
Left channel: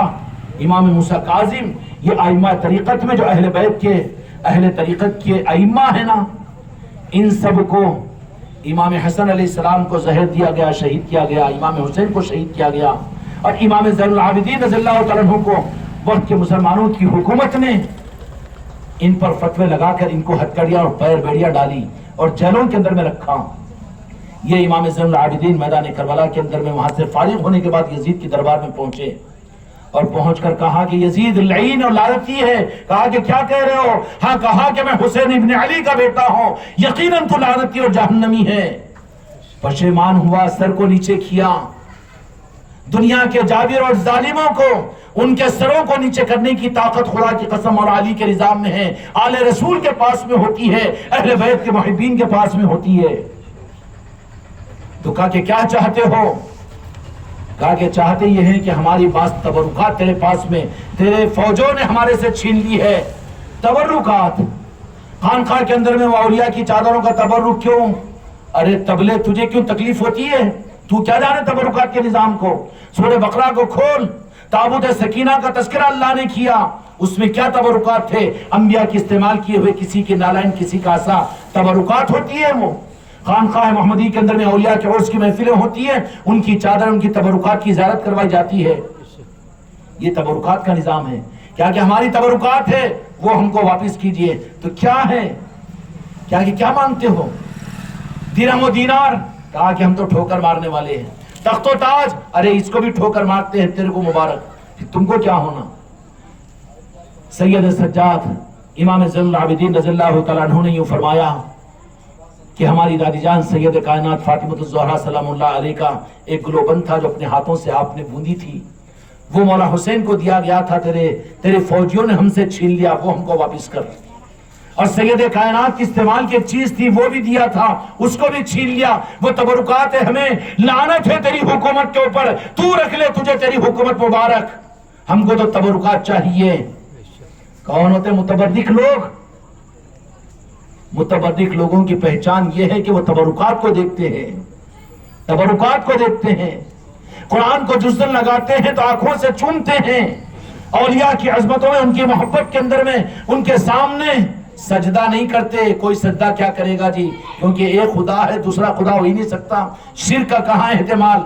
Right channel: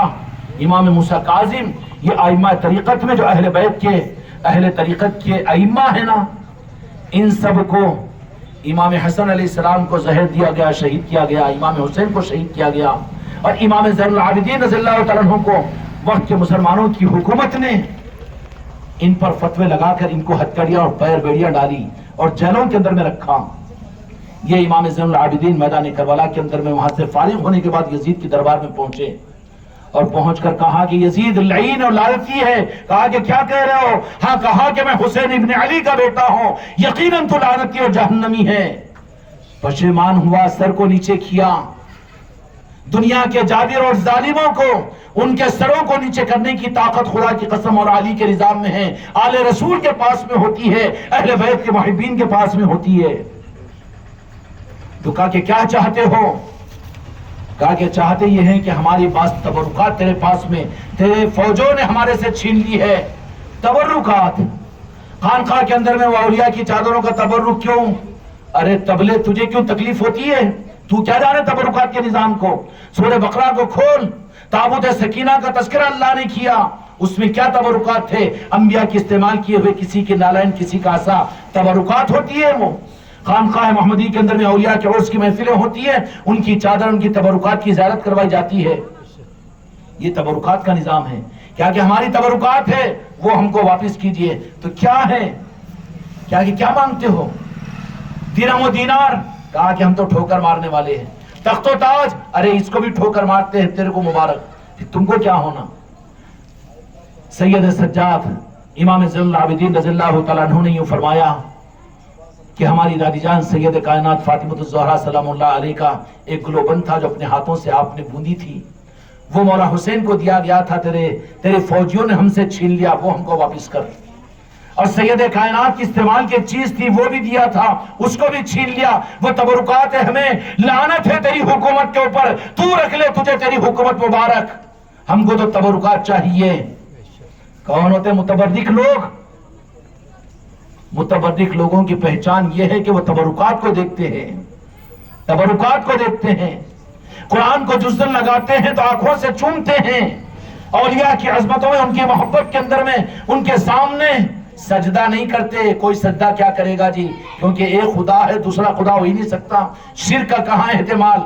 امام موسیٰ کاظم، یہ ائمہ طریقت میں جو اہل بیت کے، اہل طریقت کے ائمہ ہیں نا، ان سب کو امام حسن علیہ السلام کو زہر دیا گیا، شہید کیا گیا، امام حسین کو شہید کیا گیا، اور امام زین العابدین رضی اللہ تعالیٰ عنہ کو وقت کے مسلمانوں کی حکومت نے ان پر فتوے لگا کر ان کو ہتکڑیاں اور پیر بیڑیاں ڈالی اور جیلوں کے اندر میں رکھا. یہ امام زین العابدین میدان کربلا کے اندر میں وہاں سے فارغ ہونے کے بعد یزید کے دربار میں پہنچے اور پہنچ کر کہا کہ یزید لعین اور لعنتی ہے. کہا کہ کیا کہہ رہے ہو؟ ہاں کہا کہ میں حسین ابن علی کا بیٹا ہوں، یقیناً تو لعنتی اور جہنمی ہے. پشیمان ہوا، سر کو نیچے کیا. دنیا کے جابر اور ظالموں کو ان کے سروں کو نیچے کرنے کی طاقت خدا کی قسم اور علی کے نظام میں ہے، آل رسول کے پاس میں ہوتی ہے، اہل بیت کے محبین کے پاس میں ہوتی ہے. تو کہا کہ کیا چاہتے ہو؟ کہا کہ چاہتے یہ ہیں کہ ہماری بعض تبرکات تیرے پاس میں، تیرے فوجوں نے ہمارے سے چھین لی ہے. تبرکات خانقاہ کے اندر میں وہ اولیاء کی چادروں کا تبرک کیوں؟ ارے تبلے تجھے کیوں تکلیف ہوتی ہے؟ تو کیا جانے تبرکات کے نظام کو؟ سورہ بقرہ کو کھول، تابوت سکینہ کا تذکرہ اللہ نے کیا، اس میں کیا تبرکات تھے؟ انبیاء کے استعمال کیے ہوئے کسی کے نالائن، کسی کا عصا، تبرکات ہوتی ہے. وہ خانقاہ محمدی کے اندر میں اولیاء کے عرس کی محفلیں ہوتی ہیں، ان کی چادر، ان کی تبرکات کی زیارت کروائی جاتی ہے. یہ تبرکات کا نظام ہے. کیا کہ ہماری تبرکات ہے وہ ہم کو واپس کیجئے. تو کیا ہے؟ کیا مانگتے ہو؟ درہم و دینار؟ کہا کہ ہم تو ٹھوکر مارنے والے ہیں. تخت و تاج؟ ارے اس کو بھی ٹھوکر مارتے ہیں، تیرے کو مبارک، پھر تم کو کیا ہونا؟ سید سجاد امام زین العابدین رضی اللہ تعالیٰ عنہ نے یوں فرمایا کہ ہماری دادی جان سید کائنات فاطمہ الزہرا سلام اللہ علیہ کا ایک گلوبند تھا جو اپنے ہاتھوں سے آپ نے بوندی تھی، وہ مولا حسین کو دیا گیا تھا، تیرے فوجیوں نے ہم سے چھین لیا، وہ ہم کو واپس کر. اور سید کائنات کی استعمال کی چیز تھی وہ بھی دیا تھا، اس کو بھی چھین لیا. وہ تبرکات ہے، ہمیں لعنت ہے تیری حکومت کے اوپر، تو رکھ لے، تجھے تیری حکومت مبارک. ہم کو تو تبرکات چاہیے. کون ہوتے متبرک لوگ؟ متبرک لوگوں کی پہچان یہ ہے کہ وہ تبرکات کو دیکھتے ہیں، تبرکات کو دیکھتے ہیں، قرآن کو جزن لگاتے ہیں تو آنکھوں سے چومتے ہیں، اولیاء کی عظمتوں میں، ان کی محبت کے اندر میں، ان کے سامنے سجدہ نہیں کرتے. کوئی سجدہ کیا کرے گا جی، کیونکہ ایک خدا ہے، دوسرا خدا ہو ہی نہیں سکتا، شرک کا کہاں احتمال.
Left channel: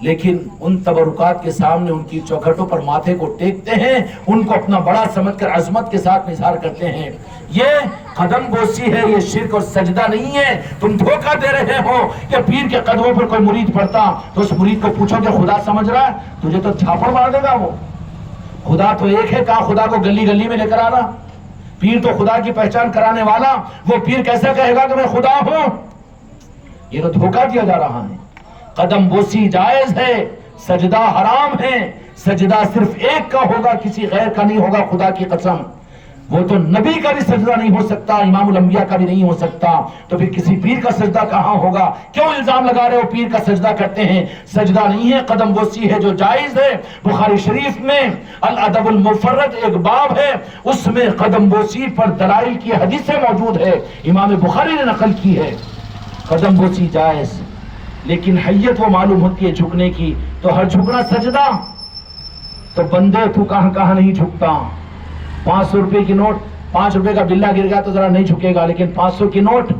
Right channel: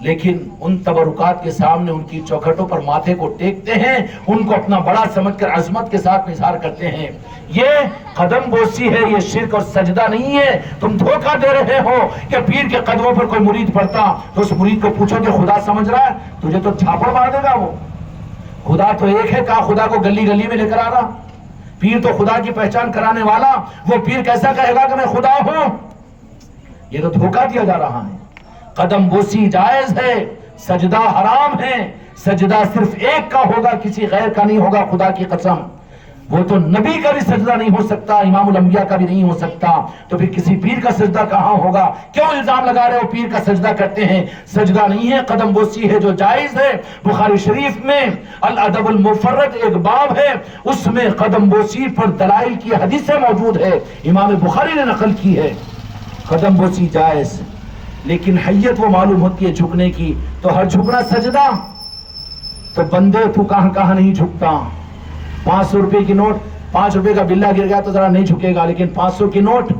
لیکن ان تبرکات کے سامنے ان کی چوکھٹوں پر ماتھے کو ٹیکتے ہیں، ان کو اپنا بڑا سمجھ کر عظمت کے ساتھ اظہار کرتے ہیں. یہ قدم بوسی ہے، یہ شرک اور سجدہ نہیں ہے. تم دھوکہ دے رہے ہو کہ پیر کے قدموں پر کوئی مرید پڑتا تو اس مرید کو پوچھو کہ خدا سمجھ رہا ہے؟ تجھے تو چھاپڑ مار دے گا. وہ خدا تو ایک ہے، کہا خدا کو گلی گلی میں لے کر آنا. پیر تو خدا کی پہچان کرانے والا، وہ پیر کیسا کہے گا کہ میں خدا ہوں؟ یہ تو دھوکہ دیا جا رہا ہے. قدم بوسی جائز ہے، سجدہ حرام ہے. سجدہ صرف ایک کا ہوگا، کسی غیر کا نہیں ہوگا. خدا کی قسم، وہ تو نبی کا بھی سجدہ نہیں ہو سکتا، امام الانبیاء کا بھی نہیں ہو سکتا. تو پھر کسی پیر کا سجدہ کہاں ہوگا؟ کیوں الزام لگا رہے ہو پیر کا سجدہ کرتے ہیں؟ سجدہ نہیں ہے، قدم بوسی ہے جو جائز ہے. بخاری شریف میں الادب المفرد ایک باب ہے، اس میں قدم بوسی پر دلائل کی حدیثیں موجود ہے، امام بخاری نے نقل کی ہے. قدم بوسی جائز، لیکن حیت وہ معلوم ہوتی ہے جھکنے کی. تو ہر جھکنا سجدہ؟ تو بندے تو کہاں کہاں نہیں جھکتا. 500 روپے کی نوٹ، 5 روپے کا بلہ گر گیا تو ذرا نہیں جھکے گا، لیکن 500 کی نوٹ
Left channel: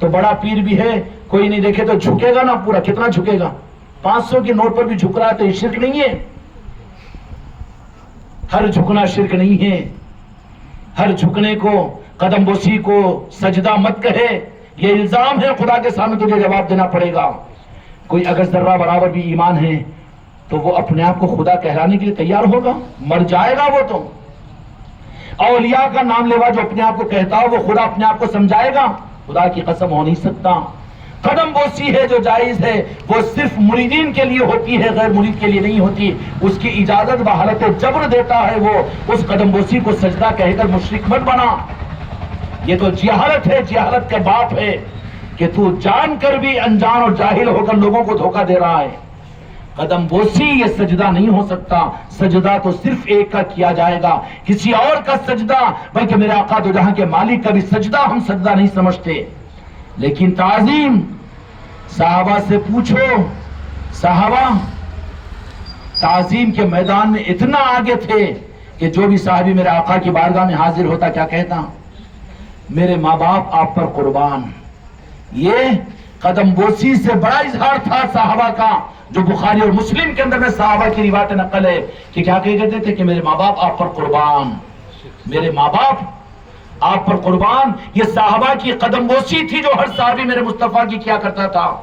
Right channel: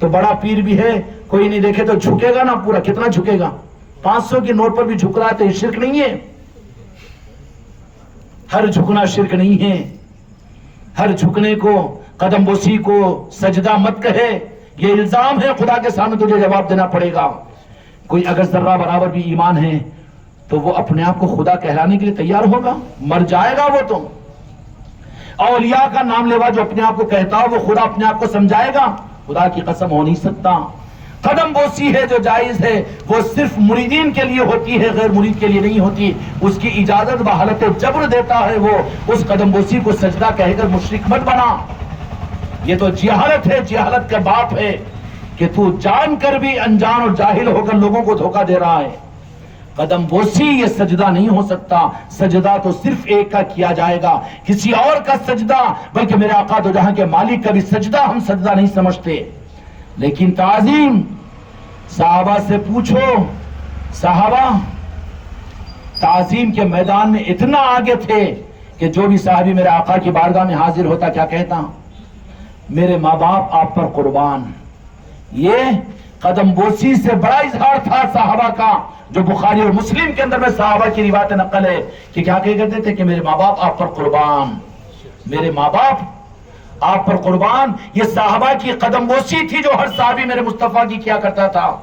تو بڑا پیر بھی ہے، کوئی نہیں دیکھے تو جھکے گا نا پورا. کتنا جھکے گا؟ 500 کی نوٹ پر بھی جھک رہا ہے تو یہ شرک نہیں ہے. ہر جھکنا شرک نہیں ہے. ہر جھکنے کو، قدم بوسی کو سجدہ مت کہے. یہ الزام ہے، خدا کے سامنے تجھے جواب دینا پڑے گا. کوئی اگر ذرہ برابر بھی ایمان ہے تو وہ اپنے آپ کو خدا کہلانے کے لیے تیار ہوگا؟ مر جائے گا وہ تو. اولیاء کا نام لیوا جو اپنے آپ کو کہتا ہو وہ خدا اپنے آپ کو سمجھائے گا؟ خدا کی قسم ہو نہیں سکتا. قدم بوسی ہے جو جائز ہے وہ صرف مریدین کے لیے ہوتی ہے، غیر مرید کے لیے نہیں ہوتی. اس کی اجازت بحالت جبر دیتا ہے وہ. اس قدم بوسی کو سجدہ کہہ کر مشرک مت بنا. یہ تو جہالت ہے، جہالت کا باپ ہے کہ تو جان کر بھی انجان اور جاہل ہو کر لوگوں کو دھوکہ دے رہا ہے. قدم بوسی یہ سجدہ نہیں ہو سکتا. سجدہ تو صرف ایک کا کیا جائے گا، کسی اور کا سجدہ، بلکہ میرے آقا دو جہاں کے مالک کا بھی سجدہ ہم سجدہ نہیں سمجھتے. لیکن تعظیم، صحابہ سے پوچھو، صحابہ تعظیم کے میدان میں اتنا آگے تھے کہ جو بھی صحابی میرے آقا کی بارگاہ میں حاضر ہوتا کیا کہتا؟ میرے ماں باپ آپ پر قربان. یہ قدم بوسی سے بڑا اظہار تھا صحابہ کا، جو بخاری اور مسلم کے اندر میں صحابہ کی روایت نقل ہے کہ کیا کہتے تھے کہ میرے ماں باپ آپ پر قربان. میرے ماں باپ آپ پر قربان، یہ صحابہ کی قدم بوسی تھی جو ہر صحابی میرے مصطفیٰ کی کیا کرتا تھا۔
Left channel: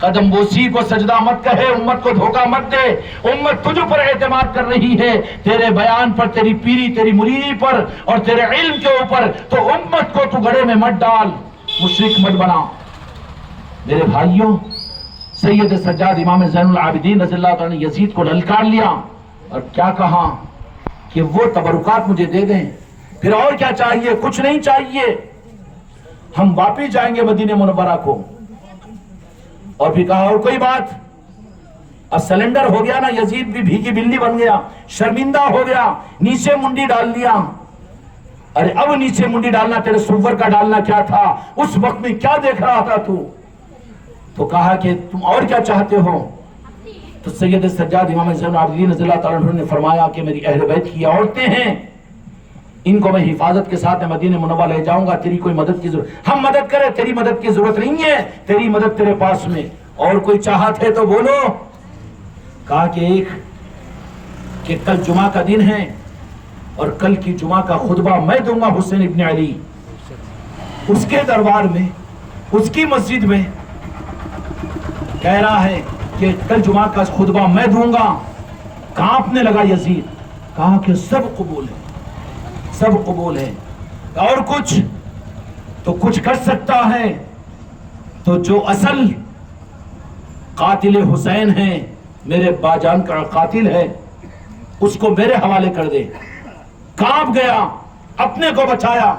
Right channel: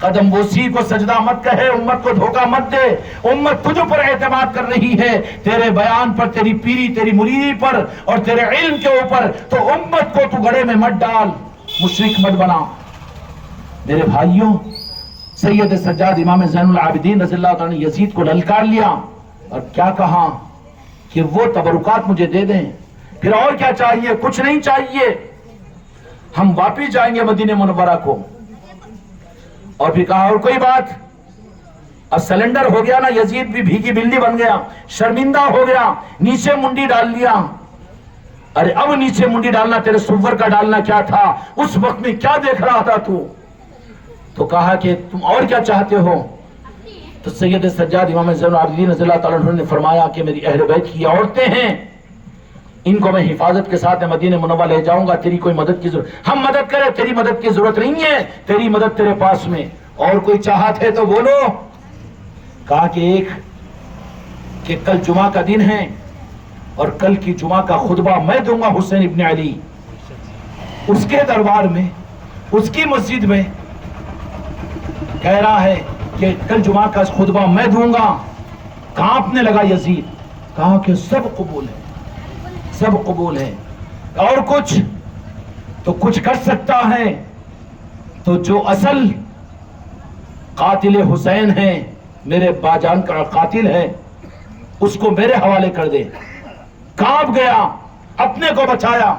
قدم بوسی کو سجدہ مت کہے، امت کو دھوکہ مت دے، امت تجھ پر اعتماد کر رہی ہے، تیرے بیان پر، تیری پیری، تیری مریدی پر اور تیرے علم کے اوپر، تو امت کو تو گڑھے میں مت ڈال، مشرک مت بنا۔ میرے بھائیوں، سید سجاد امام زین العابدین رضی اللہ تعالیٰ نے یزید کو للکار لیا اور کیا کہا کہ وہ تبرکات مجھے دے دیں، پھر اور کیا چاہیے؟ کچھ نہیں چاہیے، ہم واپس جائیں گے مدینہ منورہ کو۔ اور پھر کہا اور کوئی بات، اب سلنڈر ہو گیا نا، یزید بھی بھیگی بلی بن گیا، شرمندہ ہو گیا، نیچے منڈی ڈال لیا۔ ارے اب نیچے منڈی ڈالنا تیرے سور کا ڈالنا کیا تھا؟ اس وقت میں کیا دیکھ رہا تھا تو کہا کہ تم اور کیا چاہتے ہو؟ تو سید سجاد امام زین العابدین رضی اللہ تعالیٰ عنہ نے فرمایا کہ میری اہل بیت کی عورتیں ہیں، ان کو میں حفاظت کے ساتھ مدینہ منورہ لے جاؤں گا، تیری کوئی مدد کی ضرورت، ہم مدد کریں، تیری مدد کی ضرورت نہیں ہے، تیری مدد تیرے پاس میں، اور کوئی چاہت ہے تو بولو۔ کہا کہ کل جمعہ کا دن ہے اور کل کی جمعہ کا خطبہ میں دوں گا حسین ابن علی، اس کے دربار میں، اس کی مسجد میں، کہہ رہا ہے کہ کل جمعہ کا خطبہ میں دوں گا۔ کانپنے لگا یزید، کہا کہ سب قبول ہے، سب قبول ہے، اور کچھ تو کچھ کر سکتا ہے تو جو اصل قاتل حسین ہے، میرے باجان کا قاتل ہے، اس کو میرے حوالے کر دے۔ کانپ گیا، اپنے کو بچایا۔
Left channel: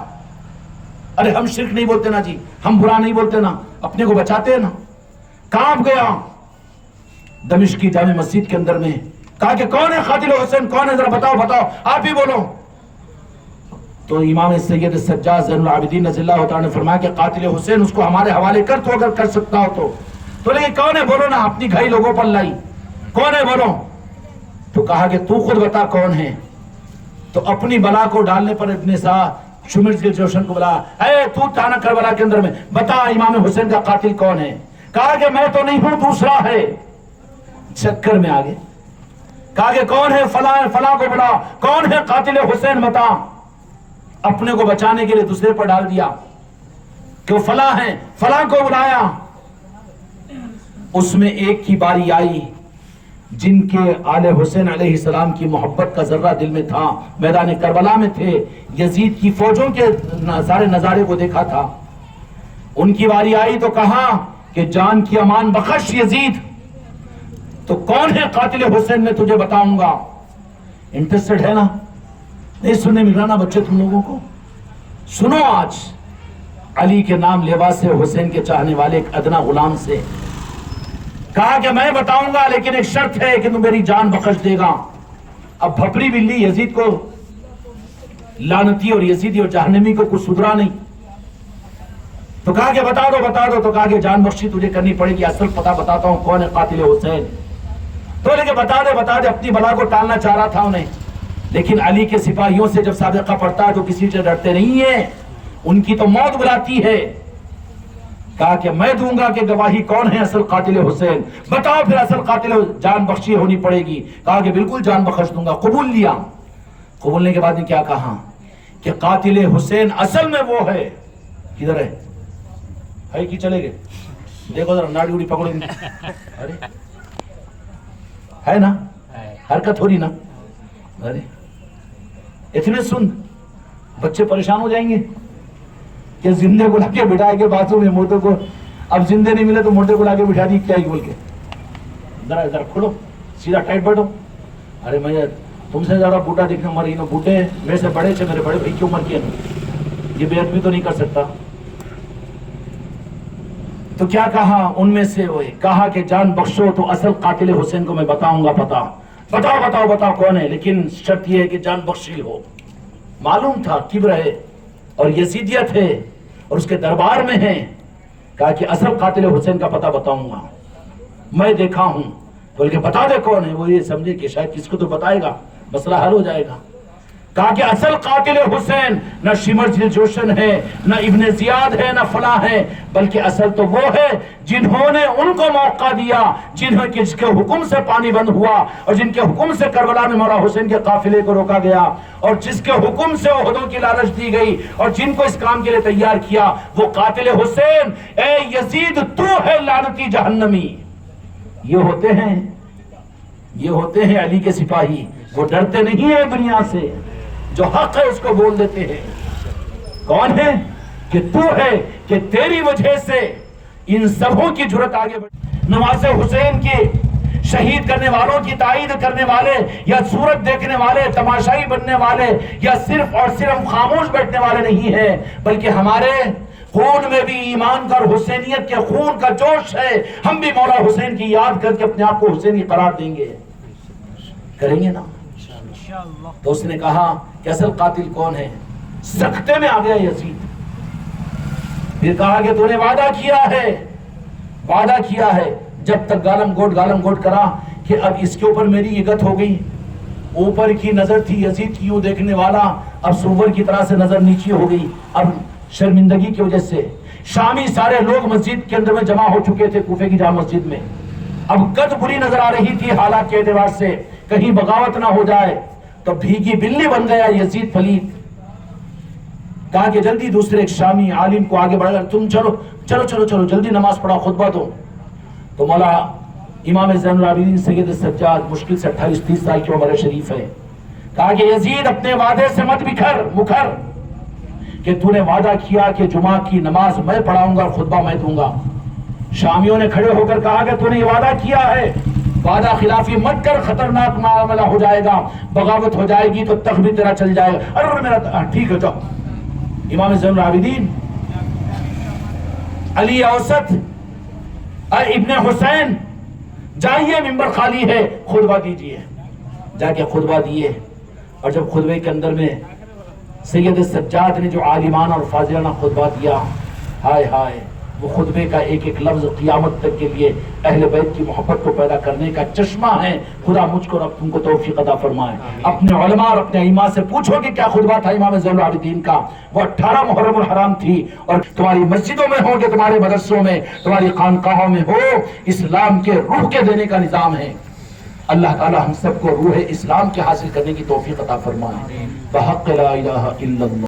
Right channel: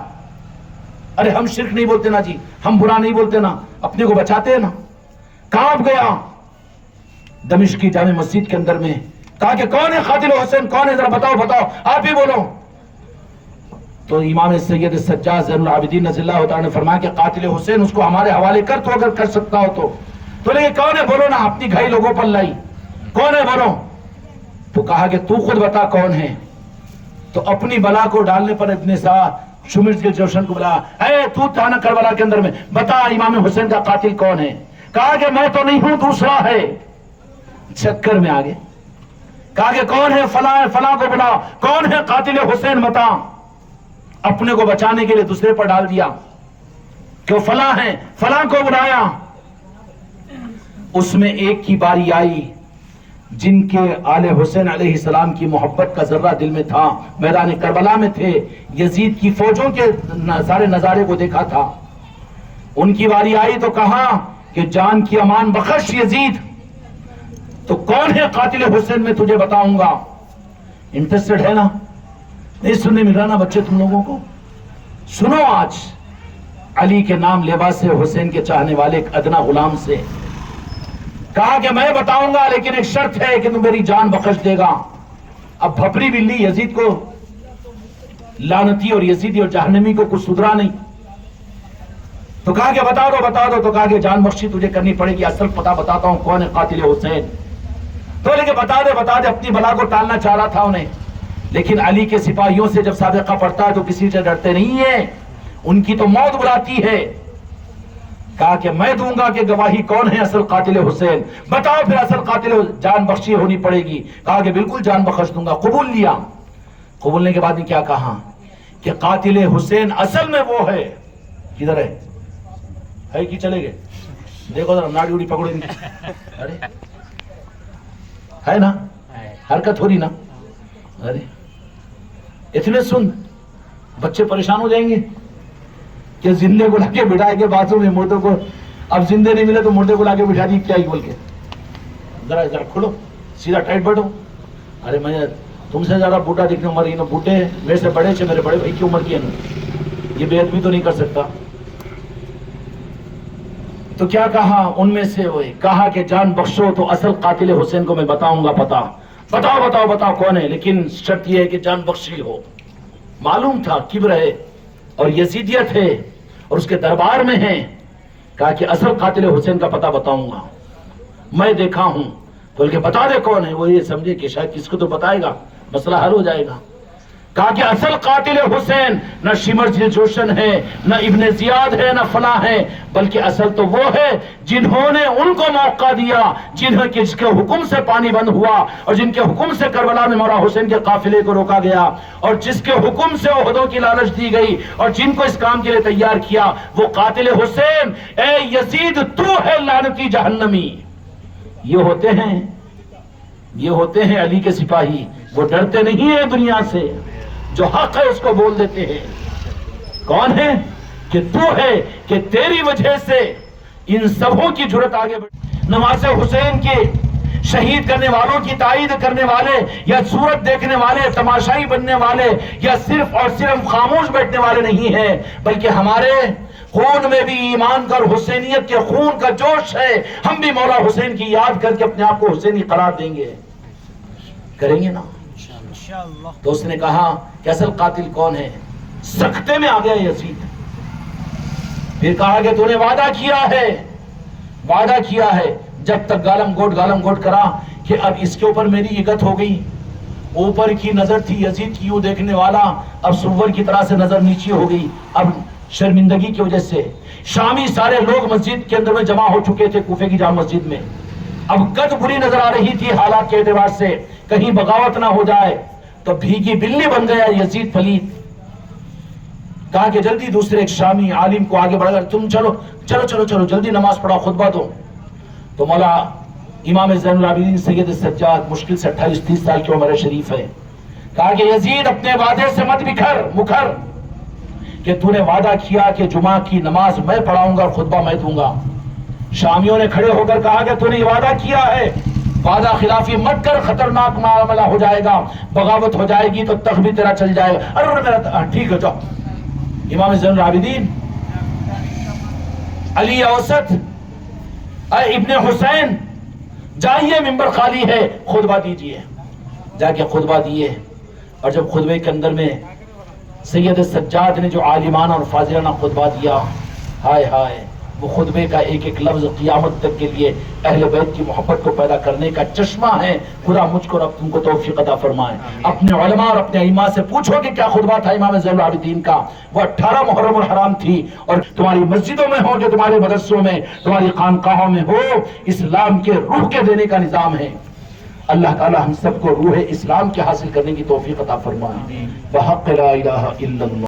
ارے ہم شرک نہیں بولتے نا جی، ہم برا نہیں بولتے نا، اپنے کو بچاتے ہیں نا۔ کانپ گیا دمشق کی جامع مسجد کے اندر میں، کہا کہ کون ہے قاتل حسین، کون ہے؟ ذرا بتاؤ، آپ ہی بولو۔ تو امام سید سجاد زین العابدین رضی اللہ تعالیٰ نے فرمایا کہ قاتل حسین اس کو ہمارے حوالے کر، تو اگر کر سکتا ہو تو لیکن کون ہے بولو نا، اپنی گھائی لوگوں پر لائی، کون ہے بولو۔ تو کہا کہ تو خود بتا کون ہے۔ تو اپنی بلا کو ڈالنے پر ابن سعد شمر کے جوشن کو بلا، اے تو تھا نا کربلا کے اندر میں، بتا امام حسین کا قاتل کون ہے؟ کہا کہ میں تو نہیں ہوں، دوسرا ہے۔ چکر میں آگے کہا کہ کون ہے؟ فلاں کو بلا، کون ہے قاتل حسین بتا۔ اپنے کو بچانے کے لیے دوسرے پر ڈال دیا کہ وہ فلاں ہیں، فلاں کو بلایا۔ اس میں ایک کی باری آئی جن کے آل حسین علیہ السلام کی محبت کا ذرہ دل میں تھا، میدان کربلا میں تھے، یزید کی فوجوں کے سارے نظارے کو دیکھا تھا۔ ان کی باری آئی تو کہا کہ جان کی امان بخش یزید، تو کون ہے قاتل حسین میں تجھے بتاؤں گا۔ انٹرسٹڈ ہے نا؟ نہیں سننے مل رہا نا بچے تم لوگوں کو؟ سنو، آج علی کے نام لیوا سے، حسین کے چاہنے والے ایک ادنا غلام سے کہا کہ میں بتاؤں گا لیکن ایک شرط ہے کہ تم میری جان بخش دے گا۔ اب بھپری بلی یزید کو لعنتی اور یزیدی اور جہنمی کو کچھ سدھرا نہیں، تو کہا کہ بتا دو، تو کہا کہ جان بخشی تجھے کرنی پڑے گی، اصل پتہ بتاتا ہوں کون ہے قاتل حسین۔ تو لیکن بتا دے، اپنی بلا کو ٹالنا چاہ رہا تھا انہیں، لیکن علی کے سپاہیوں سے جب سابقہ پڑتا ہے تو کسی سے ڈرتے نہیں ہیں، ان کی تو موت بلاتی ہے۔ کہا کہ میں دوں گا کہ گواہی کون ہے اصل قاتل حسین، بتاؤ پھر اصل قاتل، جان بخشی ہونی پڑے گی۔ کہا کہ بالکل جان بخش دوں گا، قبول لیا۔ قبولنے کے بعد نے کیا کہا کہ قاتل حسین اصل میں وہ ہے، کدھر ہے کہ چلے گئے؟ دیکھو ذرا ناڑی اڑی پکڑی، ارے ہے نا، حرکت ہو رہی نا، ارے اتنے سن بچے پریشان ہو جائیں گے کہ زندے کو لا کے بٹھائے کے بازو میں مردوں کو، اب زندے نہیں ملے تو مردے کو لا کے بٹھا دی کیا ہی بول کے، ذرا کھولو سیدھا ٹائٹ بیٹھو۔ ارے میں تم سے زیادہ بوٹا دیکھنے عمر، انہوں بوٹے میرے سے بڑے سے، میرے بڑے بھائی کی عمر کی ہے، یہ بے ادبی تو نہیں کر سکتا۔ تو کیا کہا ان میں سے وہ کہا کہ جان بخشو تو اصل قاتل حسین کو میں بتاؤں گا، بتاؤ کون ہے، لیکن شرط یہ ہے کہ جان بخشی ہو۔ معلوم تھا کبر ہے اور یزیدیت ہے اور اس کے دربار میں ہے۔ کہا کہ اصل قاتل حسین کا پتہ بتاؤں گا، میں دیکھا ہوں، بلکہ بتا دے کون ہے۔ وہ یہ سمجھے کہ شاید کس کو تو بتائے گا، مسئلہ حل ہو جائے گا۔ کہا کہ اصل قاتل حسین نہ شمرز الجوشن ہے، نہ ابن زیاد ہے، نہ فلاں ہے، بلکہ اصل تو وہ ہے جنہوں نے ان کو موقع دیا، جس کے حکم سے پانی بند ہوا، اور جن کے حکم سے کربلا میں مولا حسین کے قافلے کو روکا گیا، اور جس کے حکم سے عہدوں کی لالچ دی گئی، اور جن کو اس کام کے لیے تیار کیا، وہ قاتل حسین اے یزید تو ہے لعنتی جہنمی۔ یہ ہوتے ہیں علی کے سپاہی، وہ ڈرتے نہیں ہیں دنیا سے، جو حق ہے اس کو بول دیتے ہیں۔ کون ہے؟ کہ تو ہے کہ تیری وجہ سے ان سبوں کی جرت آگے بڑھی۔ نماز حسین کی شہید کرنے والوں کی تائید کرنے والے، یا صورت دیکھنے والے، تماشائی بننے والے، یا صرف اور صرف خاموش بیٹھنے والے نہیں ہیں، بلکہ ہمارے خون میں بھی ایمان کا اور حسینیت کے خون کا جوش ہے۔ ہم بھی مولا حسین کی یاد کر کے اپنے آپ کو حسینی قرار دیں گے، کریں گے نا؟ تو اس نے کہا کہ اصل قاتل کون ہے؟ سکتے میں آ گیا یزید۔ پھر کہا کہ تو نے وعدہ کیا ہے جب تک گالم گوٹ کرا کہ اب اس کے اوپر میری عزت ہو گئی۔ اوپر کی نظر تھی یزید کی، یوں دیکھنے والا، اب سور کی طرح سے نظر نیچے ہو گئی۔ اب شرمندگی کی وجہ سے شامی سارے لوگ مسجد کے اندر میں جمع ہو چکے تھے، کوفے کی جامع مسجد میں۔ اب قد بری نظر آ رہی تھی حالات کے اعتبار سے، کہیں بغاوت نہ ہو جائے، تو بھیگی بلی بن گیا یزید پلید۔ کہا کہ جلدی دوسرے ایک شامی عالم کو آگے بڑھ کر تم چلو جلدی نماز پڑھاؤ، خطبہ دو۔ تو مولا امام زین العابدین سید السجاد مشکل سے 28-30 سال کی عمر شریف ہے۔ کہا کہ یزید اپنے وعدے سے مت مکر، کہ تو نے وعدہ کیا کہ جمعہ کی نماز میں پڑھاؤں گا اور خطبہ میں دوں گا۔ شامیوں نے کھڑے ہو کر کہا کہ تو نے یہ وعدہ کیا ہے، وعدہ خلافی مت کر، خطرناک معاملہ ہو جائے گا، بغاوت ہو جائے گی تو تخت بھی تیرا چل جائے گا۔ ارے میرا ٹھیک ہے جاؤ۔ امام زین العابدین علی اوسط ابن حسین، جائیے ممبر خالی ہے، خطبہ دیجئے۔ جا کے خطبہ دیے، اور جب خطبے کے اندر میں سید السجاد نے جو عالمانہ اور فاضلانہ خطبہ دیا، ہائے ہائے، وہ خطبے کا ایک ایک لفظ قیامت تک کے لیے اہل بیت کی محبت کو پیدا کرنے کا چشمہ ہے۔ خدا مجھ کو اور تم کو توفیق عطا فرمائے۔ اپنے علماء اور اپنے ائمہ سے پوچھو کہ کیا خطبہ تھا امام زین العابدین کا۔ وہ 18 محرم الحرام تھی، اور تمہاری مسجدوں میں ہو کہ تمہارے مدرسوں میں، تمہاری خانقاہوں میں ہو، اسلام کے روح کے دینے کا نظام ہے۔ اللہ تعالی ہم سب کو روح اسلام کے حاصل کرنے کی توفیق عطا فرمائے۔ بحق لا الہ الا اللہ۔